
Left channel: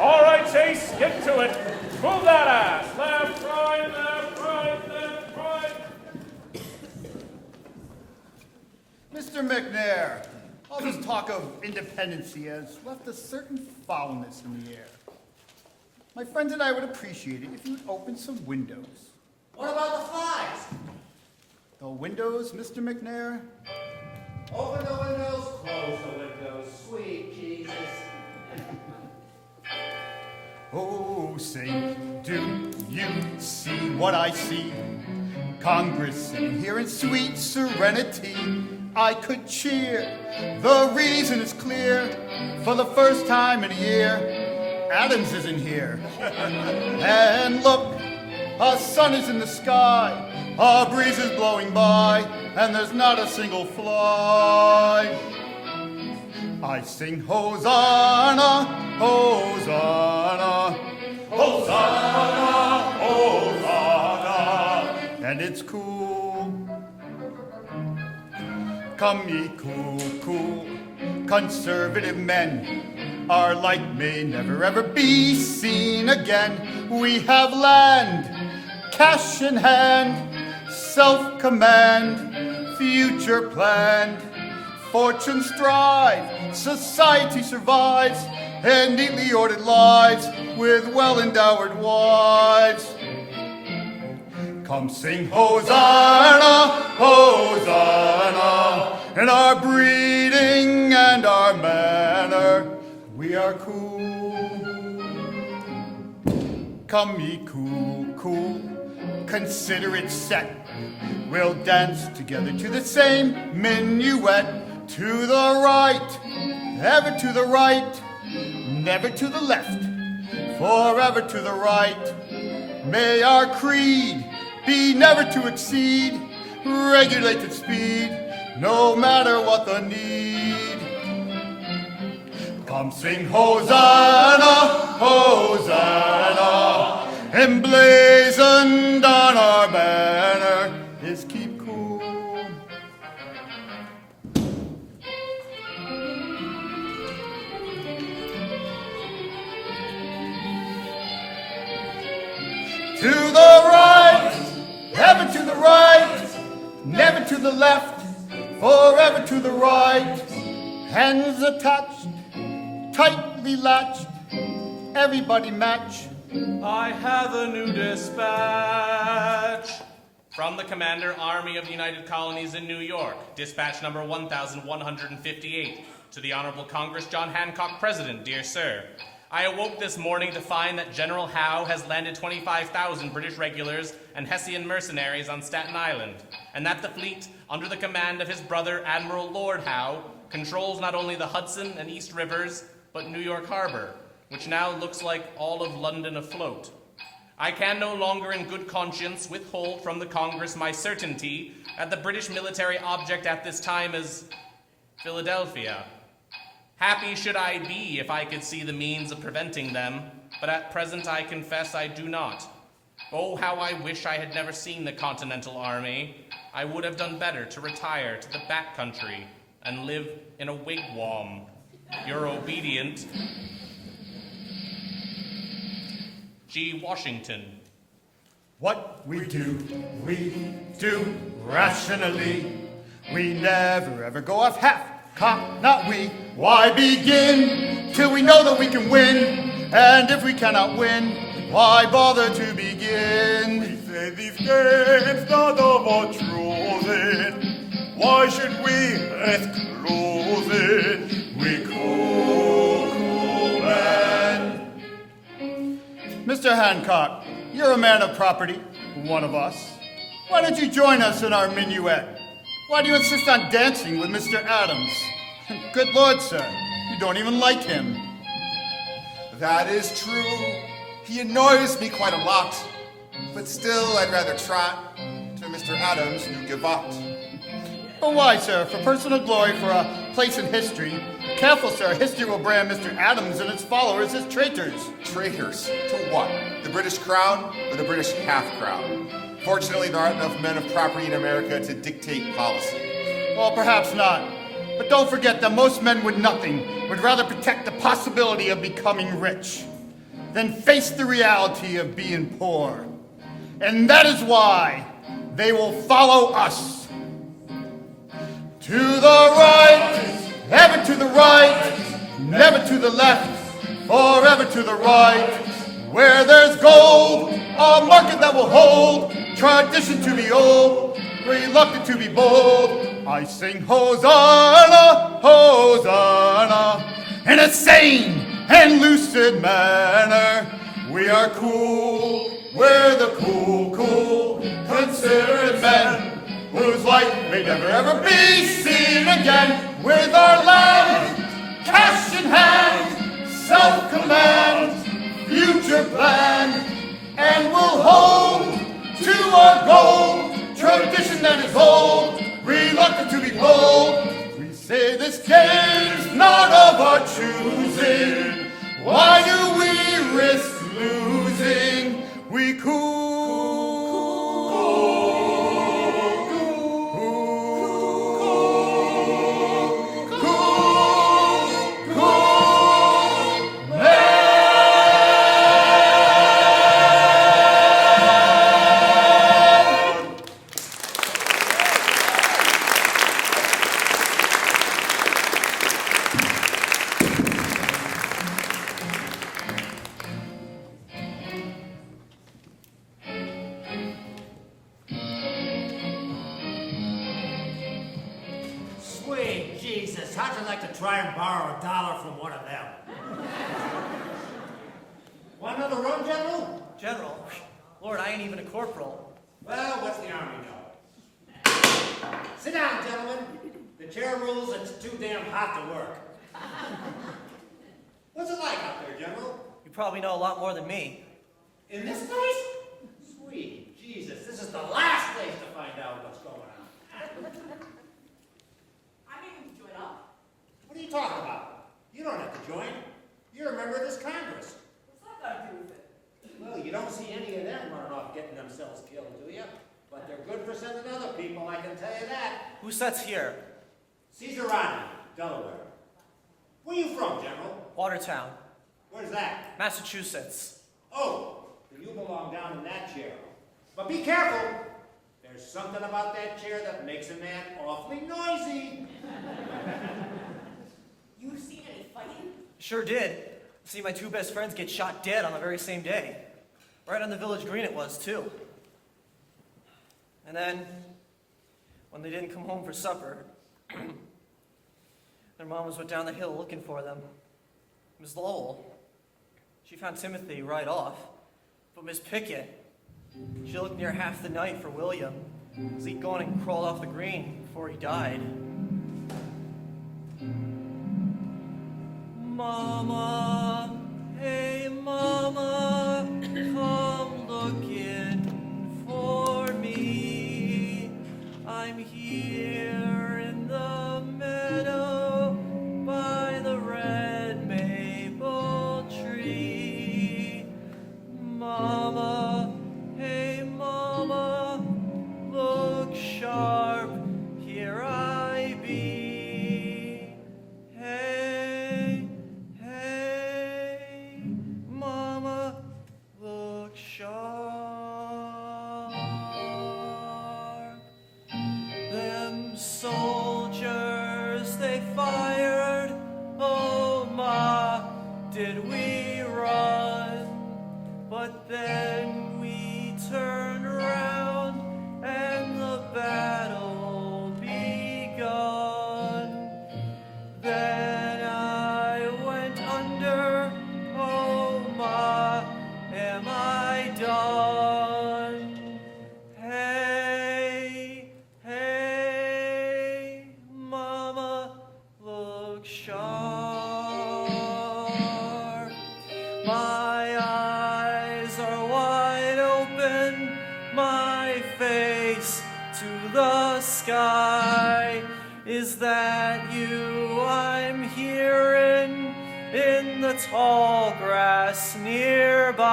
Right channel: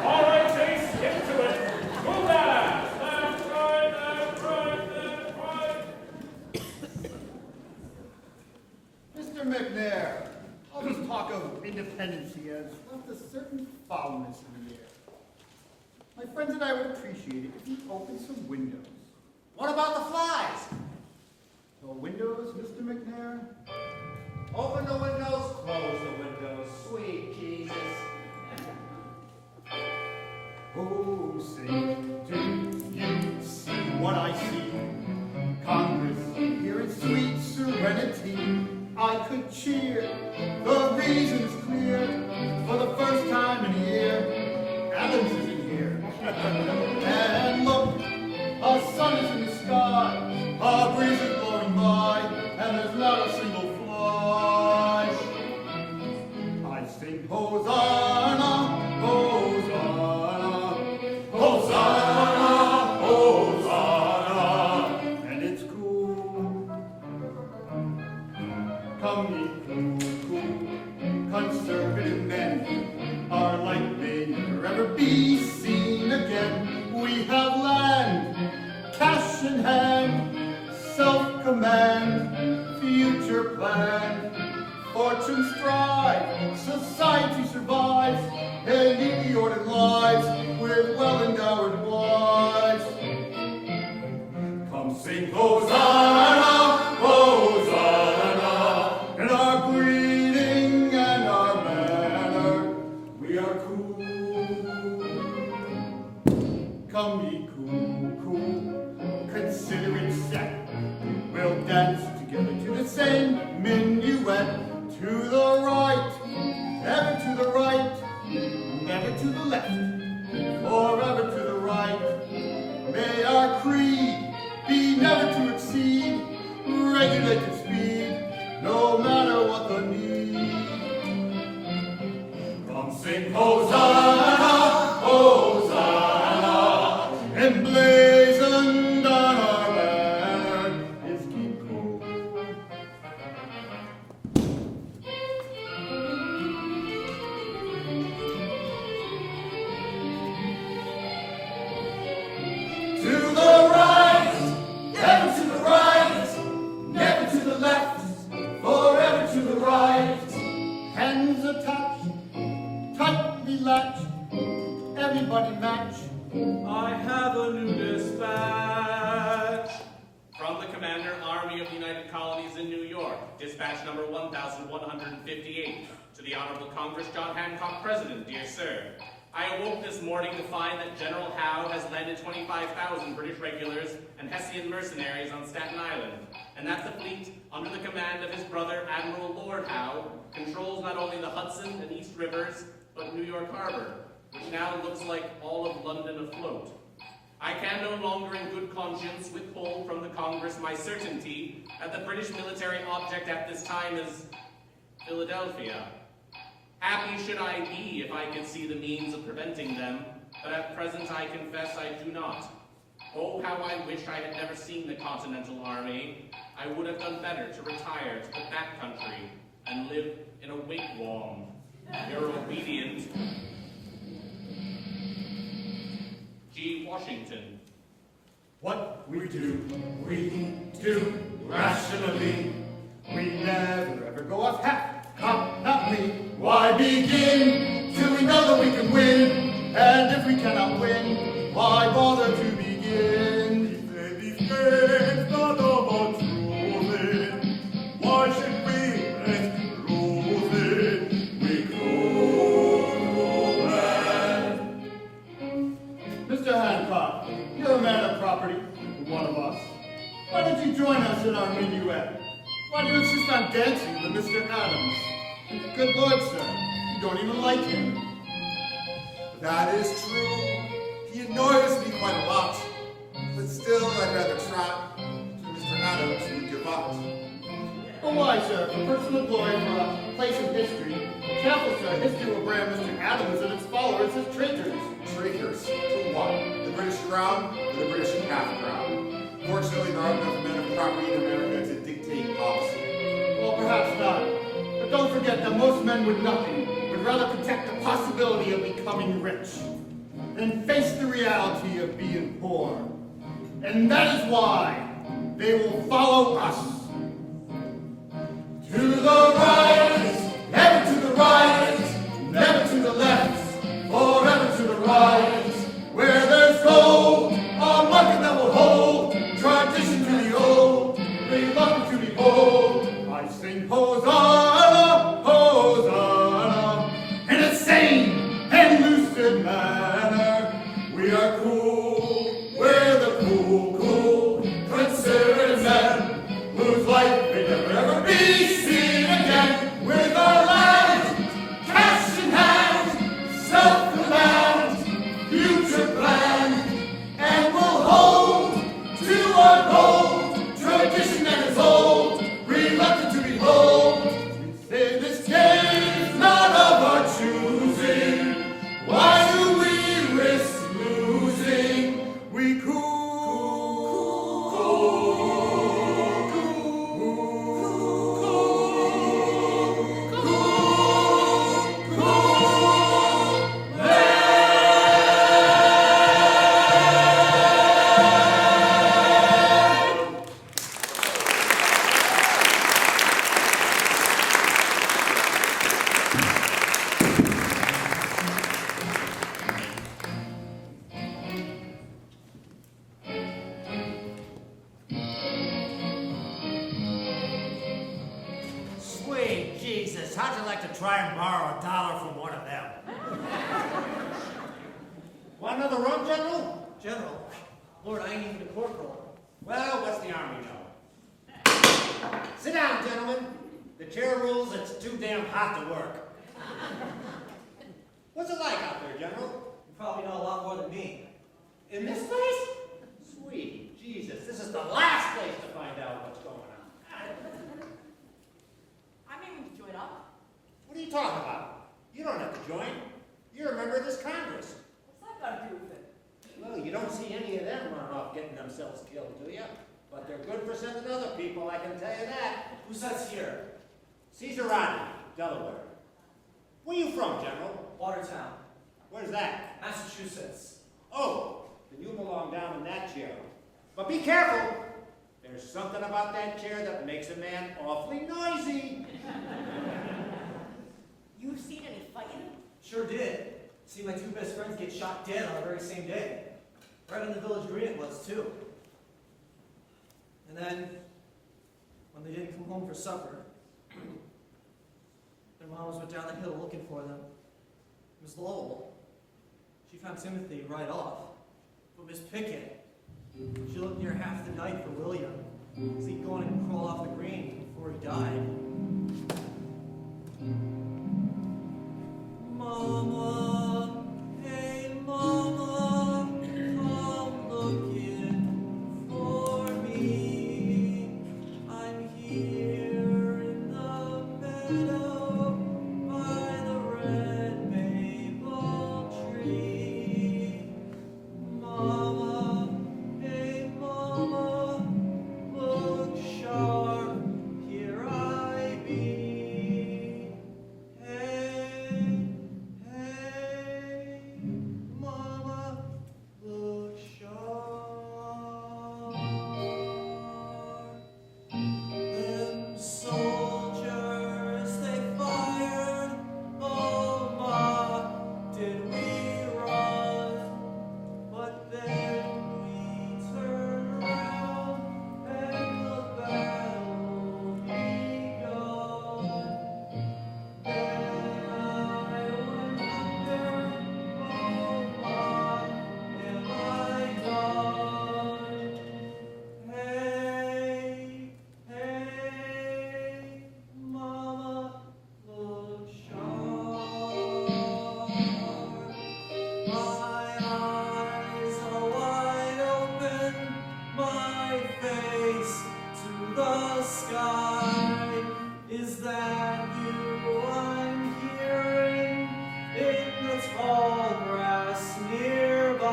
All right, Chase, get to it. Move that ass. Left, right, left, right, left, right. Mr. McNair, all this talk of independency has left a certain foulness in the air. My friends and I would appreciate it if you would open some windows. What about the flies? The windows, Mr. McNair? Open the windows, close the windows, sweet Jesus. Oh, say, do you see what I see? Congress here in sweet serenity. I could cheer. The reason is clear. For the first time in a year, Adams isn't here. And look, a sun is in the sky, a breeze is blowing by, and there's not a single fly. I sing Hosanna, Hosanna, Hosanna, Hosanna, and it's cool. Come ye cool, cool, conservative men, our light may never ever be seen again. We have land, cash in hand, self-command, future planned. Fortunes thrive, society survives, and neatly ordered lives with well-endowed wives. Come sing Hosanna, Hosanna, in our breeding and our manner, we are cool. Come ye cool, cool, considerate set, we'll dance together to the same minuet. To the right, ever to the right, never to the left, forever to the right. May our creed be never to exceed regulated speed, no matter what the need. Come sing Hosanna, Hosanna, emblazoned on our banner is keep cool. To the right, ever to the right, never to the left, forever to the right. Hands attached, tightly latched, everybody match. I have a new dispatch. From the Commander, Army of the United Colonies in New York, dispatch number 1158. To the Honorable Congress, John Hancock, President, dear sir. I awoke this morning to find that General Howe has landed 25,000 British regulars and Hessian mercenaries on Staten Island, and that the fleet, under the command of his brother, Admiral Lord Howe, controls not only the Hudson and East Rivers, but New York Harbor, which now looks like all of London afloat. I can no longer in good conscience withhold from the Congress my certainty that the British military object at this time is Philadelphia. Happy should I be if I could see the means of preventing them, but at present I confess I do not. Oh, how I wish I had never seen the Continental Army. I would have done better to retire to the back country and live in a wigwam. Your obedient, G. Washington. What we do rationally. We never ever go off half-cocked, not we. Why begin till we know that we can win? And if we cannot win, why bother to begin? We say these games not about choosing. Why should we risk losing? We cool man. Mr. Hancock, you're a man of property, one of us. Why don't you join us in our minuet? Why do you insist on dancing with Mr. Adams? Good Lord, sir, you don't even like him. That is true. He annoys me quite a lot. But still, I'd rather trot to Mr. Adams who give up. Oh, why, sir? For personal glory, for a place in history. Careful, sir. History will brand Mr. Adams and its followers as traitors. Traitors? To what? The British crown or the British half-crown? Fortunately, there aren't enough men of property in America to dictate policy. Well, perhaps not. But don't forget that most men with nothing would rather protect the possibility of becoming rich than face the reality of being poor. And that is why they will follow us. To the right, ever to the right, never to the left, forever to the right. Where there's gold, a market that will hold, tradition to be old, reluctant to be bold. I sing Hosanna, Hosanna, in a sane and lucid manner. We are cool, we're the cool, considerate men, whose life may never ever be seen again. With our land, cash in hand, self-command, future planned, and we'll hold to our goal, tradition that is old, reluctant to be bold. We say this game's not of our choosing. Why do we risk losing? We cool. Try and borrow $1 from one of them. Want another rum, General? General? Lord, I ain't even a corporal. Well, what's the Army know? Sit down, gentlemen. The chair rules it's too damn hot to work. What's it like out there, General? You probably know a lot more than me. In this place? Sweet Jesus, this is the last place to find out what's going on. you talking about? You don't have to join. You're a member of this Congress. What's that got to do with it? Well, you don't see any of them running off getting themselves killed, do you? But they're good for sending other people, I can tell you that. Who sits here? Caesarati, Delaware. Where you from, General? Watertown. Where's that? Massachusetts. Oh, then you belong down in that chair. But be careful. There's something about that chair that makes a man awfully noisy. You've seen any fighting? Sure did. See my two best friends get shot dead on the very same day. Right on the village green it was, too. And then, when they didn't come home for supper, their mamas went down the hill looking for them. Miss Lowell, she found Timothy right off. But Miss Pickett, she looked near half the night for William, as he'd gone and crawled off the green before he died. Mama, hey Mama, come looking for me. I'm here in the meadow by the red maple tree. Mama, hey Mama, look sharp, here I be. Hey, hey, Mama, look sharp. Them soldiers, they fired, oh Ma, did we run? But then we turned around and the battle begun. Then I went under, oh Ma, am I done? Hey, hey, Mama, look sharp. My eyes are wide open, my face to the sky. Is that you I'm hearing in the tall grass nearby?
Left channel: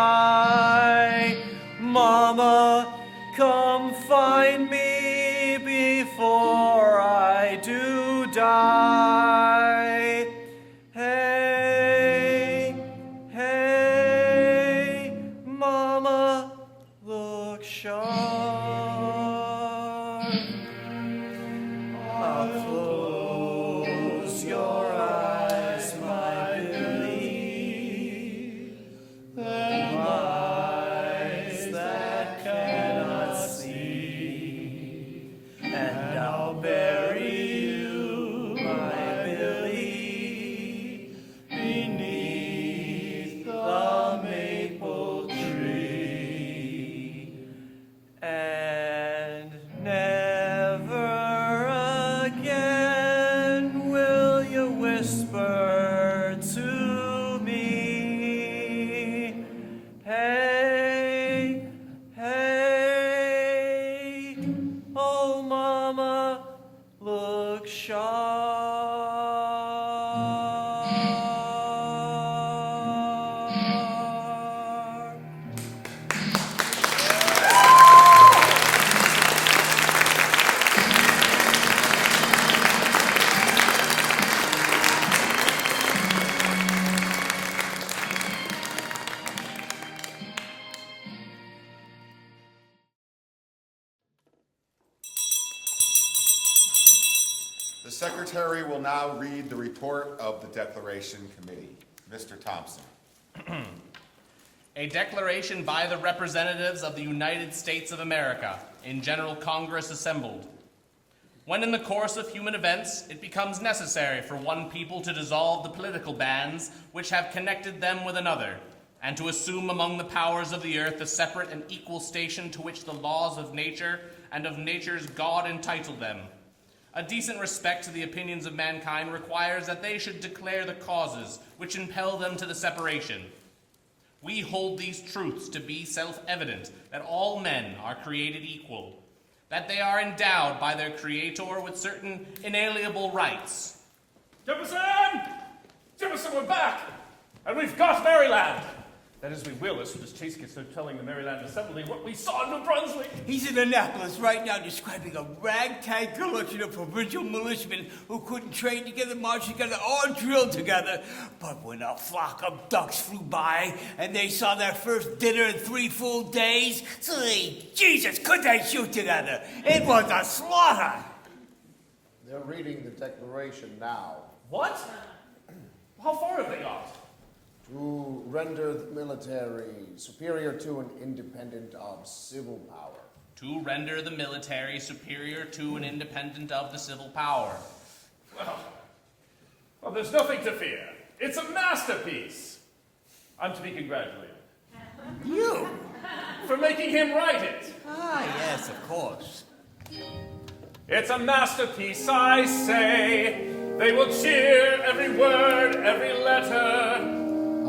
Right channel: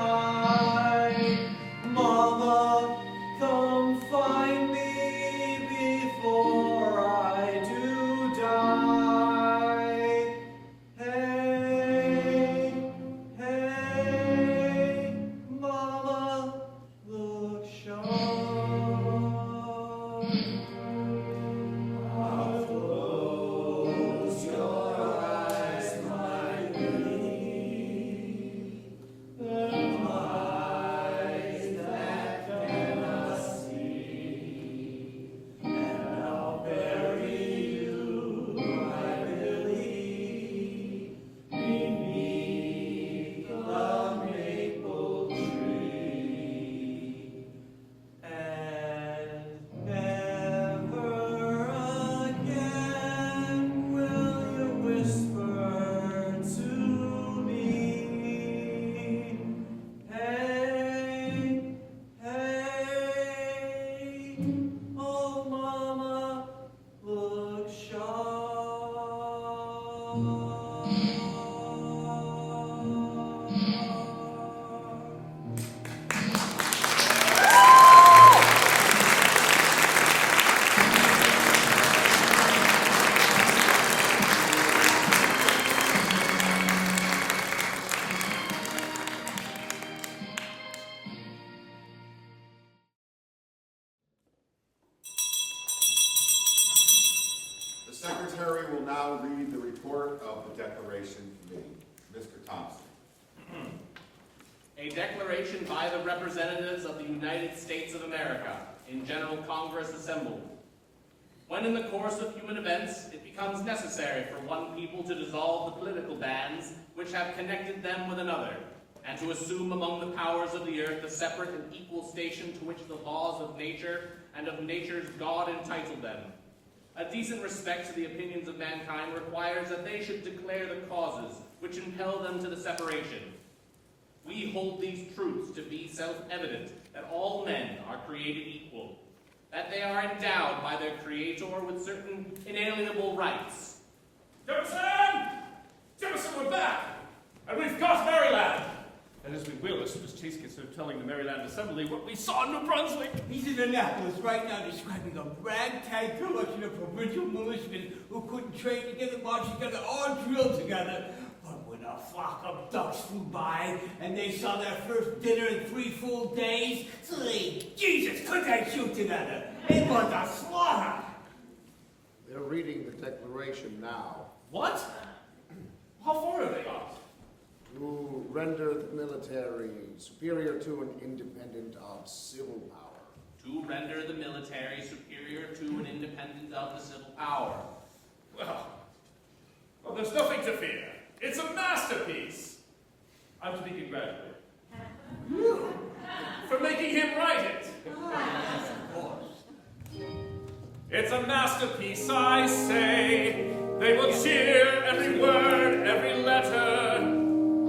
Mama, come find me before I do die. Hey, hey, Mama, look sharp. Close your eyes, my Billy. Them eyes that cannot see. And I'll bury you, my Billy, beneath the maple tree. And never again will you whisper to me. Hey, hey, oh Mama, look sharp. The Secretary will now read the report of the Declaration Committee. Mr. Thompson. A declaration by the representatives of the United States of America in General Congress assembled. When in the course of human events it becomes necessary for one people to dissolve the political bands which have connected them with another, and to assume among the powers of the earth a separate and equal station to which the laws of nature and of nature's God entitle them, a decent respect to the opinions of mankind requires that they should declare the causes which impel them to the separation. We hold these truths to be self-evident, that all men are created equal, that they are endowed by their Creator with certain inalienable rights, Jefferson! Jefferson, we're back! And we've got Maryland! That is, we will, as soon as Chase gets through telling the Maryland Assembly what we saw in New Brunswick. He's in Annapolis right now describing a ragtag collection of provincial militiamen who couldn't train together, march together, or drill together. But when a flock of ducks flew by and they saw their first dinner in 3 full days, Jesus, could they shoot together? It was a slaughter. They're reading the Declaration now. What? How far are they off? To render the military superior to and independent of civil power. To render the military superior to and independent of the civil power. Well, there's nothing to fear. It's a masterpiece. I'm to be congratulated. You? For making him write it. Ah, yes, of course. It's a masterpiece, I say. They will cheer every word, every letter.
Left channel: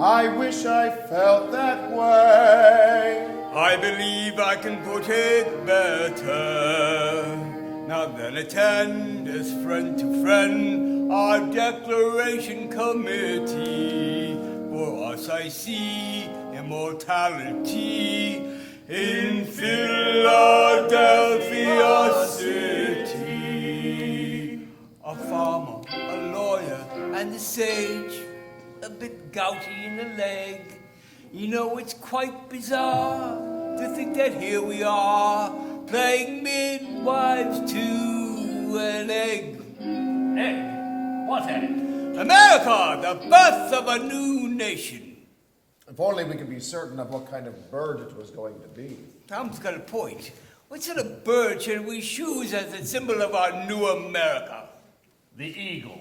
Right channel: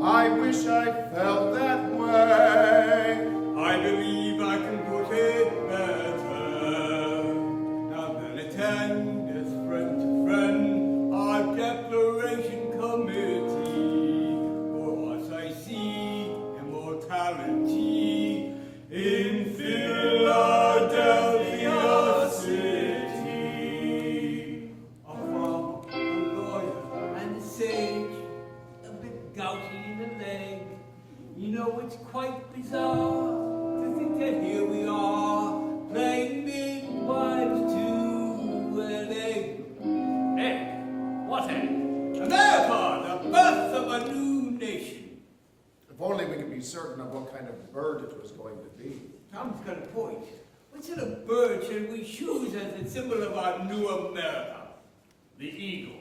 I wish I felt that way. I believe I can put it better. Now then attend as friend to friend our Declaration Committee. For us I see immortality in Philadelphia City. A farmer, a lawyer, and a sage, a bit gouty in the leg. You know, it's quite bizarre to think that here we are, playing midwives to an egg. Egg? What egg? America, the birth of a new nation. If only we could be certain of what kind of bird it was going to be. Tom's got a point. What sort of bird should we choose as a symbol of our new America? The eagle.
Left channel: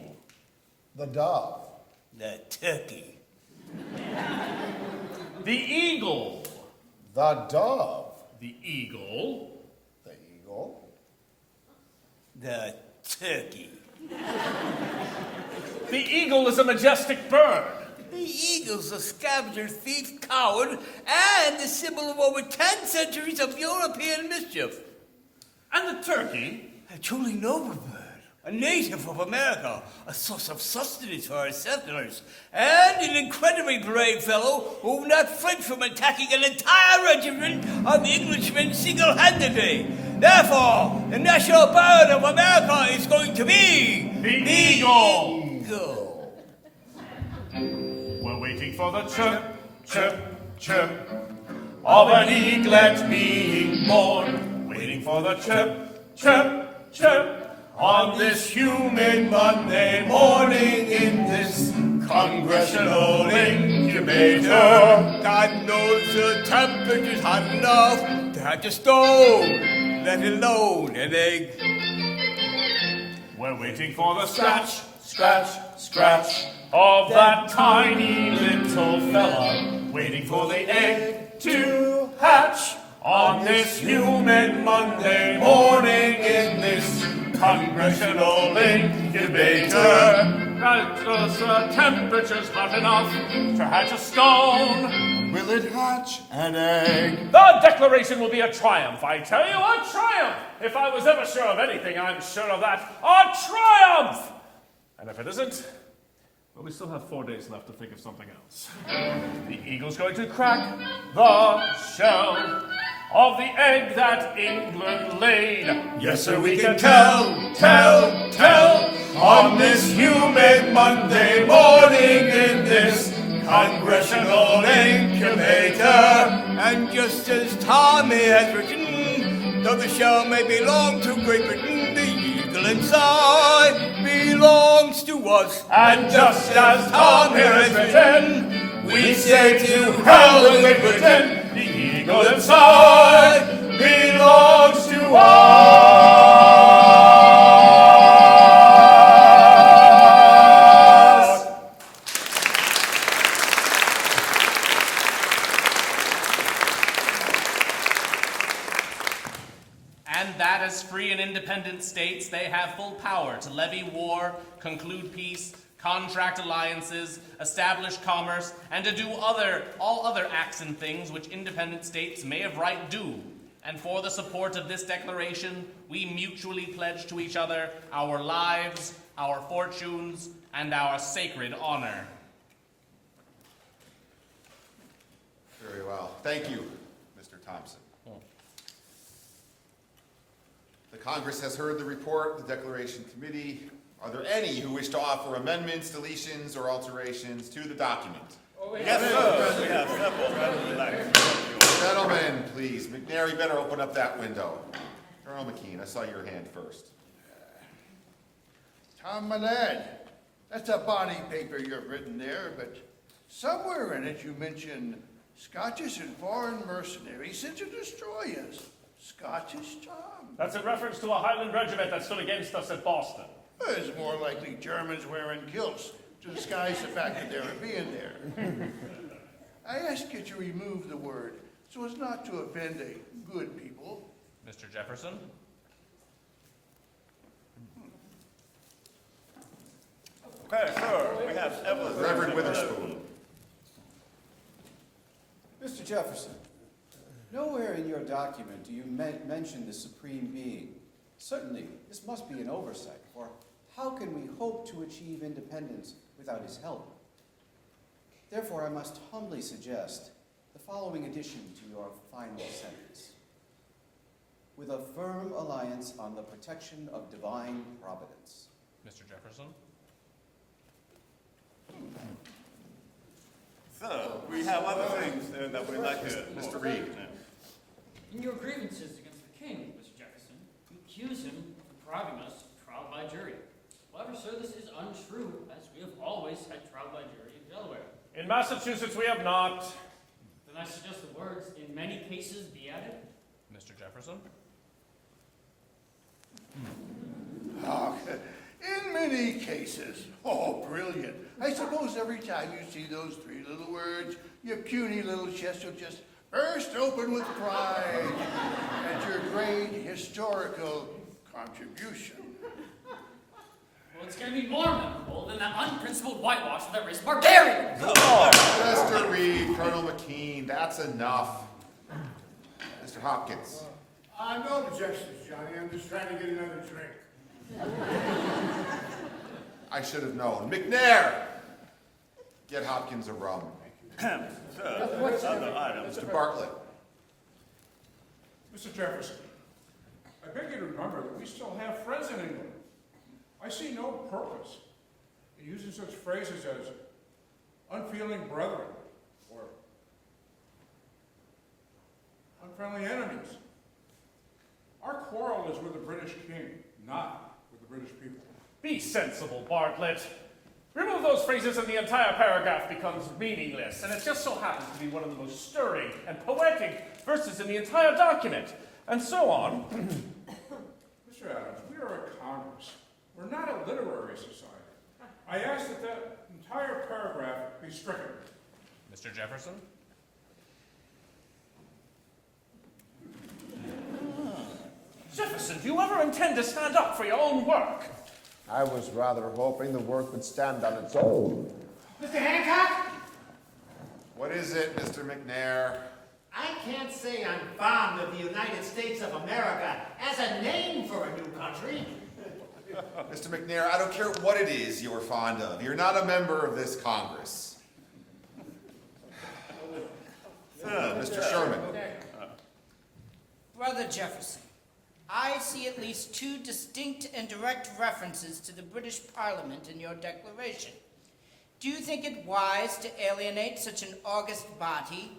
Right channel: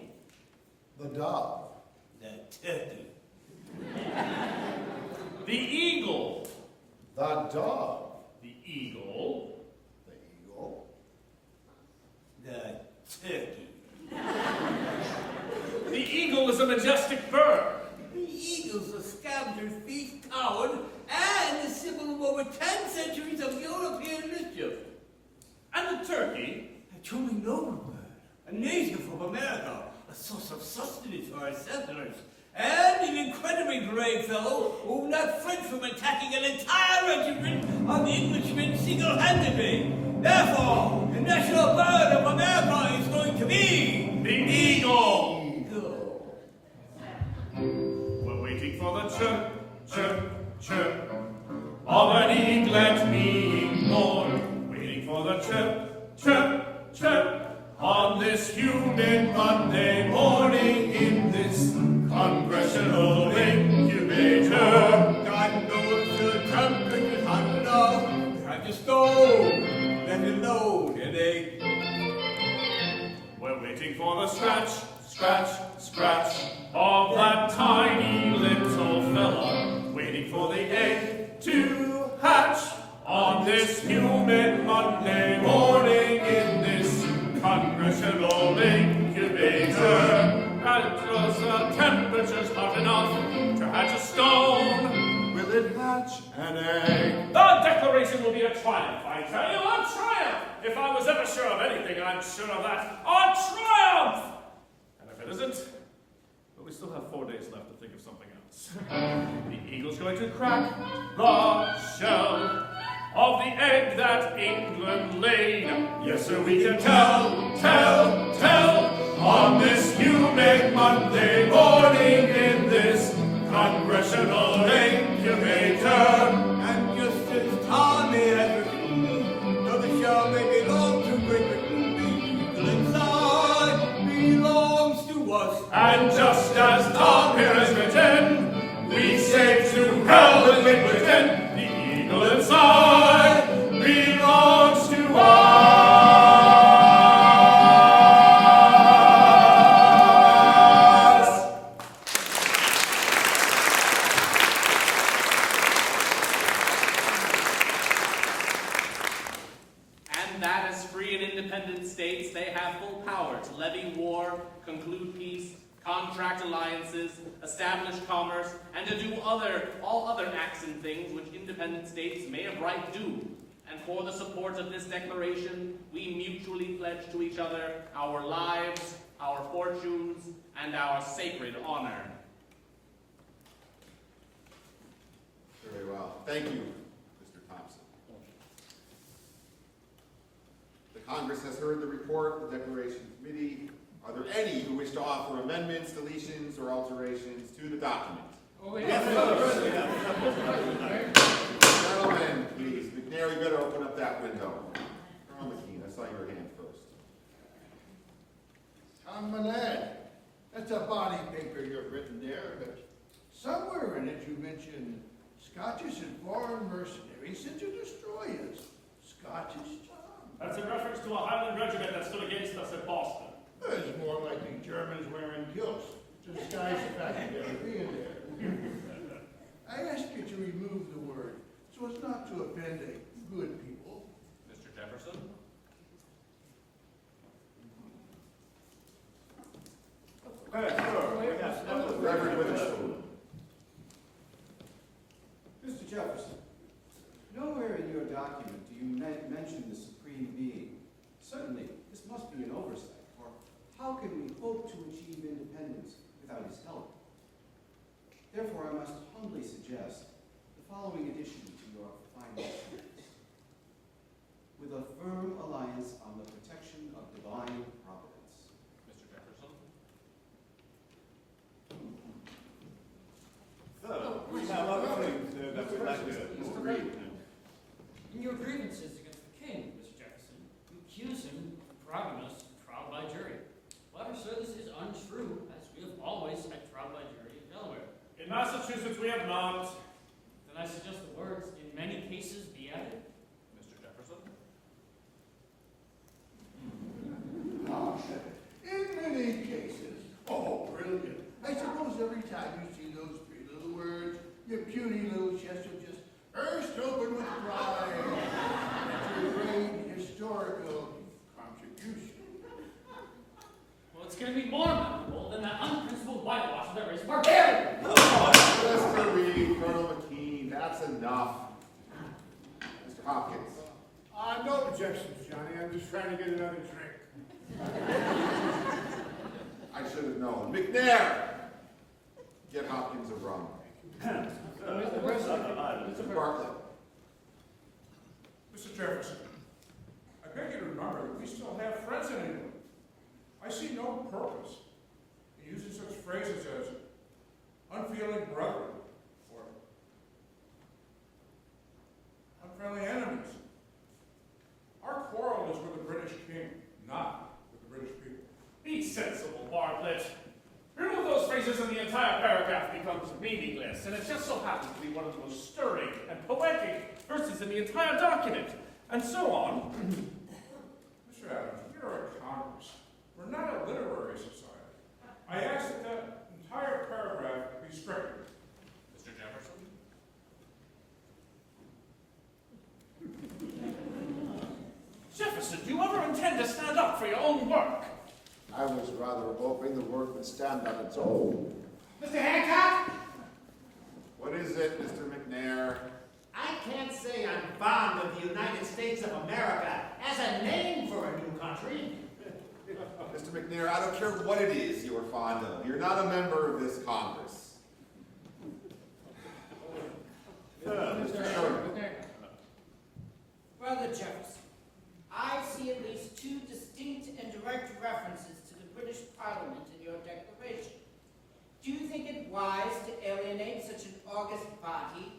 The dove. The turkey. The eagle. The dove. The eagle. The eagle. The turkey. The eagle is a majestic bird. The eagle's a scavenger, thief, coward, and the symbol of over 10 centuries of European mischief. And the turkey? A truly noble bird, a native of America, a source of sustenance for our settlers, and an incredibly brave fellow who would not flinch from attacking an entire regiment of Englishmen single-handedly. Therefore, the national bird of America is going to be the eagle. We're waiting for the chirp, chirp, chirp of an eaglet being born. Waiting for the chirp, chirp, chirp on this humid Monday morning in this congressional incubator. God knows the temperature's hot enough to have to stove, let alone an egg. We're waiting for the scratch, scratch, scratch of that tiny little fella. Waiting for the egg to hatch on this humid Monday morning in this congressional incubator. The temperature's hot enough to hatch a stone. Will it hatch an egg? The Declaration will be a triumph, I tell you, a triumph! If I was ever sure of anything, I'm sure of that. A triumph! And if it isn't, well, we still have 4 days left to think of something else. The eagle's going to crack the shell of the egg that England laid. Yes, sir, we can tell on this humid Monday morning in this congressional incubator. And just as Tommy has written, though the shell may belong to Great Britain, the eagle inside belongs to us. And just as Tom here has written, we say to hell with Great Britain, the eagle inside belongs to us. And that as free and independent states, they have full power to levy war, conclude peace, contract alliances, establish commerce, and to do all other acts and things which independent states may of right do. And for the support of this declaration, we mutually pledge to each other our lives, our fortunes, and our sacred honor. Very well. Thank you, Mr. Thompson. The Congress has heard the report of the Declaration Committee. Are there any who wish to offer amendments, deletions, or alterations to the document? Yes, sir. Gentlemen, please. McNair, you better open up that window. Colonel McKean, I saw your hand first. Tom Manad, that's a body paper you've written there, but somewhere in it you mention Scottish and foreign mercenaries sent to destroy us. Scottish, Tom? That's in reference to a Highland regiment that stood against us at Boston. It's more likely Germans wearing kilts to disguise the fact that they were being there. I ask you to remove the word so as not to offend a good people. Mr. Jefferson? Okay, sir. We have several. Reverend Witherspoon. Mr. Jefferson, nowhere in your document do you mention the Supreme Being. Certainly, this must be an oversight, for how can we hope to achieve independence without his help? Therefore, I must humbly suggest the following addition to your final sentence. With a firm alliance on the protection of divine providence. Mr. Jefferson? So, we have other things that we'd like to... Mr. Reed. In your grievances against the king, Mr. Jefferson, you accuse him of depriving us of trial by jury. However, sir, this is untrue, as we have always had trial by jury in Delaware. In Massachusetts, we have not. Then I suggest the words, in many cases, be added. Mr. Jefferson? Oh, in many cases. Oh, brilliant. I suppose every time you see those three little words, your puny little chest will just burst open with pride at your great historical contribution. Well, it's going to be more memorable than that unprincipled whitewash of the wrist barbarian. Mr. Reed, Colonel McKean, that's enough. Mr. Hopkins. No objections, Johnny. I'm just trying to get another drink. I should have known. McNair, get Hopkins a rum. Mr. Bartlett. Mr. Jefferson, I beg you to remember that we still have friends in England. I see no purpose in using such phrases as unfeeling brethren or unfriendly enemies. Our quarrel is with the British king, not with the British people. Be sensible, Bartlett. Remove those phrases and the entire paragraph becomes meaningless, and it just so happens to be one of the most stirring and poetic verses in the entire document, and so on. Mr. Adams, we are a Congress. We're not a literary society. I ask that that entire paragraph be stricken. Mr. Jefferson? Jefferson, do you ever intend to stand up for your own work? I was rather hoping the work would stand on its own. Mr. Hancock? What is it, Mr. McNair? I can't say I'm fond of the United States of America as a name for a new country. Mr. McNair, I don't care what it is you are fond of. You're not a member of this Congress. Mr. Sherman. Brother Jefferson, I see at least two distinct and direct references to the British Parliament in your declaration. Do you think it wise to alienate such an august body,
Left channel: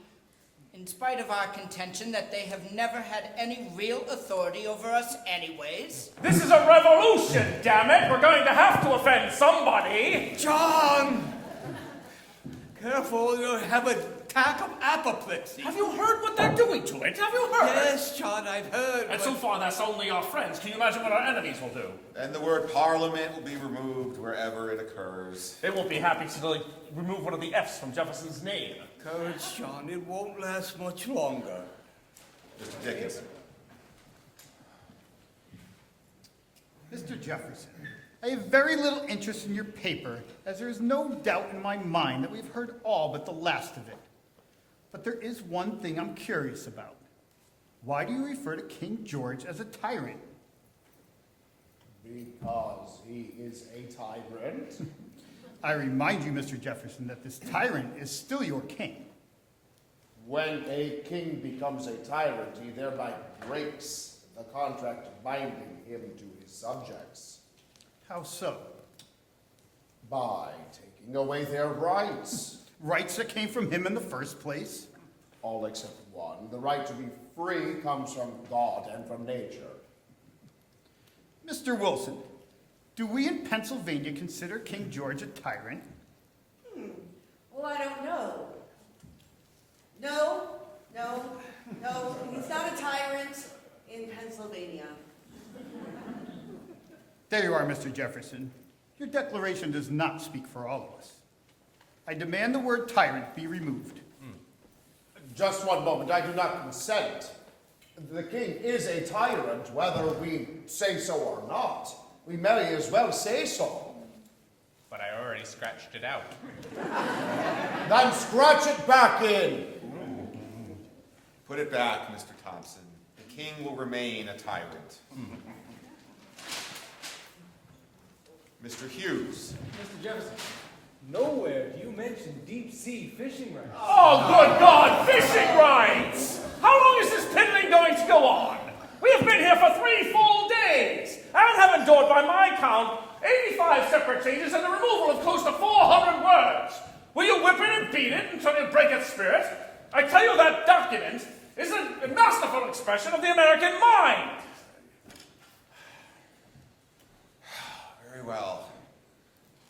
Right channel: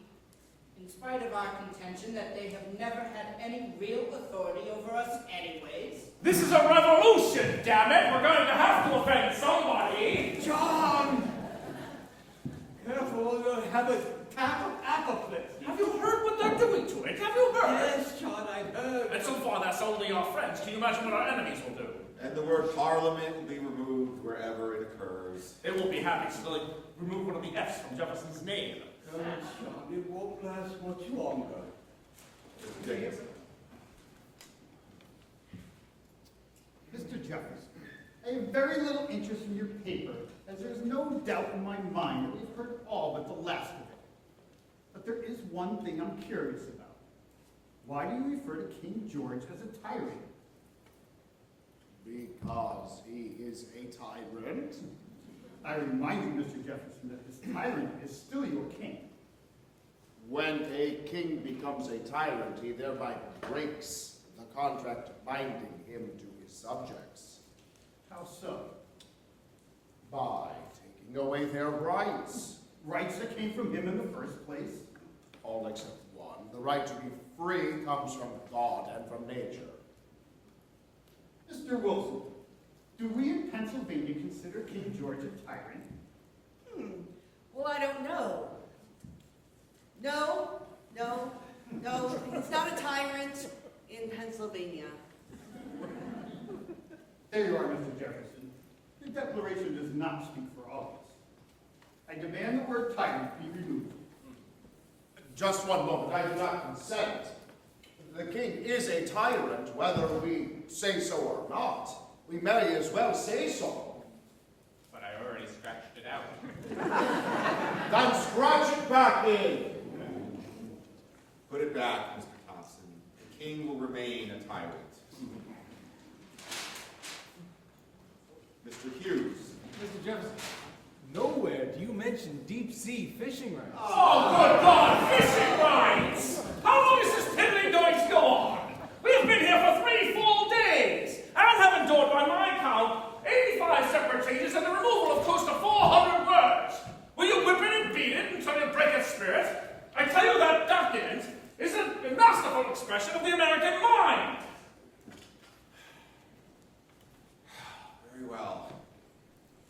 in spite of our contention that they have never had any real authority over us anyways? This is a revolution, damn it! We're going to have to offend somebody! John! Careful, you'll have an attack of apoplexy. Have you heard what they're doing to it? Have you heard? Yes, John, I've heard. And so far, that's only our friends. Can you imagine what our enemies will do? And the word parliament will be removed wherever it occurs. They won't be happy to remove one of the F's from Jefferson's name. Courage, John, it won't last much longer. Mr. Dickinson. Mr. Jefferson, I have very little interest in your paper, as there is no doubt in my mind that we've heard all but the last of it. But there is one thing I'm curious about. Why do you refer to King George as a tyrant? Because he is a tyrant? I remind you, Mr. Jefferson, that this tyrant is still your king. When a king becomes a tyrant, he thereby breaks the contract binding him to his subjects. How so? By taking away their rights. Rights that came from him in the first place? All except one. The right to be free comes from God and from nature. Mr. Wilson, do we in Pennsylvania consider King George a tyrant? Well, I don't know. No, he's not a tyrant in Pennsylvania. There you are, Mr. Jefferson. Your declaration does not speak for all of us. I demand the word tyrant be removed. Just one moment, I do not consent. The king is a tyrant, whether we say so or not. We may as well say so. But I already scratched it out. Then scratch it back in. Put it back, Mr. Thompson. The king will remain a tyrant. Mr. Hughes. Mr. Jefferson, nowhere do you mention deep-sea fishing rights. Oh, good God, fishing rights! How long is this piddling going to go on? We have been here for 3 full days, and have endured, by my count, 85 separate changes and the removal of close to 400 words. Will you whip it and beat it until you break its spirit? I tell you that document is a masterful expression of the American mind. Very well.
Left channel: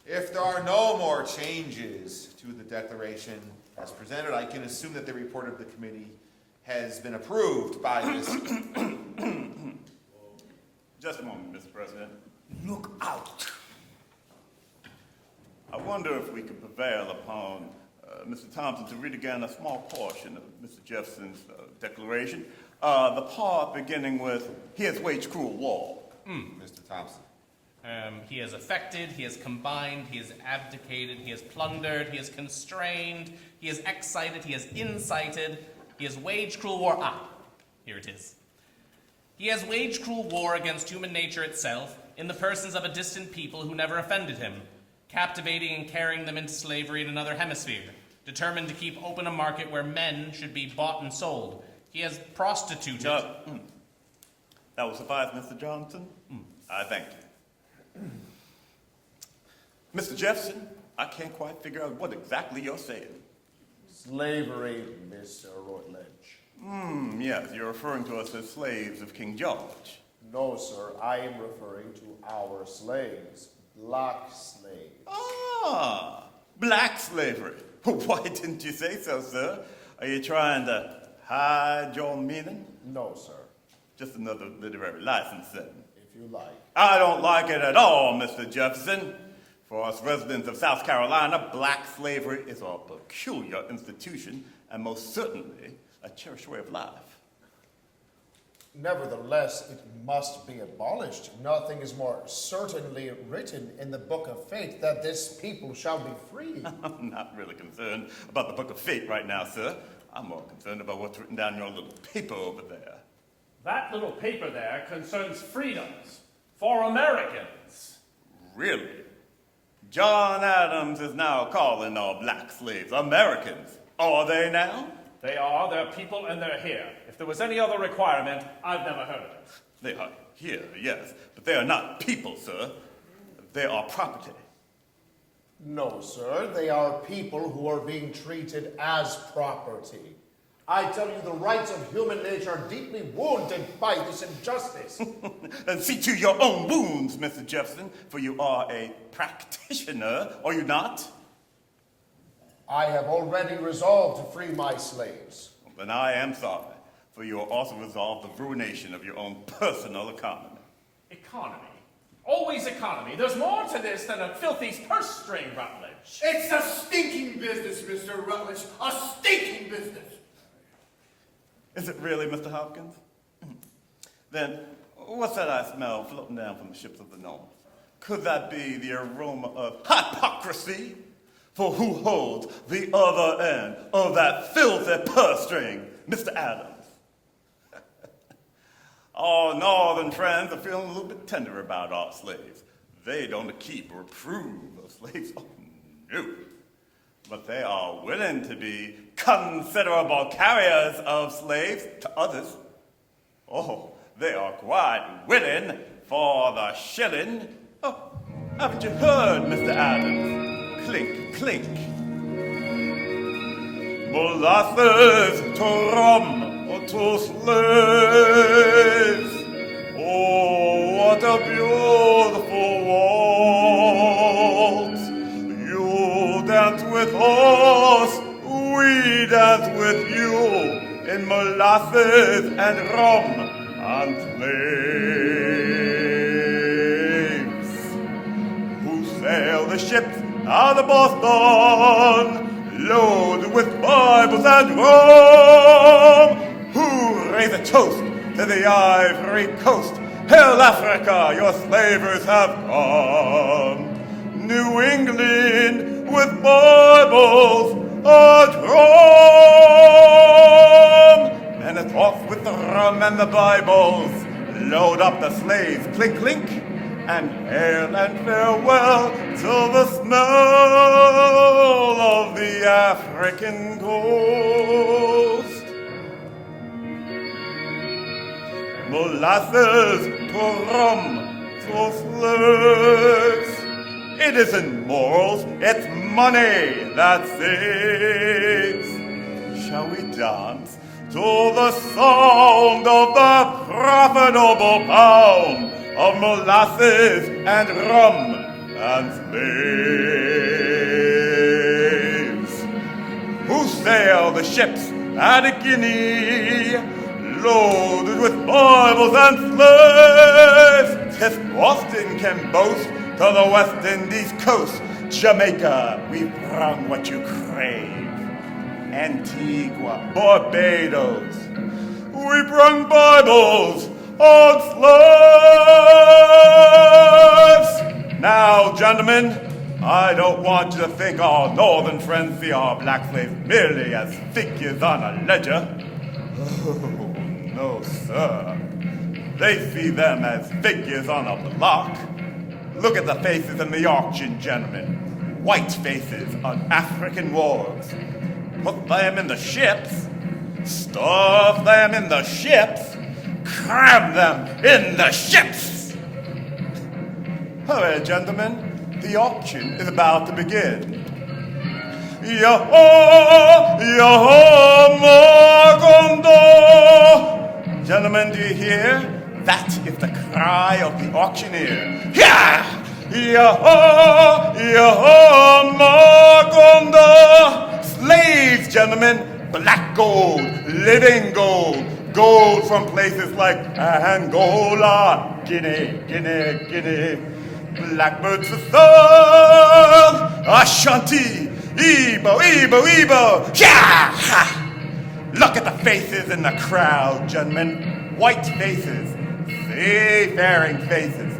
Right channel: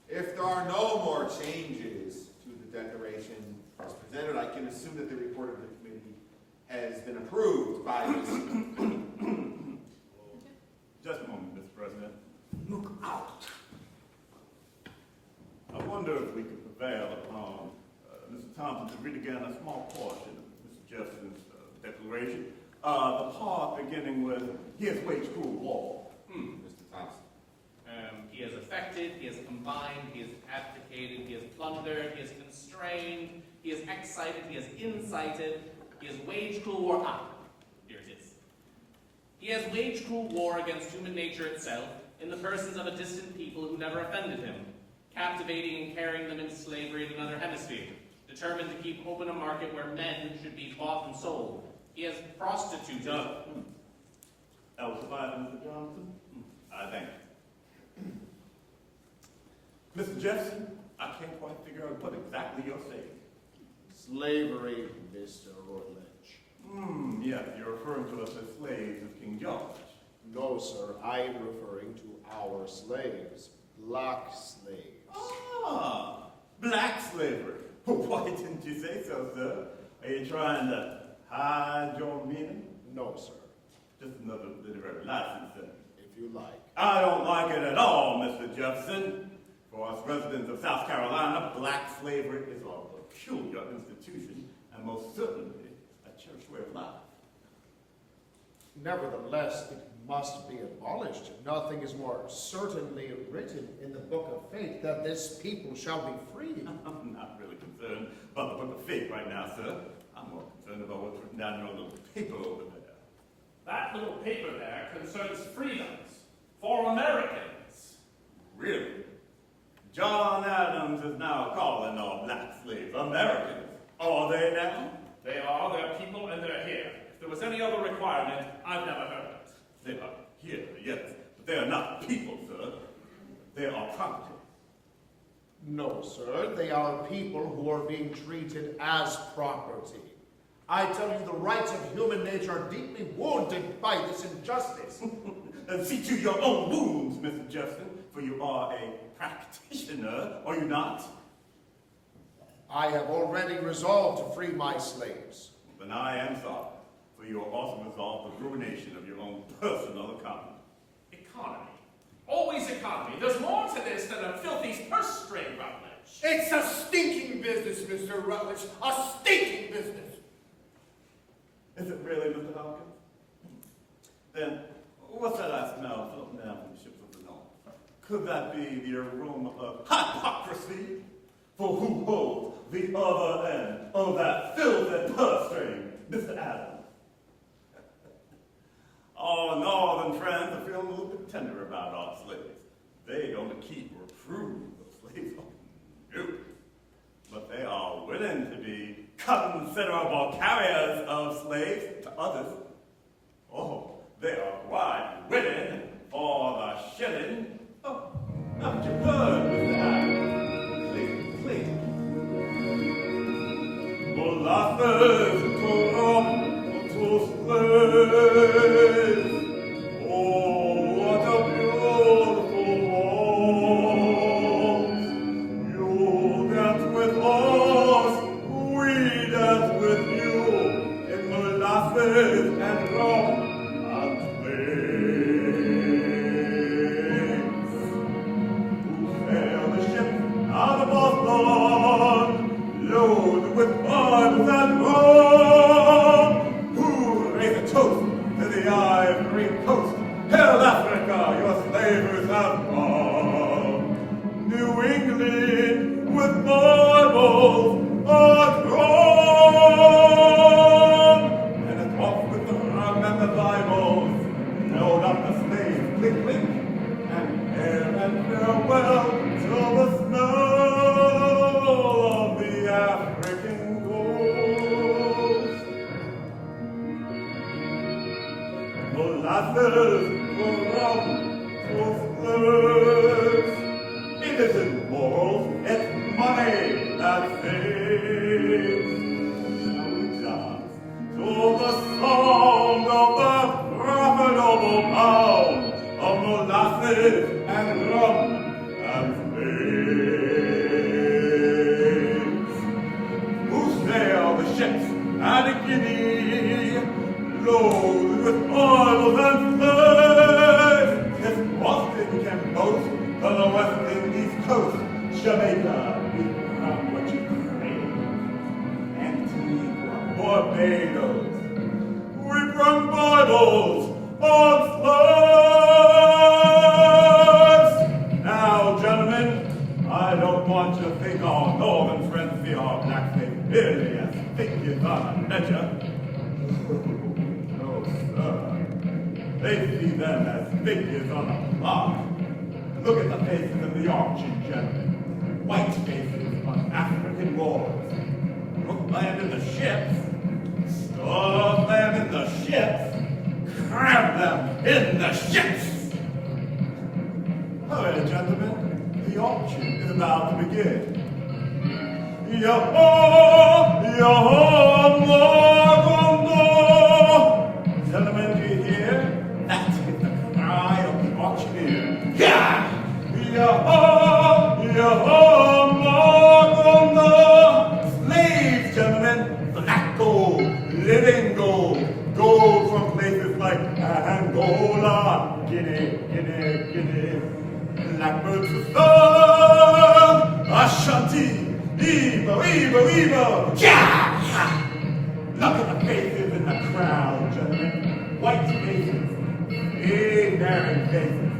If there are no more changes to the declaration as presented, I can assume that the report of the committee has been approved by this. Just a moment, Mr. President. Look out. I wonder if we could prevail upon Mr. Thompson to read again a small portion of Mr. Jefferson's declaration. The part beginning with, he has waged cruel war. Mr. Thompson. He has affected, he has combined, he has abdicated, he has plundered, he has constrained, he has excited, he has incited, he has waged cruel war. Here it is. He has waged cruel war against human nature itself in the persons of a distant people who never offended him, captivating and carrying them into slavery in another hemisphere, determined to keep open a market where men should be bought and sold. He has prostituted. That will suffice, Mr. Johnson? I thank you. Mr. Jefferson, I can't quite figure out what exactly you're saying. Slavery, Mr. Rutledge. Yes, you're referring to us as slaves of King George. No, sir, I am referring to our slaves, black slaves. Black slavery. Why didn't you say so, sir? Are you trying to hide your meaning? No, sir. Just another literary license, then. If you like. I don't like it at all, Mr. Jefferson. For us residents of South Carolina, black slavery is a peculiar institution and most certainly a cherished way of life. Nevertheless, it must be abolished. Nothing is more certainly written in the Book of Fate that this people shall be free. I'm not really concerned about the Book of Fate right now, sir. I'm more concerned about what's written down in your little paper over there. That little paper there concerns freedoms for Americans. Really? John Adams is now calling all black slaves Americans. Are they now? They are, they're people, and they're here. If there was any other requirement, I've never heard of it. They are here, yes, but they are not people, sir. They are property. No, sir, they are people who are being treated as property. I tell you, the rights of human nature are deeply wounded by this injustice. And see to your own wounds, Mr. Jefferson, for you are a practitioner, are you not? I have already resolved to free my slaves. Then I am sorry, for you are also resolved the ruination of your own personal economy. Economy? Always economy. There's more to this than a filthy purse string, Rutledge. It's a stinking business, Mr. Rutledge. A stinking business. Is it really, Mr. Hopkins? Then what's that I smell floating down from the ships of the North? Could that be the aroma of hypocrisy? For who holds the other end of that filthy purse string, Mr. Adams? Our northern friends are feeling a little bit tender about our slaves. They don't keep or approve of slaves. Oh, no. But they are willing to be considerable carriers of slaves to others. Oh, they are quite willing for the shilling. Oh, haven't you heard, Mr. Adams? Clink, clink. Molasses to rum or to slaves. Oh, what a beautiful waltz. You dance with us, we dance with you in molasses and rum and slaves. Who sail the ships out of Boston, loaded with Bibles and rum, who raise a toast to the Ivory Coast. Hail Africa, your slavers have come. New England with Bibles and rum. And it's off with the rum and the Bibles. Load up the slaves, clink, clink, and hail and farewell to the smell of the African coast. Molasses to rum to slaves. It isn't morals, it's money that saves. Shall we dance to the sound of the profitable pound of molasses and rum and slaves? Who sail the ships at a guinea, loaded with Bibles and slaves? 'Tis Boston can boast to the West Indies coast. Jamaica, we bring what you crave. Antigua, Barbados, we bring Bibles on slaves. Now, gentlemen, I don't want you to think our northern friends see our black slaves merely as figures on a ledger. Oh, no, sir. They see them as figures on a block. Look at the faces in the auction, gentlemen. White faces on African wharves. Put them in the ships, stuff them in the ships, cram them in the ships. Hurry, gentlemen, the auction is about to begin. Yo-ho, yo-ho, Magondo. Gentlemen, do you hear? That is the cry of the auctioneer. Yeah! Yo-ho, yo-ho, Magondo. Slaves, gentlemen, black gold, living gold, gold from places like Angola, Guinea, Guinea, Guinea. Blackbirds to song, Ashanti, Igbo, Igbo, Igbo, yeah! Look at the faces in the crowd, gentlemen. White faces, seafaring faces,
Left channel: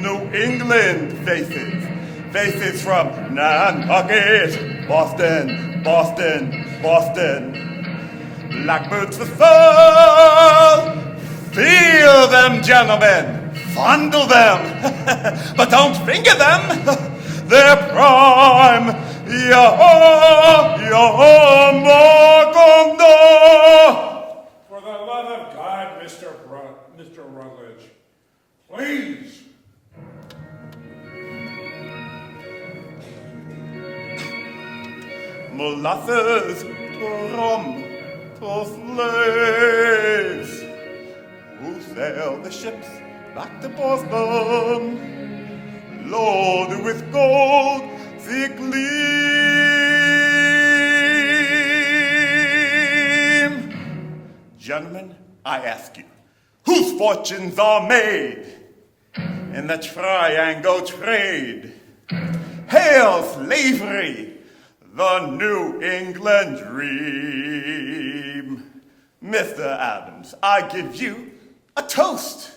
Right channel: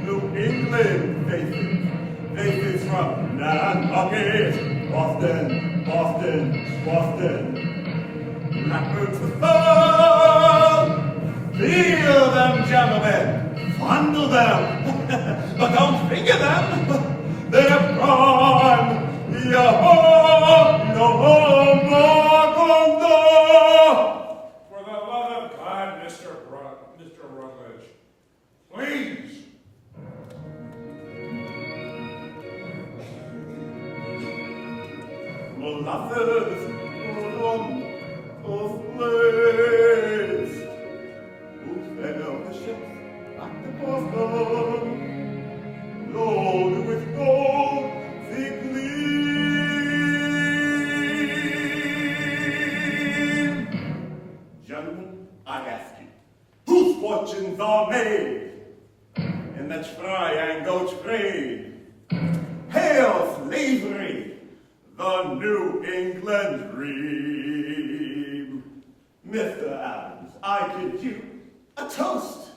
New England faces, faces from Nantucket, Boston, Boston, Boston. Blackbirds to song, feel them, gentlemen. Fondle them, but don't finger them. They're prime. Yo-ho, yo-ho, Magondo. For the love of God, Mr. Rutledge, please. Molasses, rum, to slaves. Who sail the ships back to Boston, loaded with gold, they gleam. Gentlemen, I ask you, whose fortunes are made in the triangle trade? Hail slavery, the New England dream. Mr. Adams, I give you a toast.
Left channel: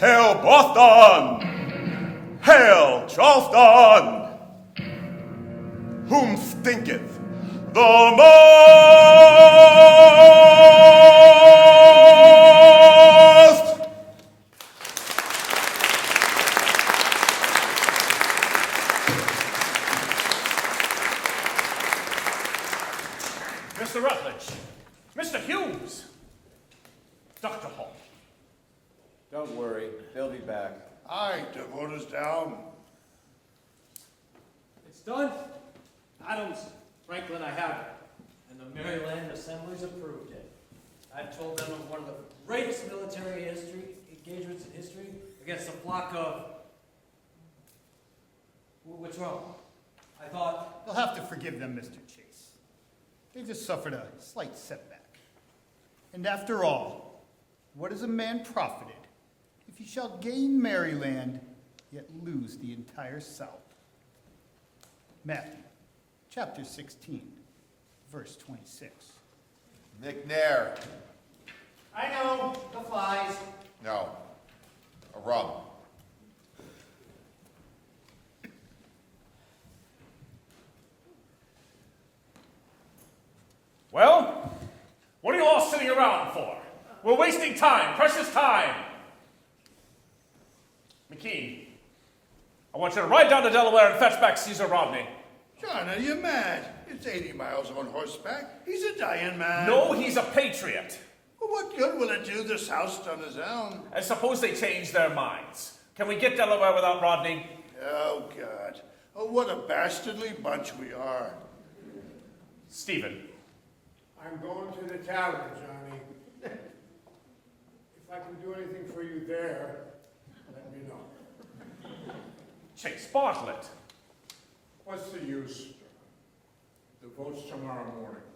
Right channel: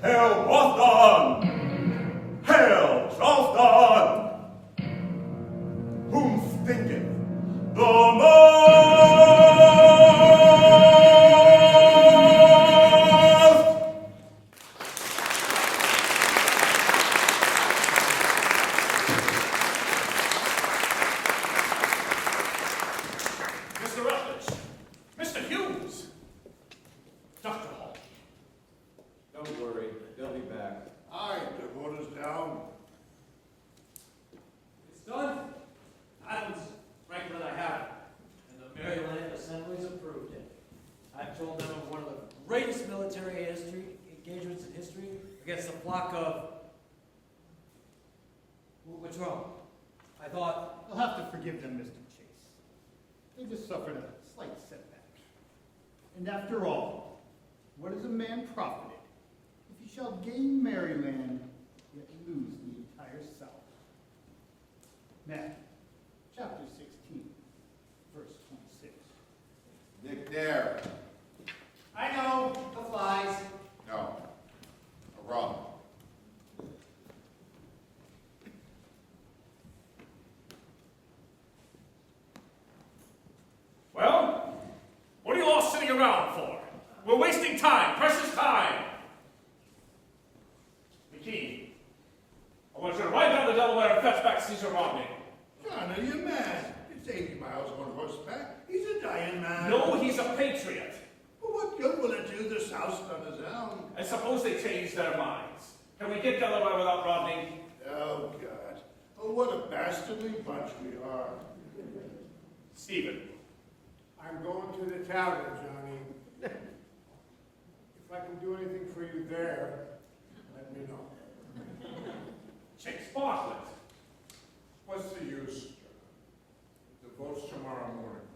Hail Boston! Hail Charleston! Whom stinketh the most? Mr. Rutledge, Mr. Hughes, Dr. Hall. Don't worry, they'll be back. Aye, the vote is down. It's done. Adams, Franklin, I have it. And the Maryland Assembly's approved it. I've told them of one of the greatest military engagements in history against a flock of... What's wrong? I thought... You'll have to forgive them, Mr. Chase. They just suffered a slight setback. And after all, what is a man profited if he shall gain Maryland, yet lose the entire South? Matthew, chapter 16, verse 26. McNair. I know, the flies. No. A rum. Well, what are you all sitting around for? We're wasting time, precious time. McKee, I want you to ride down to Delaware and fetch back Caesar Rodney. John, are you mad? It's 80 miles on horseback. He's a dying man. No, he's a patriot. Well, what good will it do the South on his own? And suppose they change their minds. Can we get Delaware without Rodney? Oh, God. Oh, what a bastardly bunch we are. Stephen. I'm going to the tavern, Johnny. If I can do anything for you there, let me know. Chase Bartlett. What's the use? The vote's tomorrow morning.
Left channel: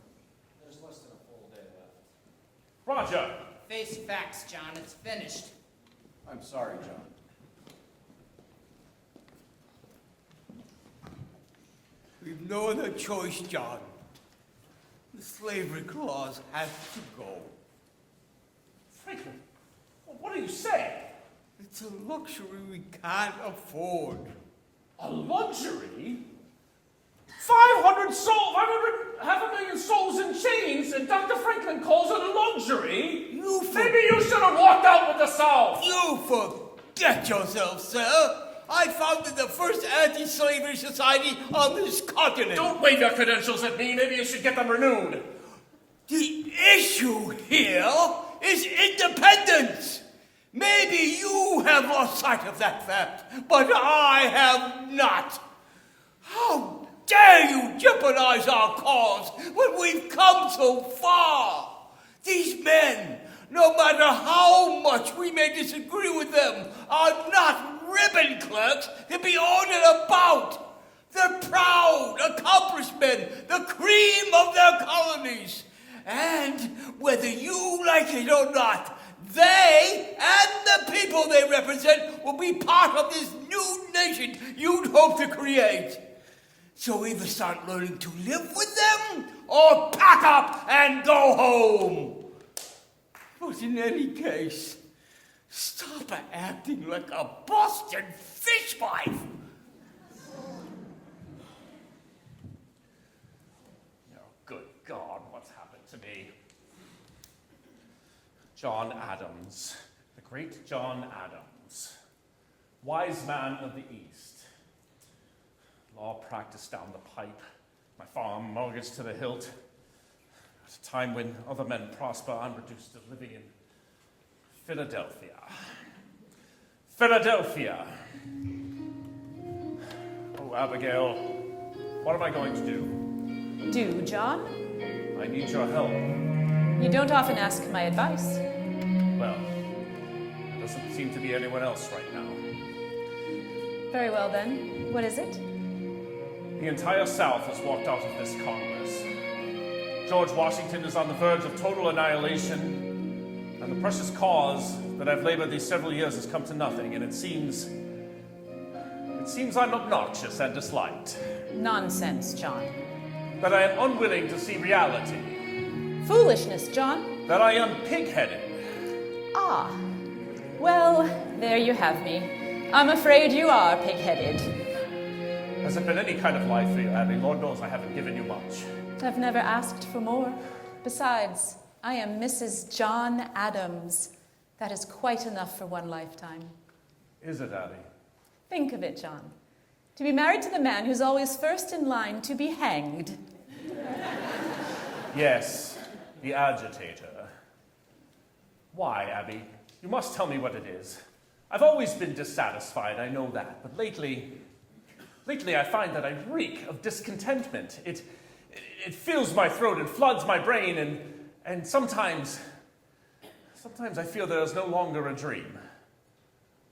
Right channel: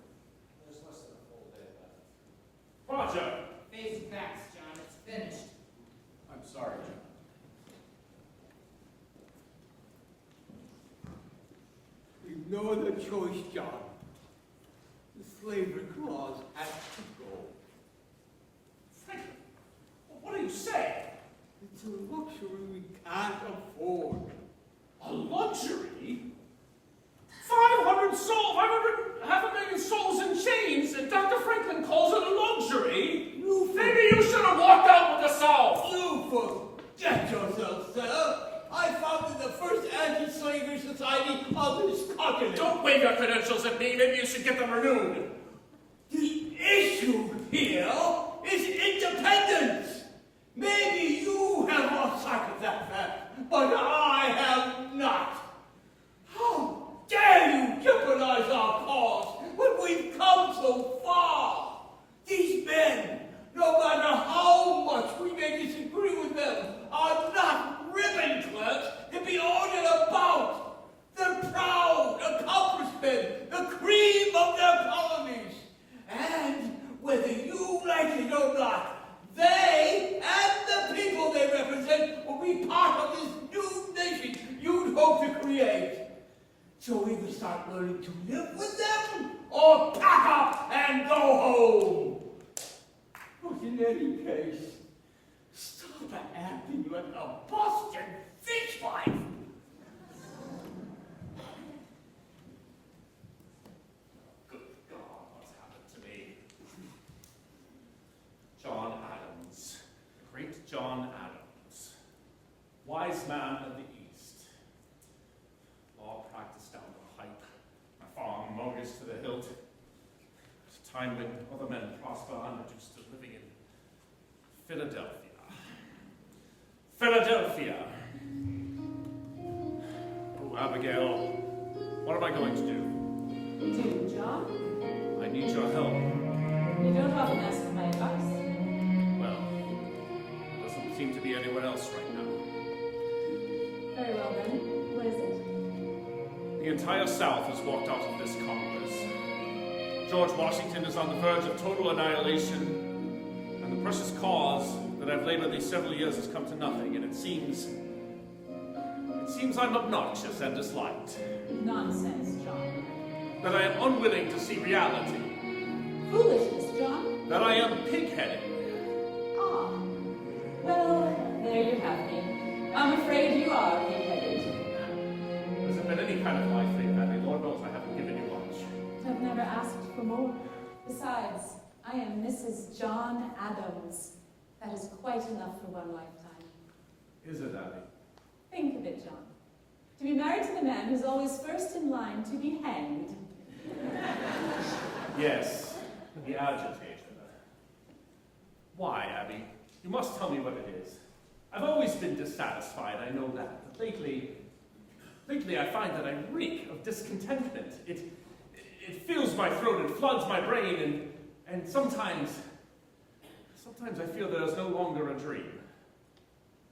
There's less than a full day left. Roger. Face facts, John. It's finished. I'm sorry, John. We've no other choice, John. The slavery clause has to go. Franklin, what do you say? It's a luxury we can't afford. A luxury? 500,000 souls in chains, and Dr. Franklin calls it a luxury? Maybe you should have walked out with the South. You forget yourself, sir. I founded the first anti-slavery society on this continent. Don't wave your credentials at me. Maybe you should get them renewed. The issue here is independence. Maybe you have lost sight of that fact, but I have not. How dare you jeopardize our cause when we've come so far? These men, no matter how much we may disagree with them, are not ribbon clerks to be ordered about. They're proud, accomplished men, the cream of their colonies. And whether you like it or not, they and the people they represent will be part of this new nation you'd hope to create. So either start learning to live with them or pack up and go home. But in any case, stop acting like a Boston fishwife. Good God, what's happened to me? John Adams, the great John Adams, wise man of the East. Law practice down the pipe, my farm mortgaged to the hilt. At a time when other men prosper, I'm reduced to living in Philadelphia. Philadelphia! Oh, Abigail, what am I going to do? Do, John? I need your help. You don't often ask my advice. Well, there doesn't seem to be anyone else right now. Very well then. What is it? The entire South has walked out of this Congress. George Washington is on the verge of total annihilation, and the precious cause that I've labored these several years has come to nothing, and it seems I'm obnoxious and disliked. Nonsense, John. That I am unwilling to see reality. Foolishness, John. That I am pig-headed. Ah. Well, there you have me. I'm afraid you are pig-headed. Has it been any kind of life for you, Abby? Lord knows I haven't given you much. I've never asked for more. Besides, I am Mrs. John Adams. That is quite enough for one lifetime. Is it, Abby? Think of it, John. To be married to the man who's always first in line to be hanged. Yes, the agitator. Why, Abby? You must tell me what it is. I've always been dissatisfied, I know that, but lately I find that I reek of discontentment. It fills my throat, it floods my brain, and sometimes I feel there is no longer a dream,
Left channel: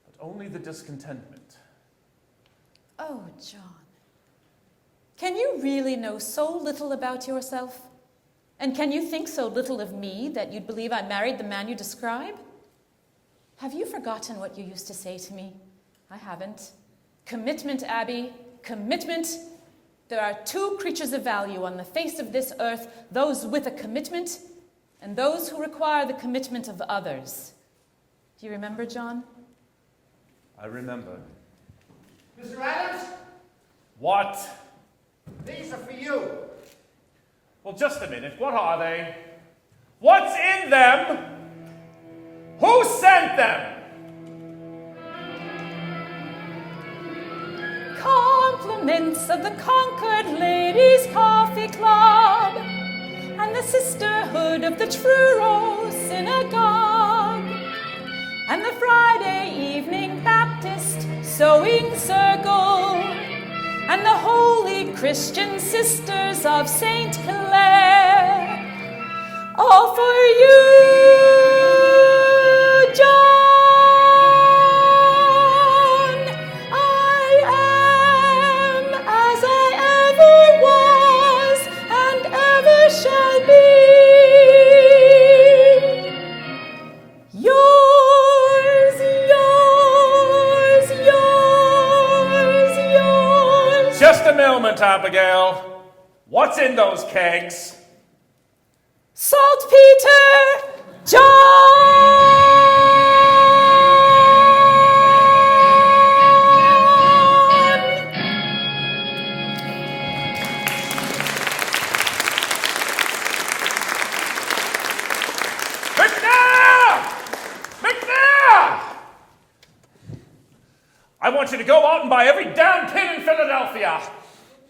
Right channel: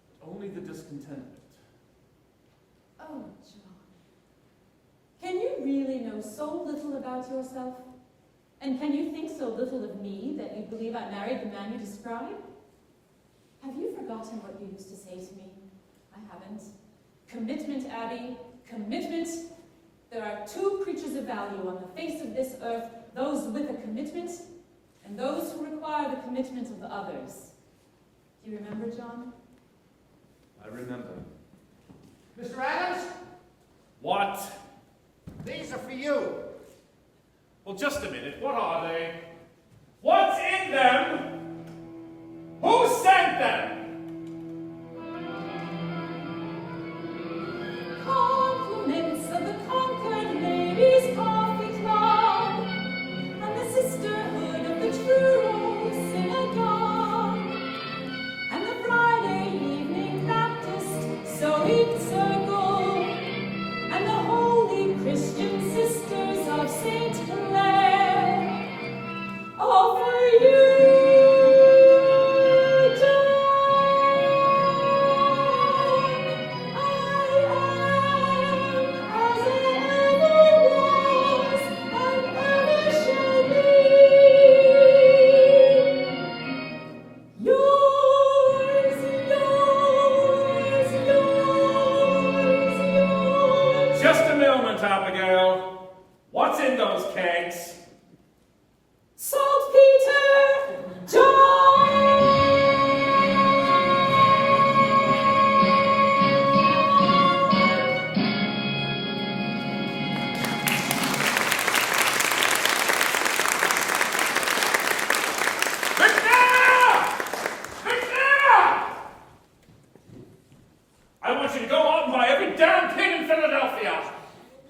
but only the discontentment. Oh, John. Can you really know so little about yourself? And can you think so little of me that you'd believe I married the man you describe? Have you forgotten what you used to say to me? I haven't. Commitment, Abby, commitment. There are two creatures of value on the face of this earth, those with a commitment and those who require the commitment of others. Do you remember, John? I remember. Mr. Adams? What? These are for you. Well, just a minute. What are they? What's in them? Who sent them? Compliments of the Concord Ladies' Coffee Club and the Sisterhood of the Truro Synagogue and the Friday Evening Baptist Sewing Circle and the Holy Christian Sisters of St. Clair. All for you, John. I am as I ever was and ever shall be. Yours, yours. Just a moment, Abigail. What's in those kegs? Saltpeter, John! McNair! McNair! I want you to go out and buy every damn pin in Philadelphia.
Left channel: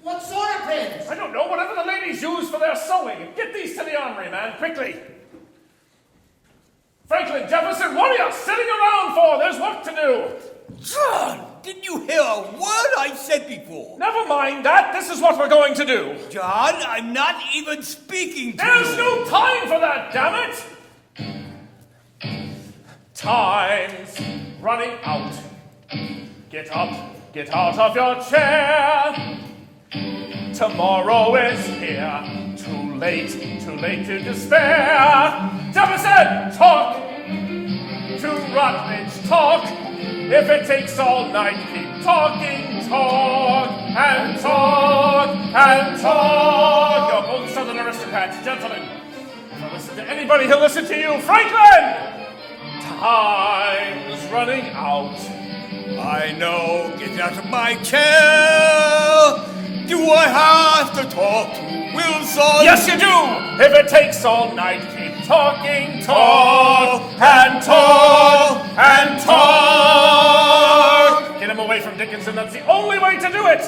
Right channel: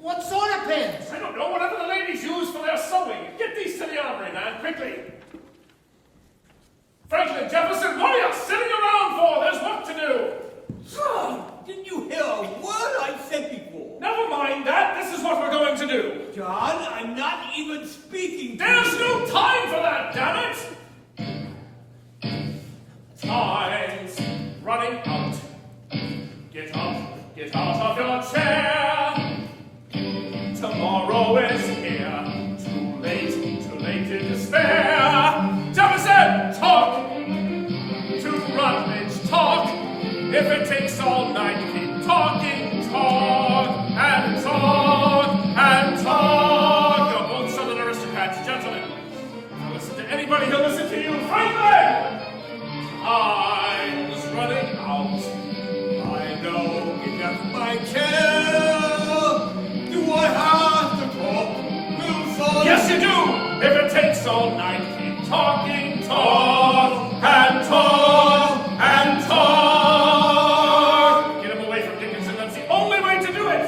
What sort of pins? I don't know, whatever the ladies use for their sewing. Get these to the armory, man, quickly. Franklin, Jefferson, what are you sitting around for? There's work to do. John, didn't you hear a word I said before? Never mind that. This is what we're going to do. John, I'm not even speaking to There's you. no time for that, damn it. Time's running out. Get up, get out of your chair. Tomorrow is here. Too late to despair. Jefferson, talk to Rutledge, talk. If it takes all night, keep talking, talk and talk and talk. You're both Southern aristocrats, gentlemen. Now listen to anybody who'll listen to you. Franklin! Time's running out. I know, get out of my chair. Do I have to talk to Wilson? Yes, you do! If it takes all night, keep talking, talk and talk and talk. Get him away from Dickinson, that's the only way to do it!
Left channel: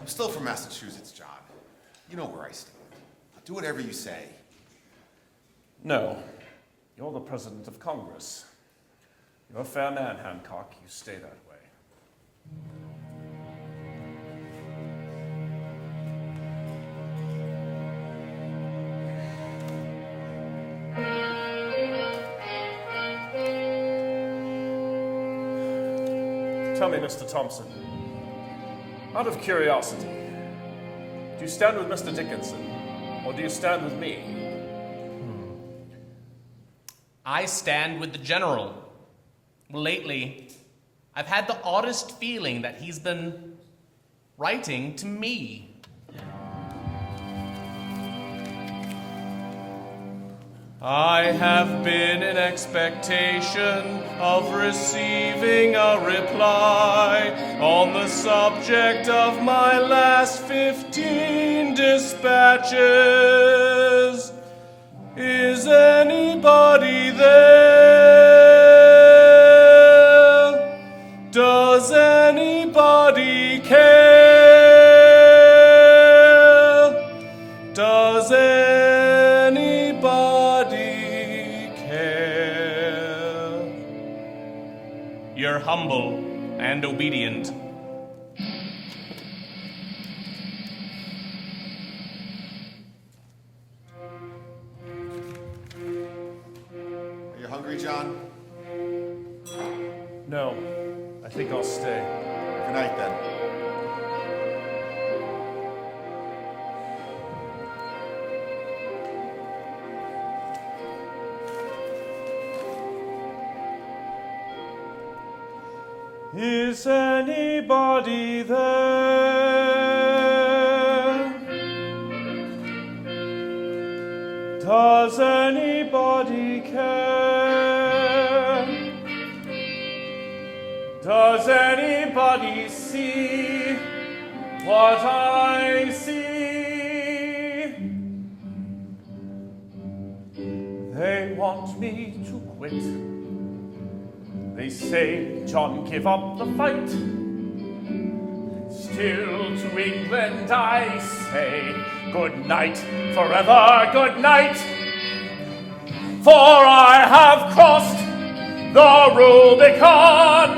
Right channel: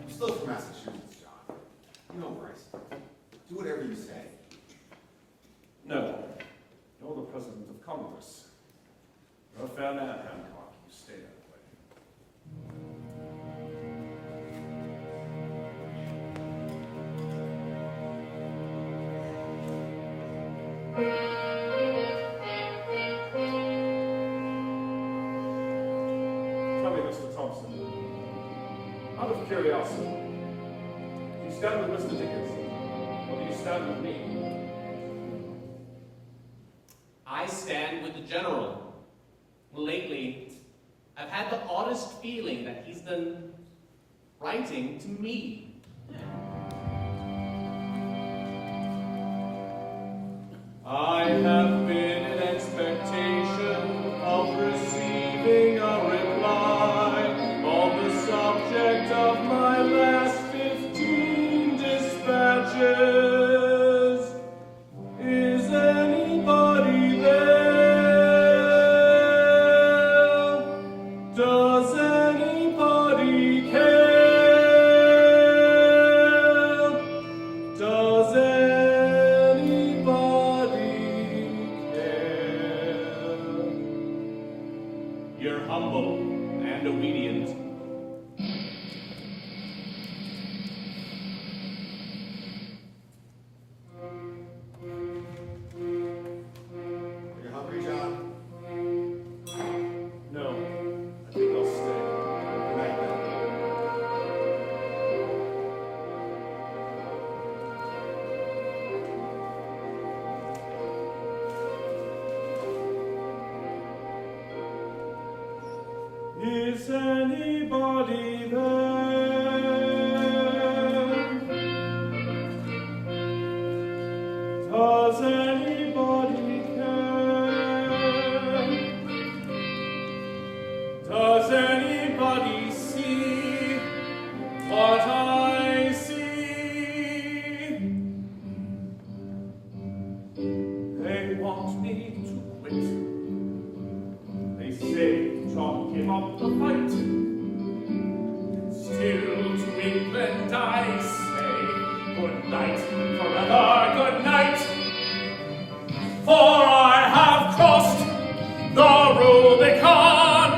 I'm still from Massachusetts, John. You know where I stand. Do whatever you say. No, you're the President of Congress. You're a fair man, Hancock. You stay that way. Tell me, Mr. Thompson, out of curiosity, do you stand with Mr. Dickinson, or do you stand with me? I stand with the general. Lately, I've had the oddest feeling that he's been writing to me. I have been in expectation of receiving a reply on the subject of my last 15 dispatches. Is anybody there? Does anybody care? Is anybody there? Does anybody care? Does anybody see what I see? They want me to quit. They say, John, give up the fight. Still to England I say, good night, forever good night. For I have crossed the Rubicon.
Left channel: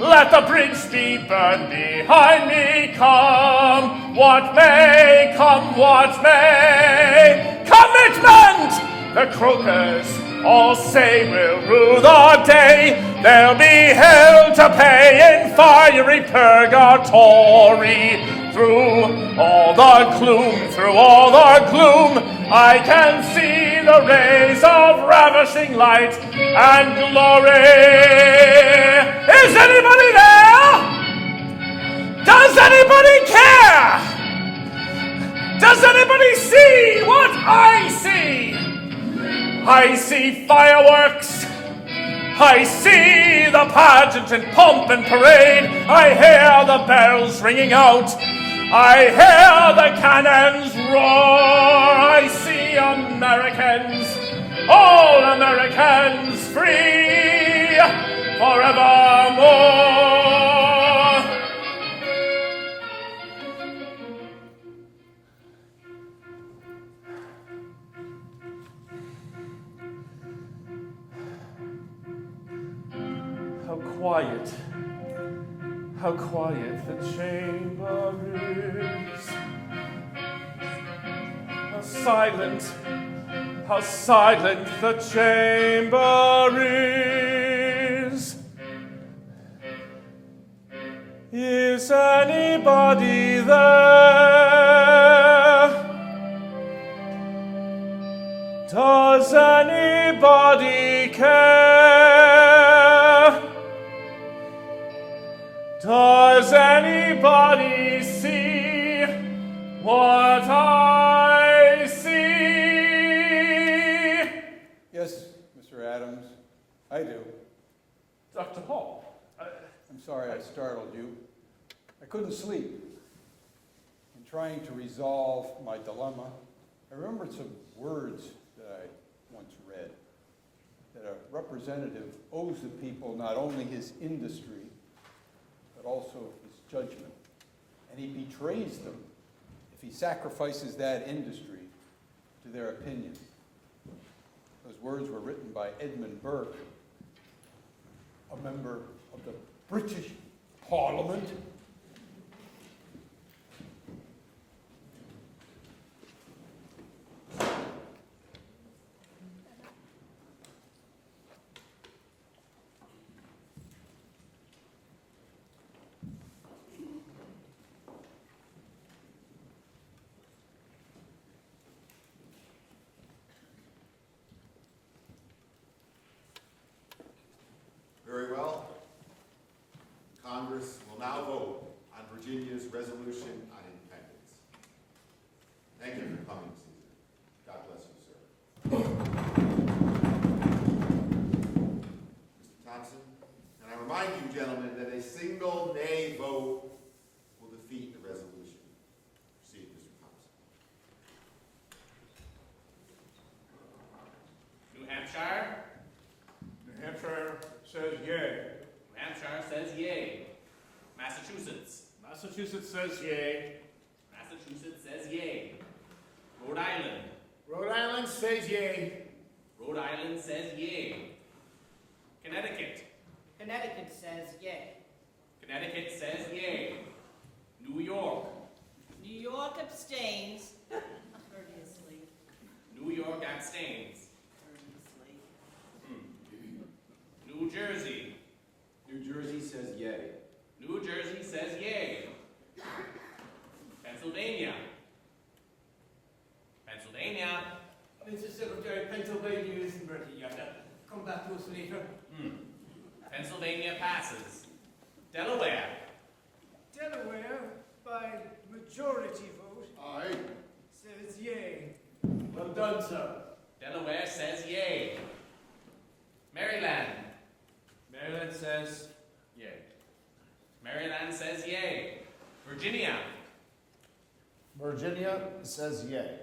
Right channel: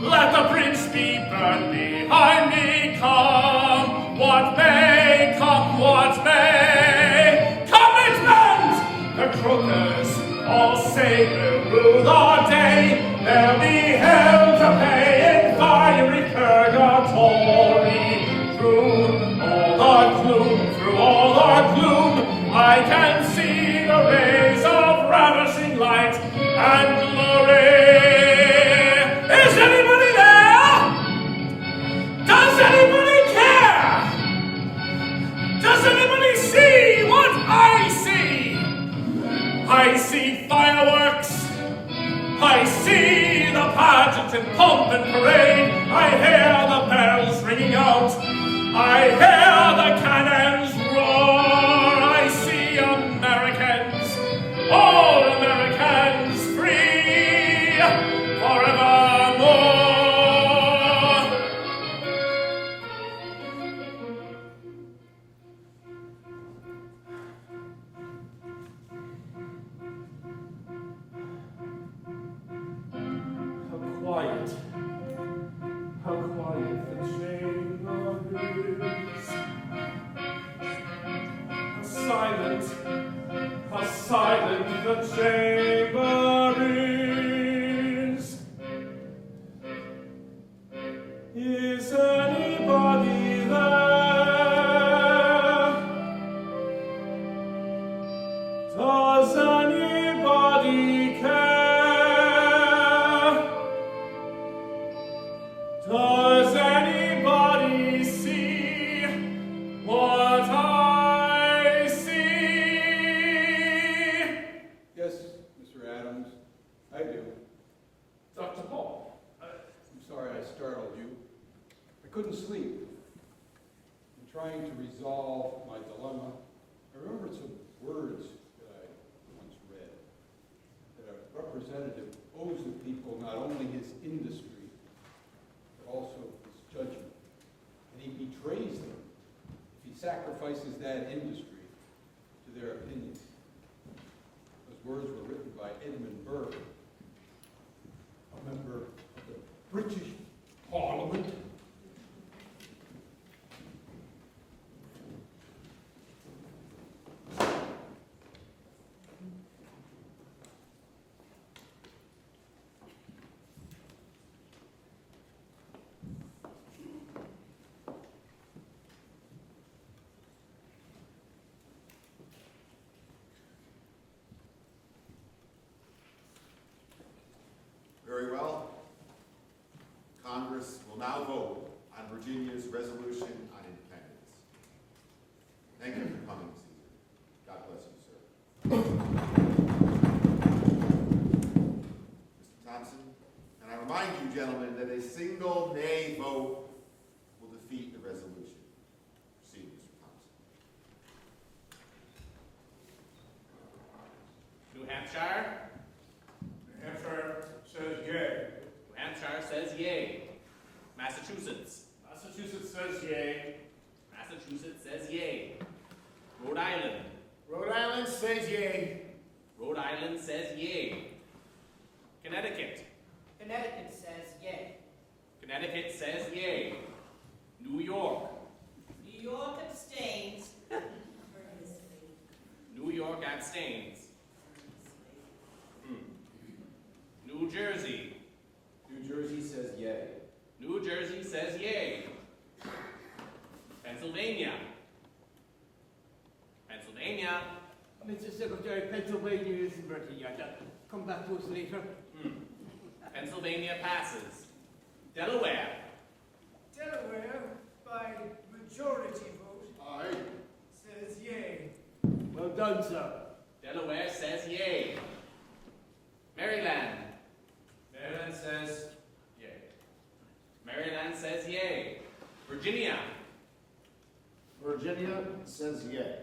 Let the bridge be burned behind me. Come what may, come what may. Commitment! The croakers all say we'll rue the day. They'll be hell to pay in fiery purgatory. Through all the gloom, I can see the rays of ravishing light and glory. Is anybody there? Does anybody care? Does anybody see what I see? I see fireworks. I see the pageant and pomp and parade. I hear the bells ringing out. I hear the cannons roar. I see Americans, all Americans free forevermore. How quiet the chamber is. How silent the chamber is. Is anybody there? Does anybody care? Does anybody see what I see? Yes, Mr. Adams, I do. Dr. Hall. I'm sorry I startled you. I couldn't sleep. In trying to resolve my dilemma, I remembered some words that I once read, that a representative owes the people not only his industry, but also his judgment. And he betrays them if he sacrifices that industry to their opinion. Those words were written by Edmund Burke, a member of the British Parliament. Very well. Congress will now vote on Virginia's resolution on independence. Thank you for coming, Caesar. God bless you, sir. Mr. Thompson, and I remind you, gentlemen, that a single nay vote will defeat the resolution. Proceed, Mr. Thompson. New Hampshire? New Hampshire says yay. New Hampshire says yay. Massachusetts? Massachusetts says yay. Massachusetts says yay. Rhode Island? Rhode Island says yay. Rhode Island says yay. Connecticut? Connecticut says yay. Connecticut says yay. New York? New York abstains. Courteously. New York abstains. New Jersey? New Jersey says yay. New Jersey says yay. Pennsylvania? Pennsylvania? Mr. Secretary, Pennsylvania isn't Virginia. Come back to us later. Pennsylvania passes. Delaware. Delaware, by majority vote, Aye. says yea. Well done, sir. Delaware says yay. Maryland. Maryland says yay. Maryland says yay. Virginia. Virginia says yay.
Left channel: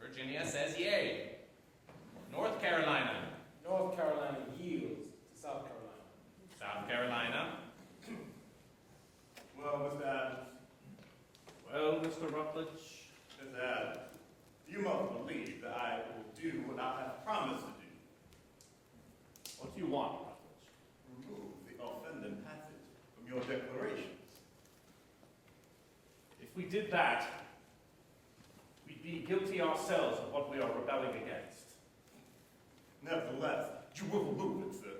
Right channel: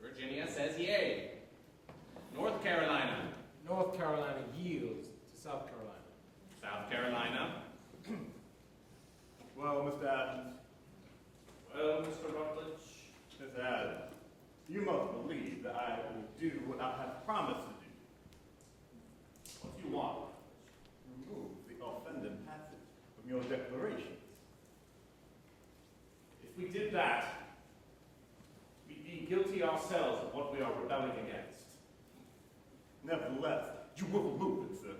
Virginia says yay. North Carolina. North Carolina yields to South Carolina. South Carolina. Well, Mr. Adams. Well, Mr. Rutledge. Mr. Adams, you must believe that I will do what I have promised to do. What do you want, Rutledge? Remove the offending passage from your declarations. If we did that, we'd be guilty ourselves of what we are rebelling against. Nevertheless, you will remove it, sir,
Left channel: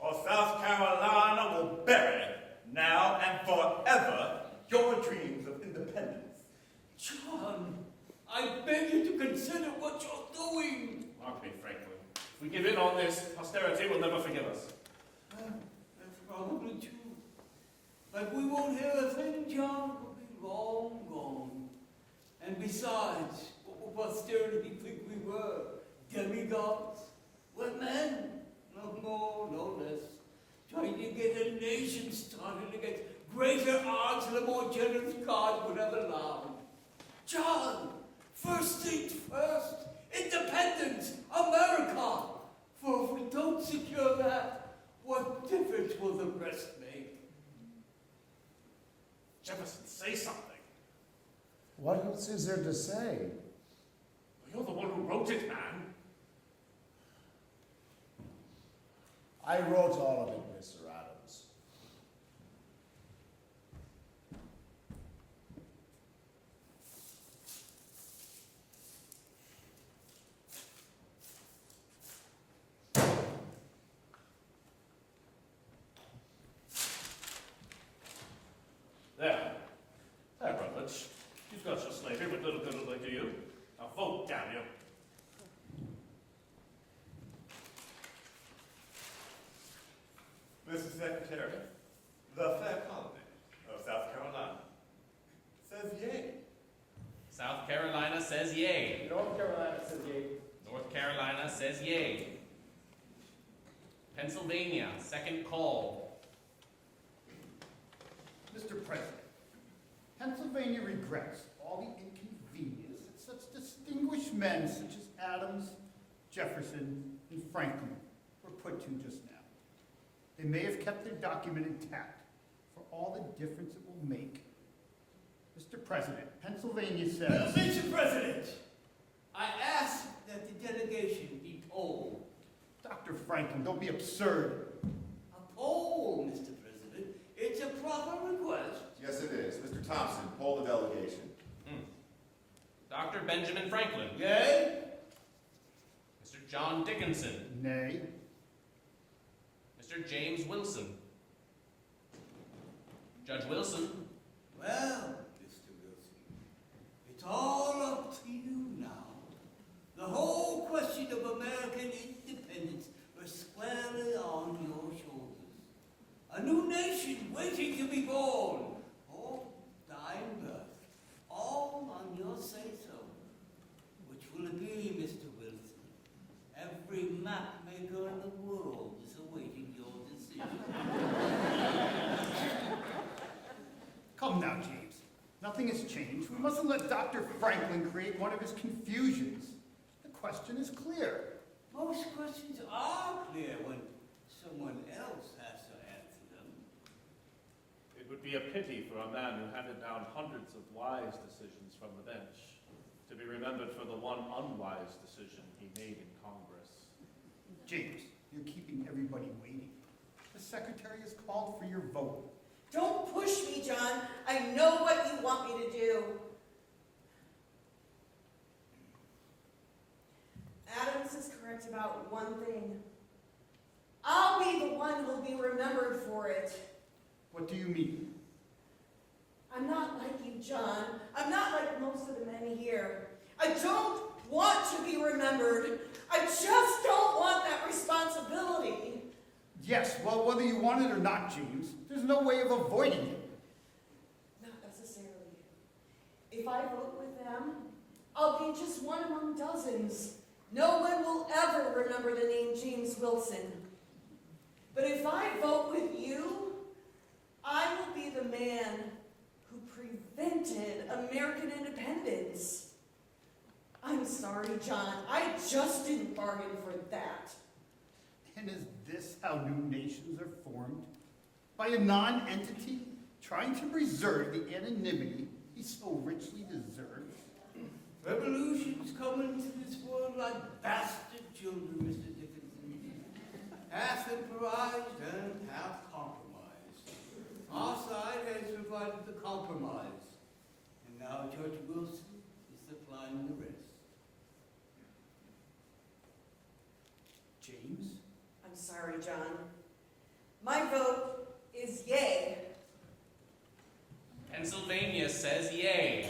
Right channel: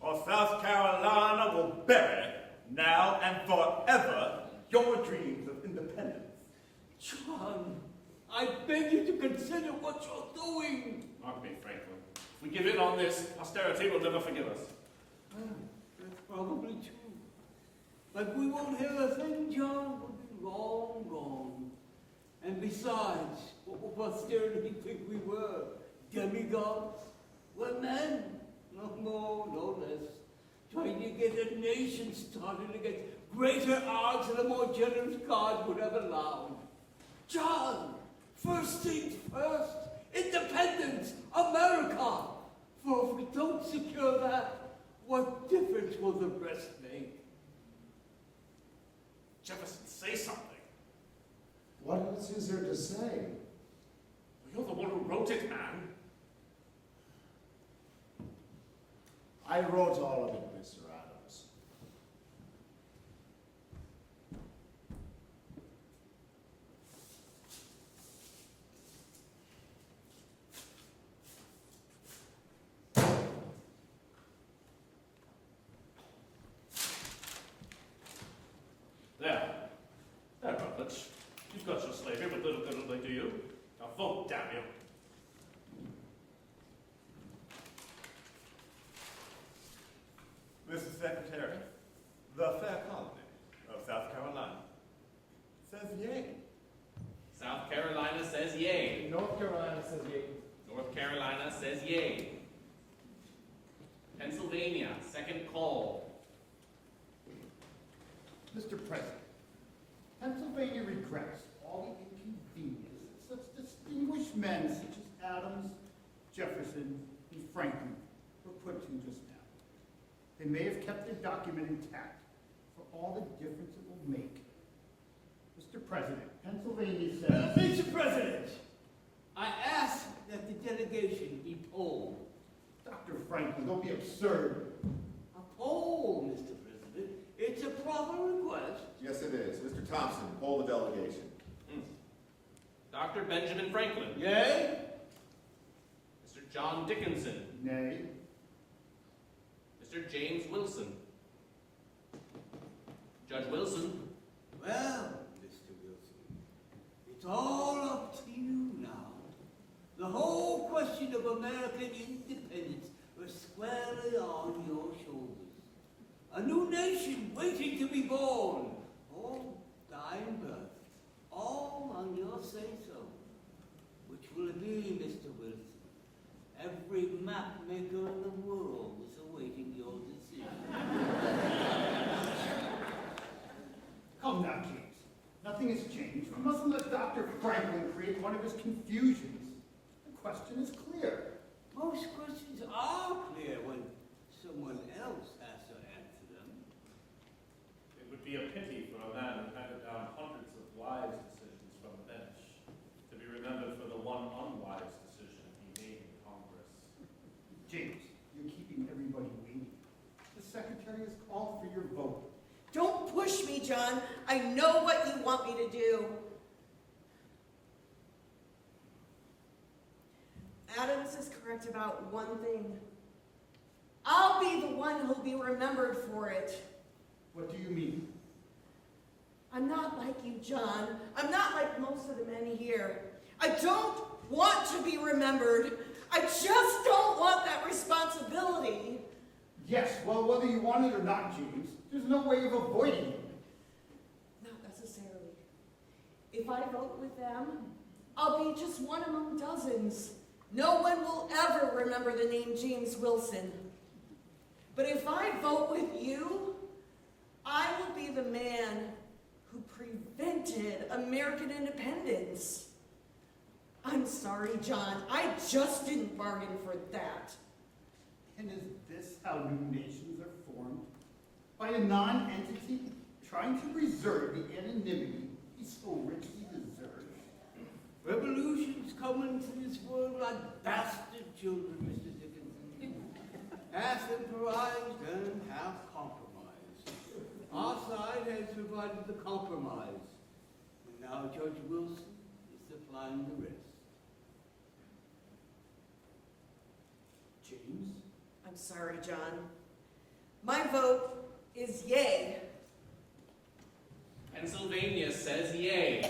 or South Carolina will bury, now and forever, your dreams of independence. John, I beg you to consider what you're doing. Mark me, Franklin. If we give in on this, posterity will never forgive us. That's probably true. But we won't hear a thing, John. We'll be long gone. And besides, what will posterity think we were? Demigods? What men? No more, no less. Trying to get a nation started against greater odds than a more generous God would have allowed. John, first things first, independence, America. For if we don't secure that, what difference will the rest make? Jefferson, say something. What else is there to say? You're the one who wrote it, man. I wrote all of it, Mr. Adams. There, Rutledge. You've got your slavery, but little good will they do you. Now vote, damn you. Mr. Secretary, the fair colony of South Carolina says yay. South Carolina says yay. North Carolina says yay. North Carolina says yay. Pennsylvania, second call. Mr. President, Pennsylvania regrets all the inconvenience that such distinguished men such as Adams, Jefferson, and Franklin were put to just now. They may have kept their document intact for all the difference it will make. Mr. President, Pennsylvania says... Mr. President, I ask that the delegation be polled. Dr. Franklin, don't be absurd. A poll, Mr. President. It's a proper request. Yes, it is. Mr. Thompson, poll the delegation. Dr. Benjamin Franklin. Yay? Mr. John Dickinson. Nay. Mr. James Wilson. Judge Wilson. Well, Mr. Wilson, it's all up to you now. The whole question of American independence was squarely on your shoulders. A new nation waiting to be born. All dying birth. All on your say-so. Which will it be, Mr. Wilson? Every map maker in the world is awaiting your decision. Come now, James. Nothing has changed. We mustn't let Dr. Franklin create one of his confusions. The question is clear. Most questions are clear when someone else has to answer them. It would be a pity for a man who handed down hundreds of wise decisions from the bench to be remembered for the one unwise decision he made in Congress. James, you're keeping everybody waiting. The secretary has called for your vote. Don't push me, John. I know what you want me to do. Adams is correct about one thing. I'll be the one who'll be remembered for it. What do you mean? I'm not like you, John. I'm not like most of the men here. I don't want to be remembered. I just don't want that responsibility. Yes, well, whether you want it or not, James, there's no way of avoiding it. Not necessarily. If I vote with them, I'll be just one among dozens. No one will ever remember the name James Wilson. But if I vote with you, I will be the man who prevented American independence. I'm sorry, John. I just didn't bargain for that. And is this how new nations are formed? By a non-entity trying to reserve the anonymity he so richly deserves? Revolutions come into this world like bastard children, Mr. Dickinson. Half improvised and half compromised. Our side has provided the compromise, and now Judge Wilson is supplying the rest. James? I'm sorry, John. My vote is yay. Pennsylvania says yay.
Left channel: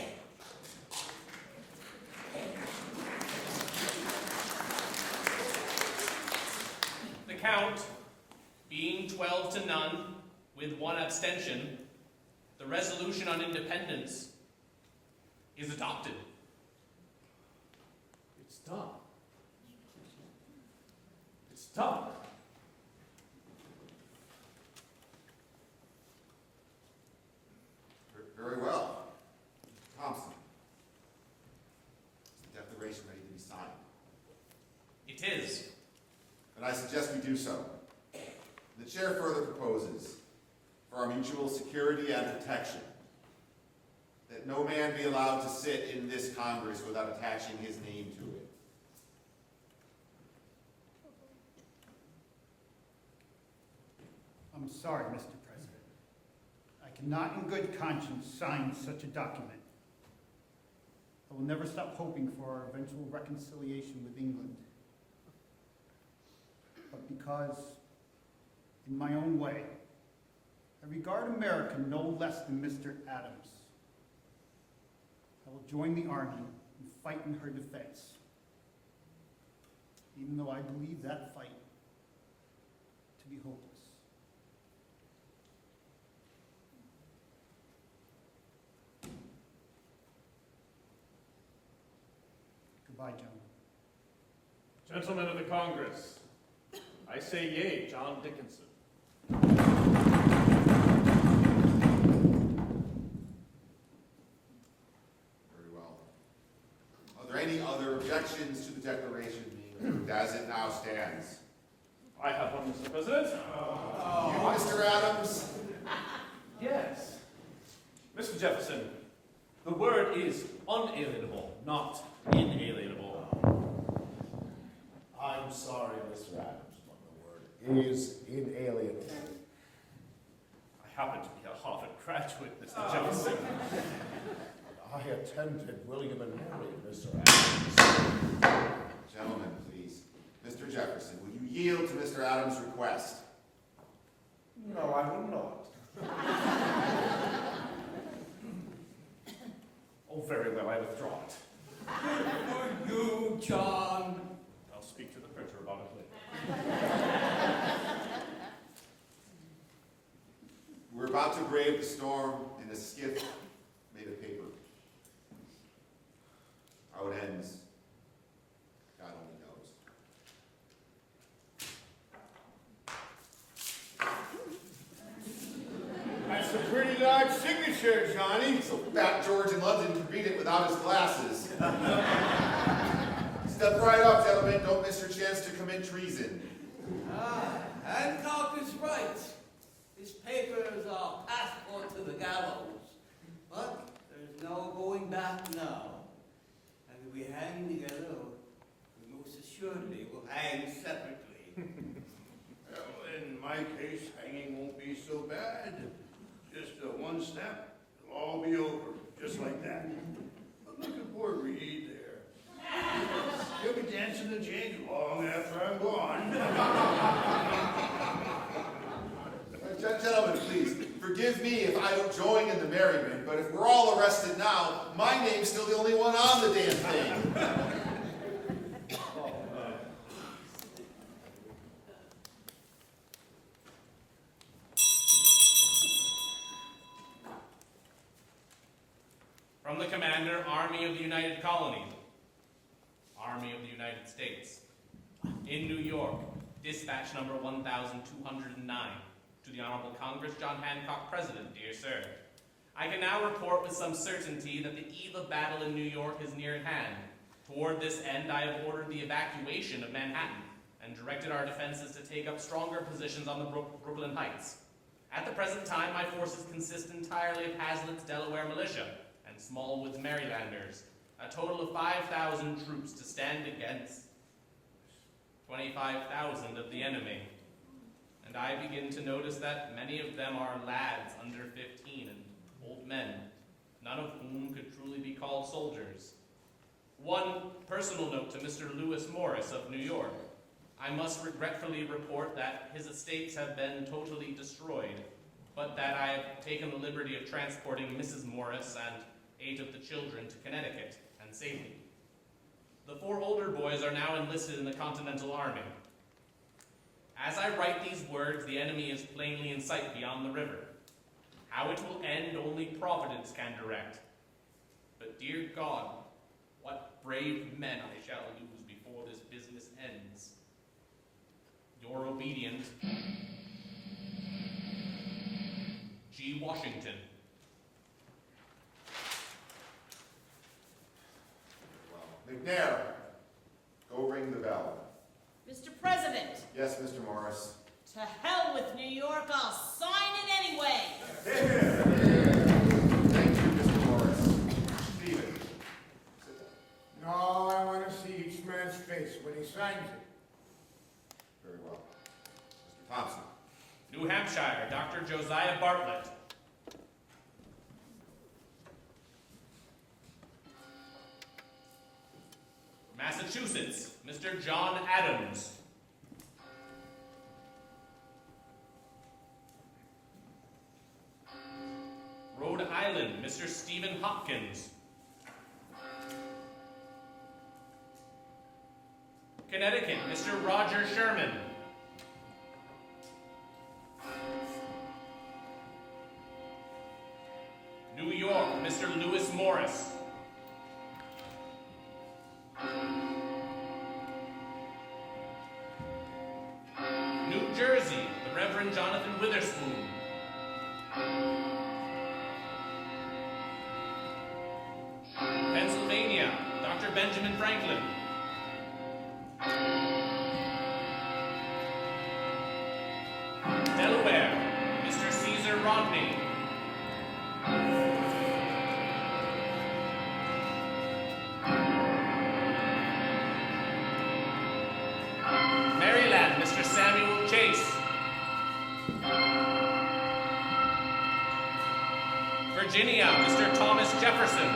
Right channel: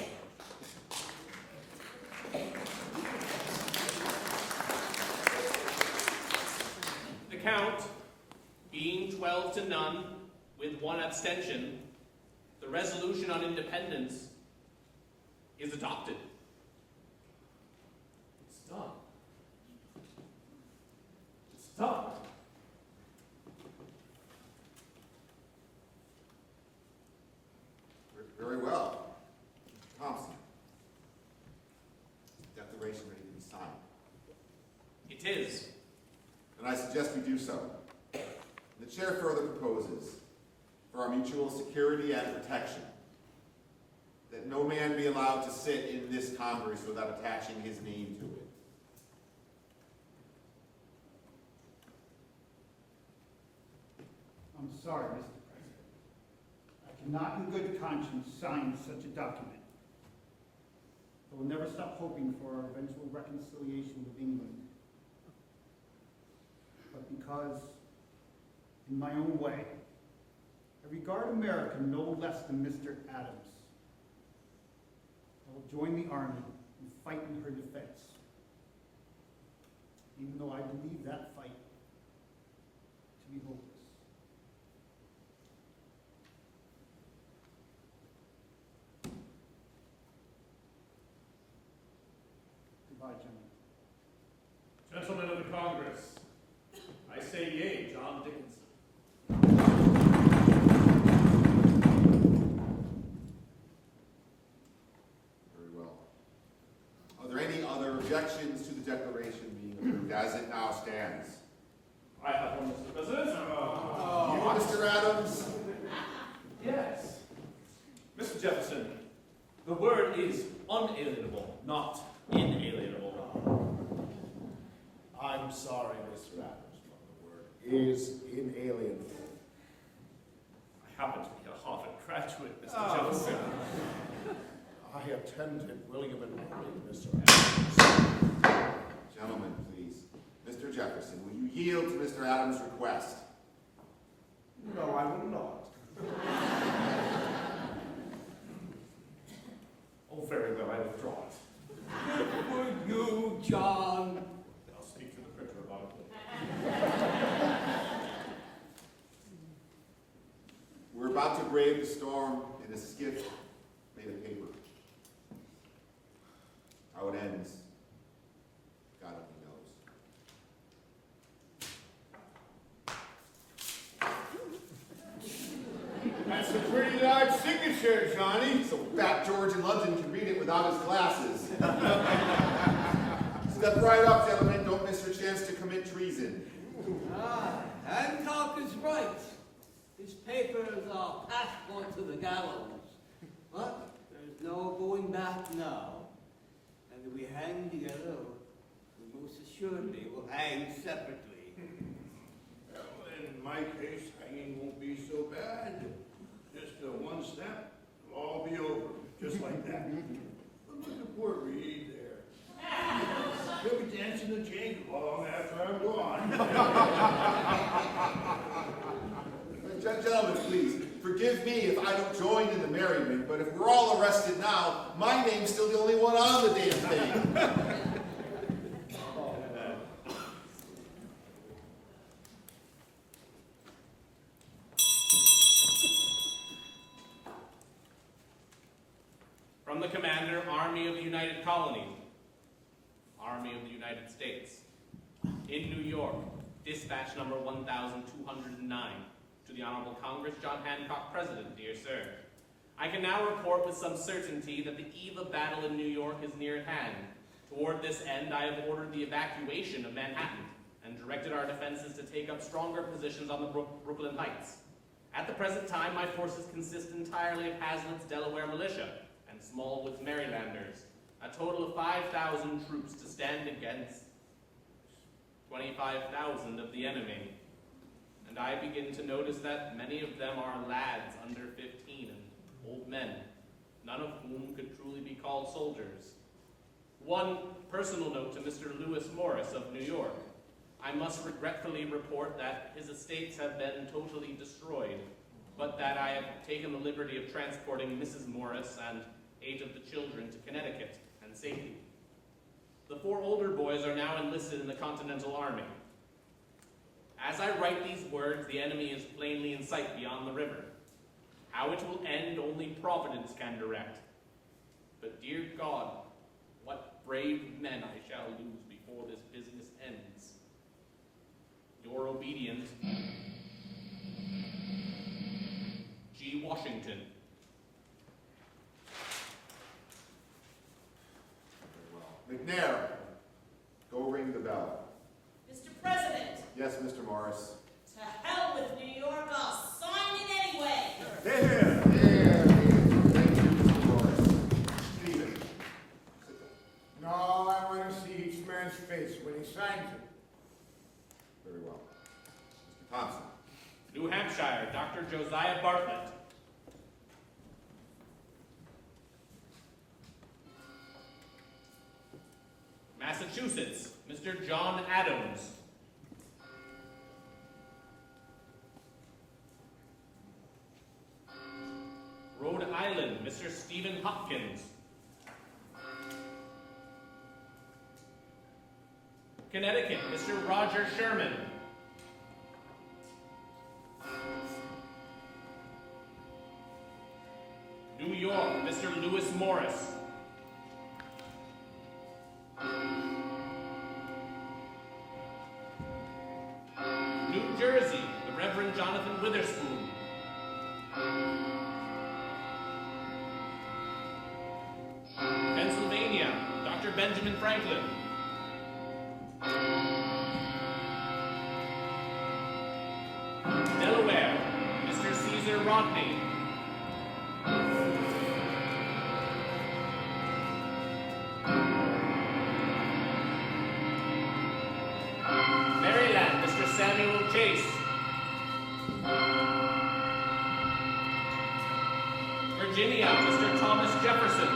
The count being 12-0 with 1 abstention, the resolution on independence is adopted. It's done. It's done. Very well. Thompson. Is the declaration ready to be signed? It is. And I suggest we do so. The chair further proposes, for our mutual security and protection, that no man be allowed to sit in this Congress without attaching his name to it. I'm sorry, Mr. President. I cannot in good conscience sign such a document. I will never stop hoping for our eventual reconciliation with England. But because, in my own way, I regard America no less than Mr. Adams, I will join the army and fight in her defense, even though I believe that fight to be hopeless. Goodbye, gentlemen. Gentlemen of the Congress, I say yea, John Dickinson. Very well. Are there any other objections to the declaration being approved as it now stands? I have one, Mr. President. You, Mr. Adams? Yes. Mr. Jefferson, the word is unalienable, not inalienable. I'm sorry, Mr. Adams, but the word is inalienable. I happen to be a Harvard graduate, Mr. Jefferson. I attended William and Mary, Mr. Adams. Gentlemen, please. Mr. Jefferson, will you yield to Mr. Adams' request? No, I will not. Oh, very well, I withdraw it. For you, John. I'll speak to the printer about it later. We're about to brave the storm in a skiff made of paper. How it ends, God only knows. That's a pretty large signature, Johnny. So Fat George in London can read it without his glasses. Step right up, gentlemen. Don't miss your chance to commit treason. Hancock is right. This paper is our passport to the gallows. But there's no going back now. And if we hang together, we most assuredly will hang separately. Well, in my case, hanging won't be so bad. Just one snap, it'll all be over, just like that. But look at poor Reed there. He'll be dancing the jig long after I'm gone. Gentlemen, please, forgive me if I don't join in the merriment, but if we're all arrested now, my name's still the only one on the damn thing. Commander, Army of the United Colony, Army of the United States. In New York, dispatch number 1209. To the Honorable Congress, John Hancock, President, dear sir. I can now report with some certainty that the eve of battle in New York is near at hand. Toward this end, I have ordered the evacuation of Manhattan and directed our defenses to take up stronger positions on the Brooklyn Heights. At the present time, my forces consist entirely of Hazlitt's Delaware militia and Smallwood's Marylanders, a total of 5,000 troops to stand against 25,000 of the enemy. And I begin to notice that many of them are lads under 15 and old men, none of whom could truly be called soldiers. One personal note to Mr. Lewis Morris of New York. I must regretfully report that his estates have been totally destroyed, but that I have taken the liberty of transporting Mrs. Morris and 8 of the children to Connecticut and safety. The 4 older boys are now enlisted in the Continental Army. As I write these words, the enemy is plainly in sight beyond the river. How it will end, only Providence can direct. But dear God, what brave men I shall lose before this business ends. Your obedient, G. Washington. McNair, go ring the bell. Mr. President, Yes, Mr. Morris. to hell with New York, I'll sign it anyway. There. Thank you, Mr. Morris. Stephen, sit down. No, I want to see each man's face when he signs it. Very well. Mr. Thompson. New Hampshire, Dr. Josiah Bartlett. Massachusetts, Mr. John Adams. Rhode Island, Mr. Stephen Hopkins. Connecticut, Mr. Roger Sherman. New York, Mr. Lewis Morris. New Jersey, the Reverend Jonathan Witherspoon. Pennsylvania, Dr. Benjamin Franklin. Delaware, Mr. Caesar Rodney. Maryland, Mr. Samuel Chase. Virginia, Mr. Thomas Jefferson.